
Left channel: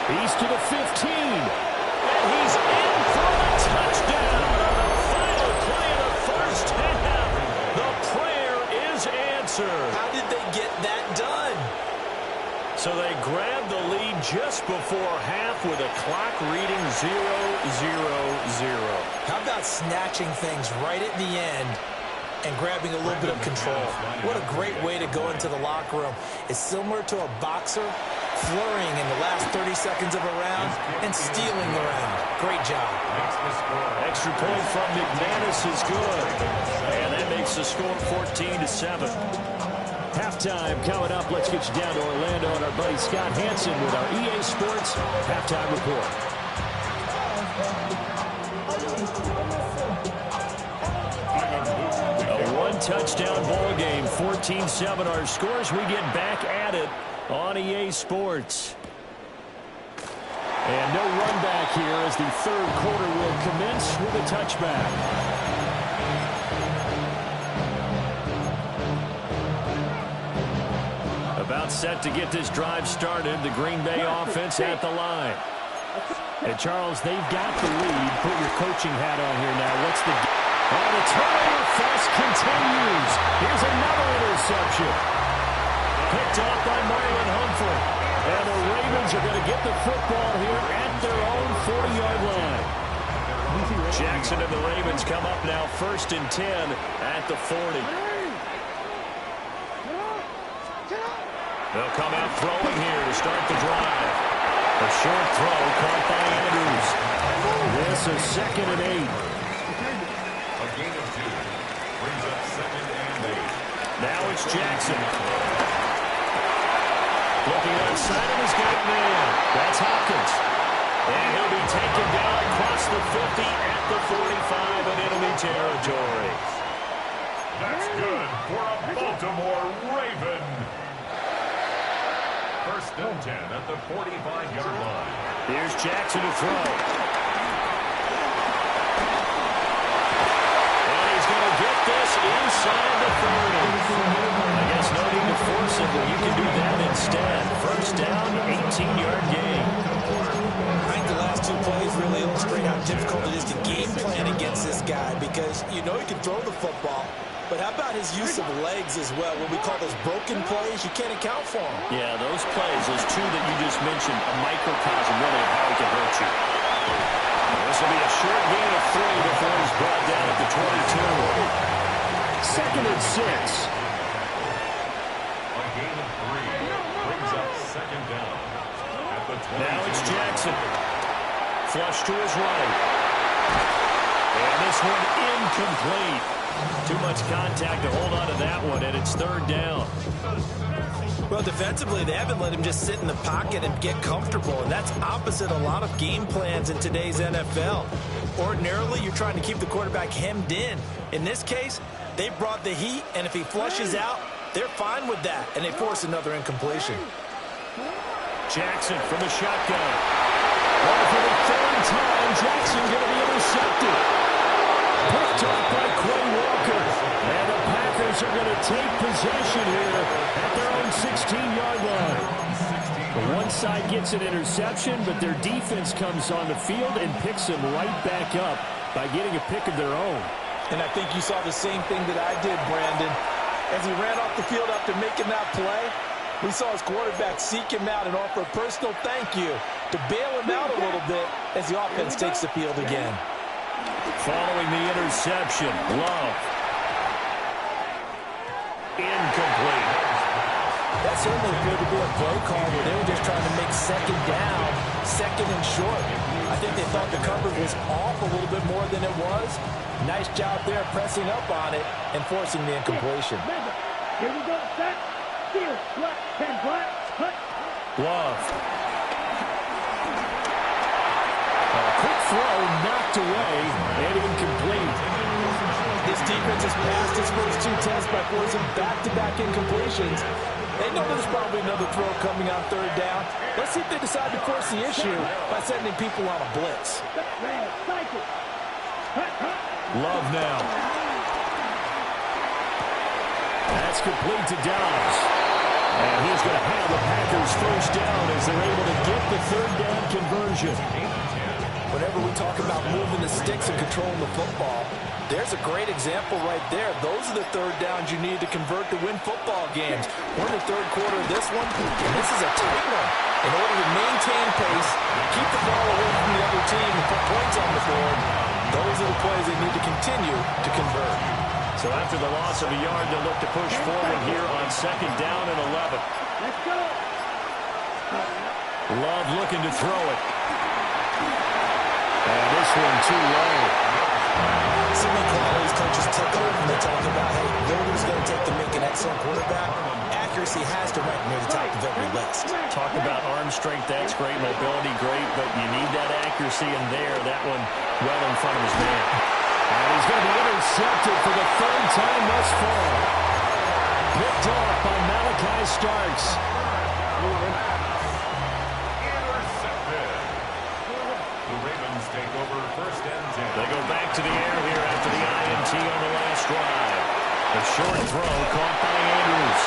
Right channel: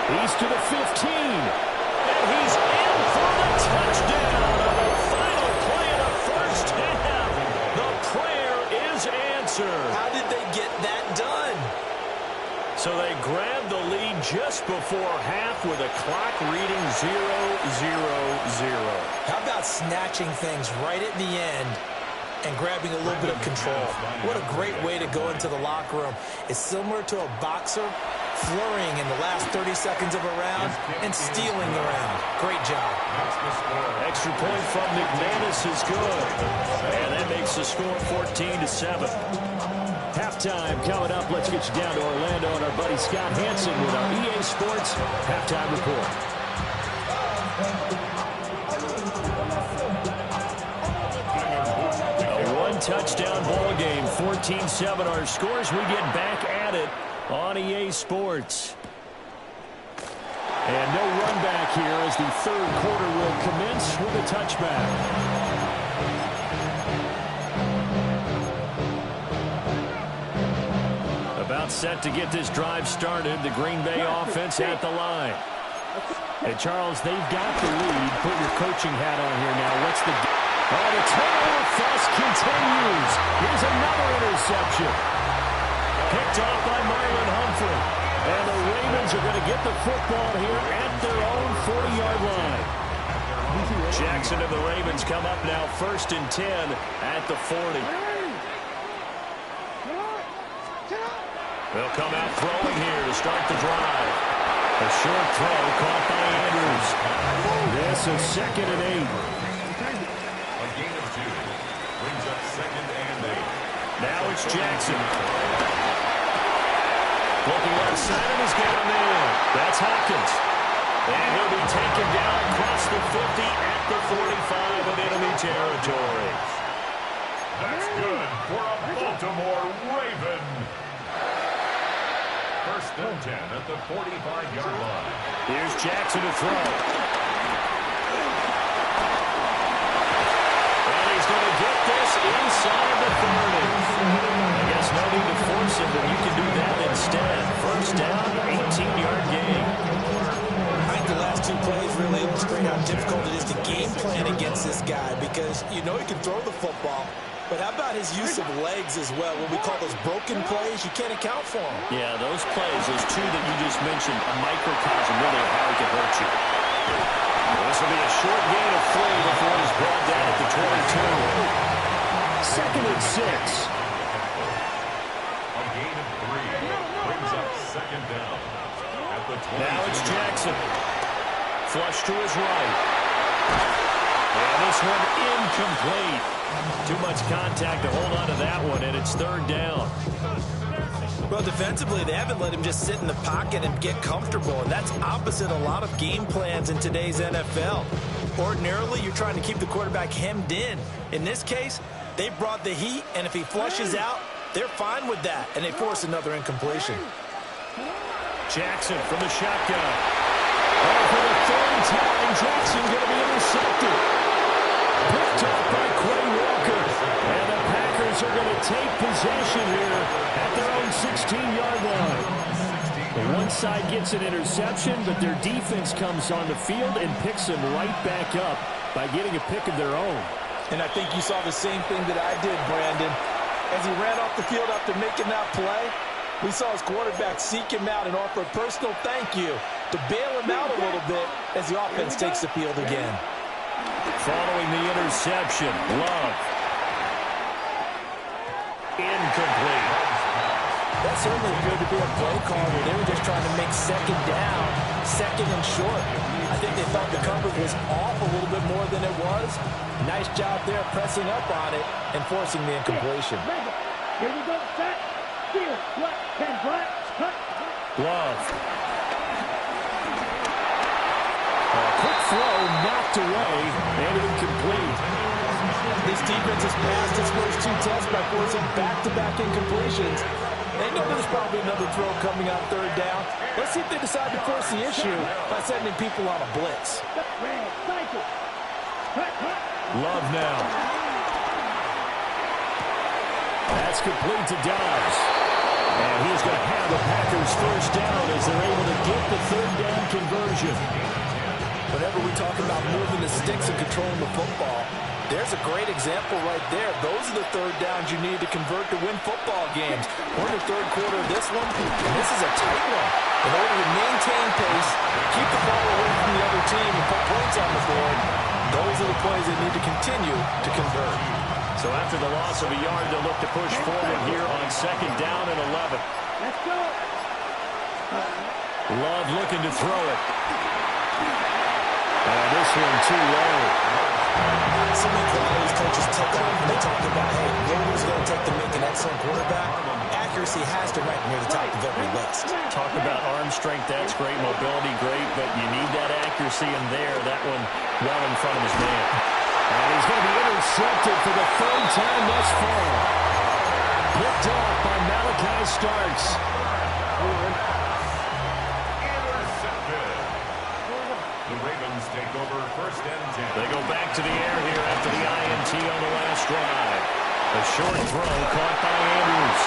He's to the 15. And he's in for the touchdown on the final play of the first half. The prayer is answered. How did they get that done? So they grabbed the lead just before half with a clock reading 0-0-0. How about snatching things right at the end and grabbing a little bit of control? What a great way to go into the locker room. It's similar to a boxer flurrying in the last 30 seconds of a round and stealing the round. Great job. Extra point from McManus is good. And that makes the score 14-7. Halftime coming up. Let's get you down to Orlando and our buddy Scott Hansen with our EA Sports Halftime Report. A one-touchdown ball game, 14-7 our scores. We get back at it on EA Sports. And no run back here as the third quarter will commence with a touchback. About set to get this drive started. The Green Bay offense at the line. And Charles, they've got the lead. Put your coaching hat on here now. What's the... Oh, the turnover fest continues. Here's another interception. Picked off by Marlon Humphrey. And the Ravens are going to get the football here at their own 40-yard line. Jackson and the Ravens come up now 1st and 10 at the 40. They'll come out throwing here to start the drive. A short throw caught by Andrews. This is 2nd and 8. A gain of 2 brings up 2nd and 8. Now it's Jackson. Looking left side and he's got a man. That's Hopkins. And he'll be taken down across the 50 at the 45 of enemy territory. That's good for a Baltimore Raven. 1st and 10 at the 45-yard line. Here's Jackson to throw. first down, 18-yard gain. I think the last two plays really illustrate how difficult it is to game plan against this guy because you know he can throw the football, but how about his use of legs as well? What we call those broken plays, you can't account for them. Yeah, those plays, those two that you just mentioned, a microcosm really of how he can hurt you. This will be a short gain of 3 before he's brought down at the 22. Second and 6. A gain of 3 brings up second down at the 22. Now it's Jackson. Flush to his right. And this one incomplete. Too much contact to hold on to that one, and it's third down. Well, defensively, they haven't let him just sit in the pocket and get comfortable, and that's opposite a lot of game plans in today's NFL. Ordinarily, you're trying to keep the quarterback hemmed in. In this case, they brought the heat, and if he flushes out, they're fine with that, and they force another incompletion. Jackson from the shotgun. Oh, for the third time, Jackson going to be intercepted. Picked off by Quay Walker. And the Packers are going to take possession here at their own 16-yard line. The one side gets an interception, but their defense comes on the field and picks him right back up by getting a pick of their own. And I think you saw the same thing that I did, Brandon. As he ran off the field after making that play, we saw his quarterback seek him out and offer a personal thank you to bail him out a little bit as the offense takes the field again. Following the interception, Love. Incomplete. That certainly appeared to be a play call where they were just trying to make second down, second and short. I think they thought the coverage was off a little bit more than it was. Nice job there pressing up on it and forcing the incompletion. Here we go, set, steal, flat, 10 flat, cut. Love. A quick throw knocked away and incomplete. This defense has passed its first 2 tests by forcing back-to-back incompletions. They know there's probably another throw coming on third down. Let's see if they decide to force the issue by sending people on a blitz. Love now. That's complete to Dobbs. And he's going to have the Packers first down as they're able to get the third down conversion. Whenever we talk about moving the sticks and controlling the football, there's a great example right there. Those are the third downs you need to convert to win football games. We're in the third quarter of this one, and this is a tight one. In order to maintain pace, keep the ball away from the other team, and put points on the board, those are the plays they need to continue to convert. So after the loss of a yard, they'll look to push forward here on second down and 11. Let's go. Love looking to throw it. And this one too low. So many qualities coaches take on when they talk about, hey, what is going to take to make an excellent quarterback? Accuracy has to rank near the top of every list. Talk about arm strength, that's great. Mobility, great. But you need that accuracy in there. That one well in front of his man. And he's going to be intercepted for the third time thus far. Picked off by Malachi Starks. The Ravens take over first and 10. They go back to the air here after the INT on the last drive. A short throw caught by Andrews.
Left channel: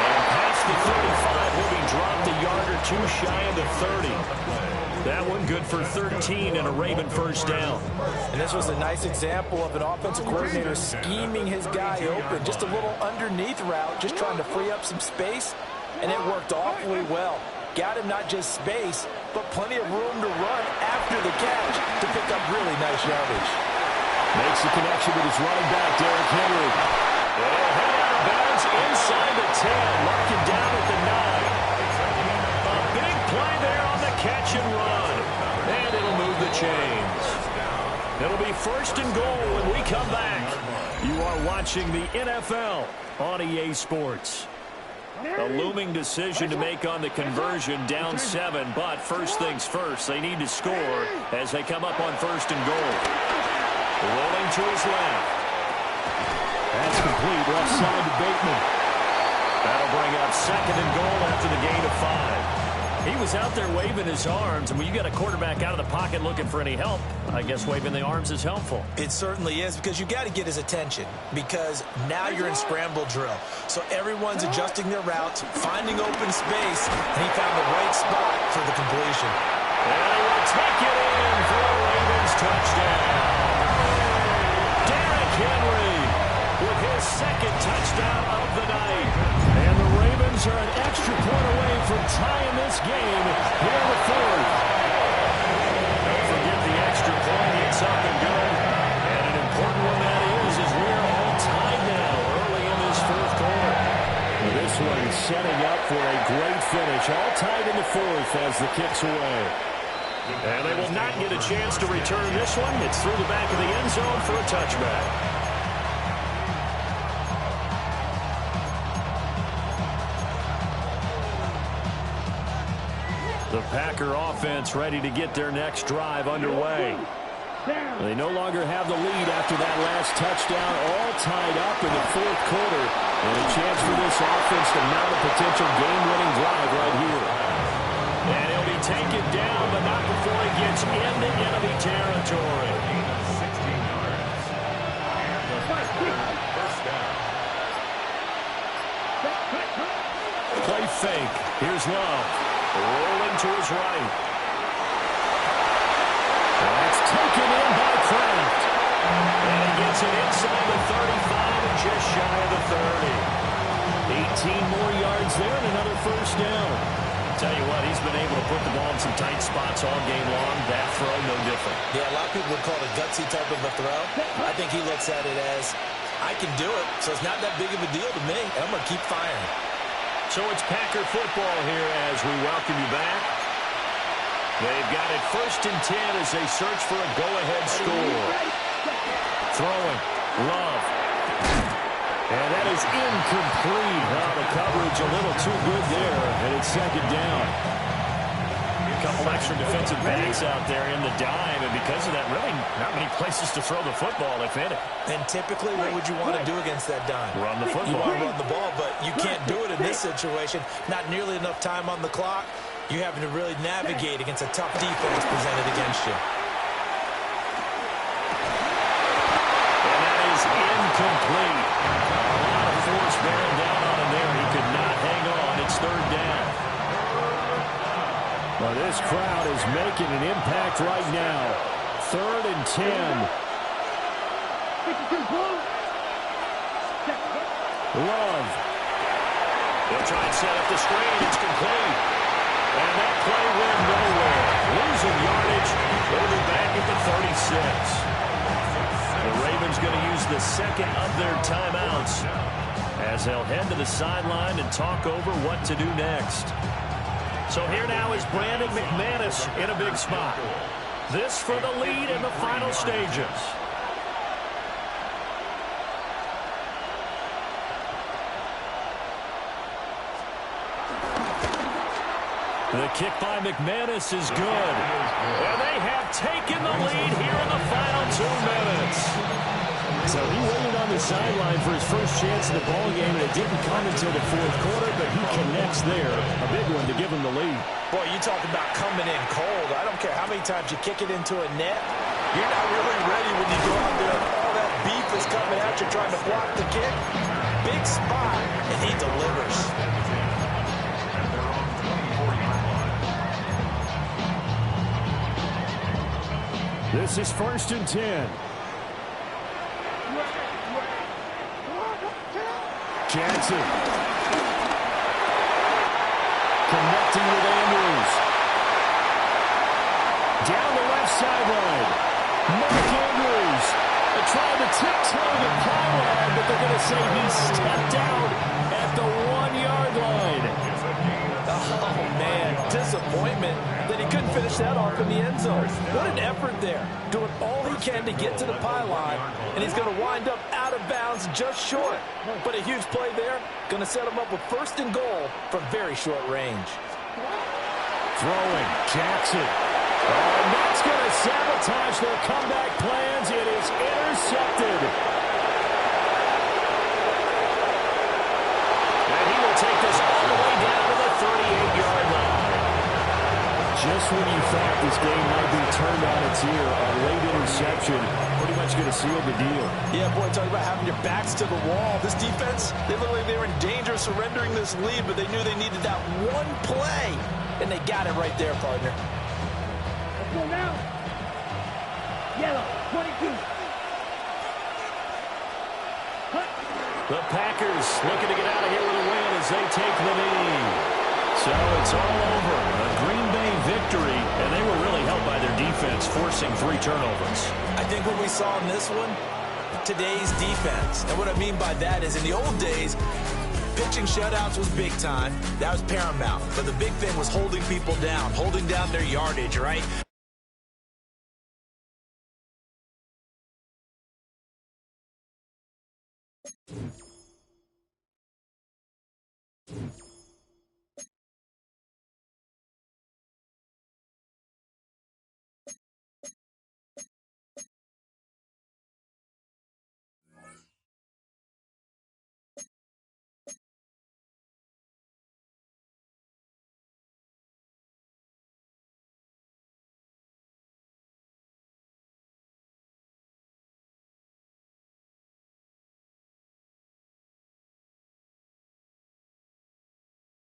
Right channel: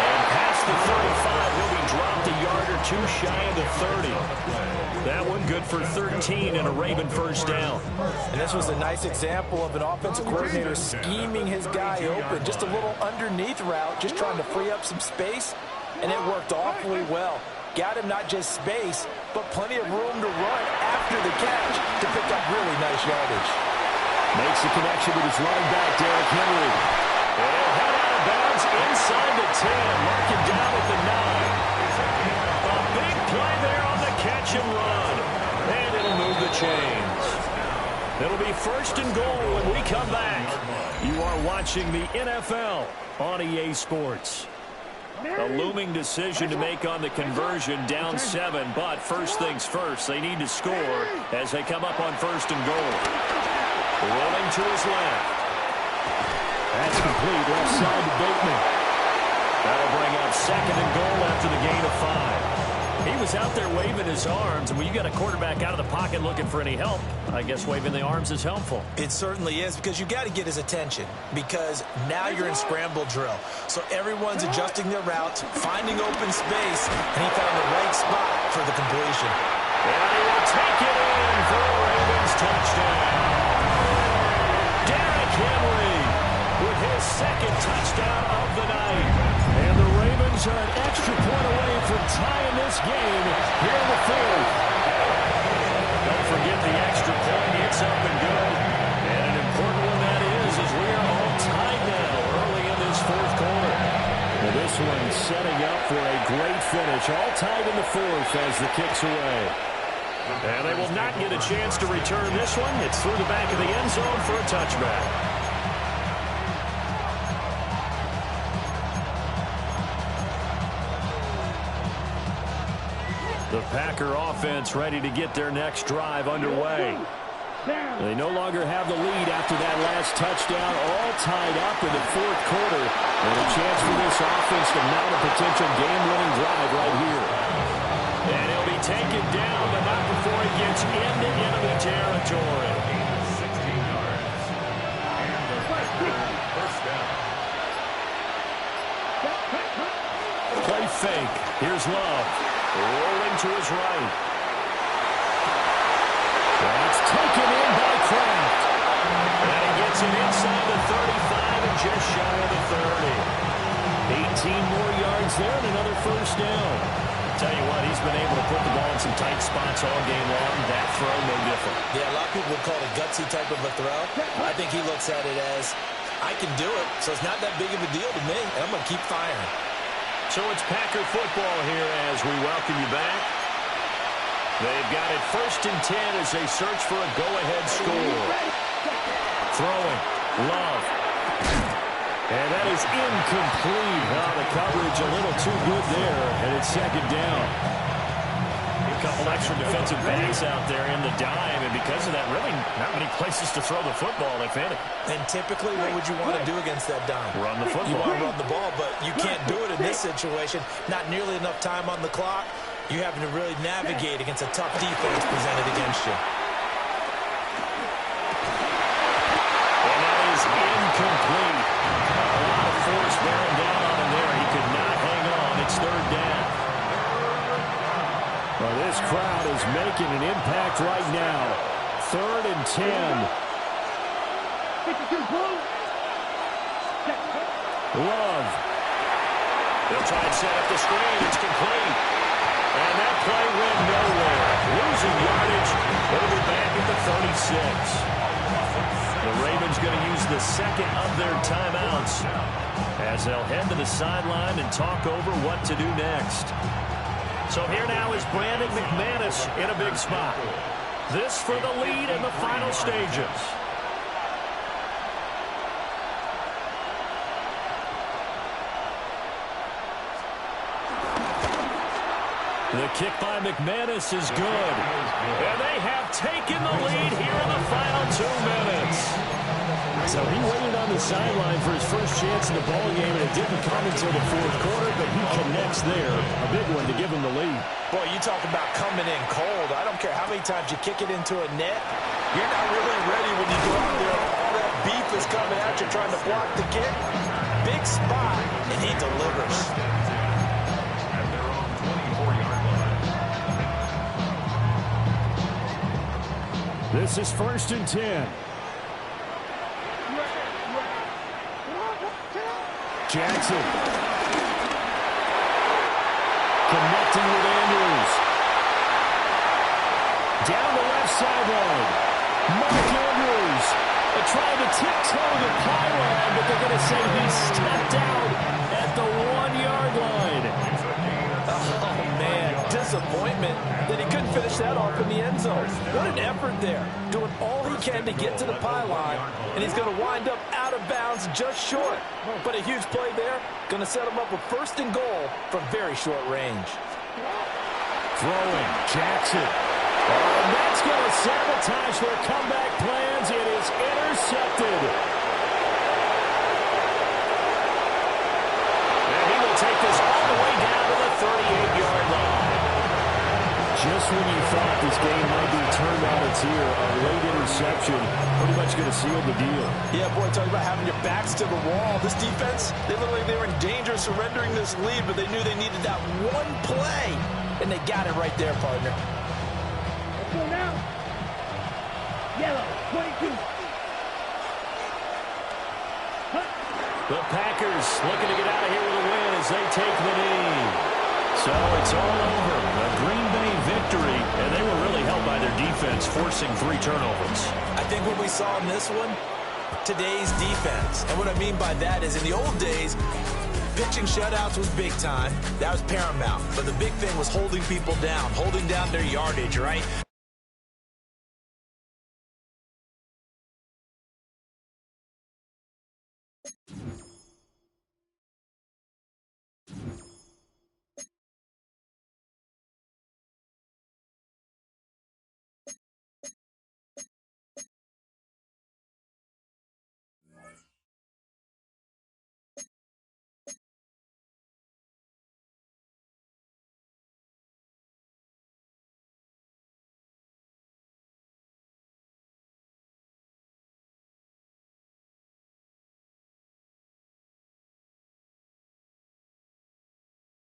And past the 35, he'll be dropped a yard or two shy of the 30. That one good for 13 and a Raven first down. And this was a nice example of an offensive coordinator scheming his guy open. Just a little underneath route, just trying to free up some space. And it worked awfully well. Got him not just space, but plenty of room to run after the catch to pick up really nice yardage. Makes the connection with his running back, Derrick Henry. And he'll head out of bounds inside the 10, marking down at the 9. A big play there on the catch and run. And it'll move the chains. It'll be first and goal when we come back. You are watching the NFL on EA Sports. A looming decision to make on the conversion, down 7, but first things first, they need to score as they come up on first and goal. Rolling to his left. That's complete, left side to Bateman. That'll bring up second and goal after the gain of 5. He was out there waving his arms, and when you got a quarterback out of the pocket looking for any help, I guess waving the arms is helpful. It certainly is, because you got to get his attention, because now you're in scramble drill. So everyone's adjusting their routes, finding open space, and he found the right spot for the completion. And he will take it in for a Ravens touchdown. Derrick Henry with his second touchdown of the night. And the Ravens are an extra point away from tying this game here in the fourth. Don't forget the extra point. It's up and good. And an important one that is we are all tied now early in this fourth quarter. Now this one setting up for a great finish. All tied in the fourth as the kick's away. And they will not get a chance to return this one. It's through the back of the end zone for a touchback. The Packer offense ready to get their next drive underway. They no longer have the lead after that last touchdown, all tied up in the fourth quarter. And a chance for this offense to mount a potential game-winning drive right here. And he'll be taken down, but not before he gets into enemy territory. 16 yards. And the first down. Play fake. Here's Love. Rolling to his right. That's taken in by Kraft. And he gets it inside the 35 and just shy of the 30. 18 more yards there and another first down. Tell you what, he's been able to put the ball in some tight spots all game long. That throw, no different. Yeah, a lot of people would call it a gutsy type of a throw. I think he looks at it as, I can do it, so it's not that big of a deal to me, and I'm going to keep firing. So it's Packer football here as we welcome you back. They've got it 1st and 10 as they search for a go-ahead score. Throwing. Love. And that is incomplete. Oh, the coverage a little too good there, and it's second down. A couple extra defensive backs out there in the dime, and because of that, really not many places to throw the football, if any. And typically, what would you want to do against that dime? Run the football. You want to run the ball, but you can't do it in this situation. Not nearly enough time on the clock. You're having to really navigate against a tough defense presented against you. And that is incomplete. A lot of force bearing down on him there. He could not hang on. It's third down. Well, this crowd is making an impact right now. 3rd and 10. Love. They'll try and set up the screen. It's complete. And that play went nowhere. Losing yardage. It'll be back at the 36. The Ravens going to use the second of their timeouts as they'll head to the sideline and talk over what to do next. So here now is Brandon McManus in a big spot. This for the lead in the final stages. The kick by McManus is good. And they have taken the lead here in the final 2 minutes. So he waited on the sideline for his first chance in the ball game, and it didn't come until the fourth quarter, but he connects there. A big one to give him the lead. Boy, you talk about coming in cold. I don't care how many times you kick it into a net. You're not really ready when you go out there and all that beef is coming at you trying to block the kick. Big spot, and he delivers. At their own 24-yard line. This is 1st and 10. Jackson. Connecting with Andrews. Down the left sideline. Mark Andrews trying to tiptoe the pylon, but they're going to say he stepped out at the 1-yard line. Oh, man, disappointment that he couldn't finish that off in the end zone. What an effort there, doing all he can to get to the pylon, and he's going to wind up out of bounds just short. But a huge play there, going to set him up with 1st and goal from very short range. Throwing, Jackson. Oh, and that's going to sabotage their comeback plans. It is intercepted. And he will take this all the way down to the 38-yard line. just when you thought this game might be turned on its ear, a late interception pretty much going to seal the deal. Yeah, boy, talk about having your backs to the wall. This defense, they look like they were in danger of surrendering this lead, but they knew they needed that one play, and they got it right there, partner. Let's go now. Yellow, 22. Hut. The Packers looking to get out of here with a win as they take the knee. So it's all over. A Green Bay victory, and they were really helped by their defense, forcing 3 turnovers. I think what we saw in this one, today's defense. And what I mean by that is in the old days, pitching shutouts was big time. That was paramount. But the big thing was holding people down, holding down their yardage, right?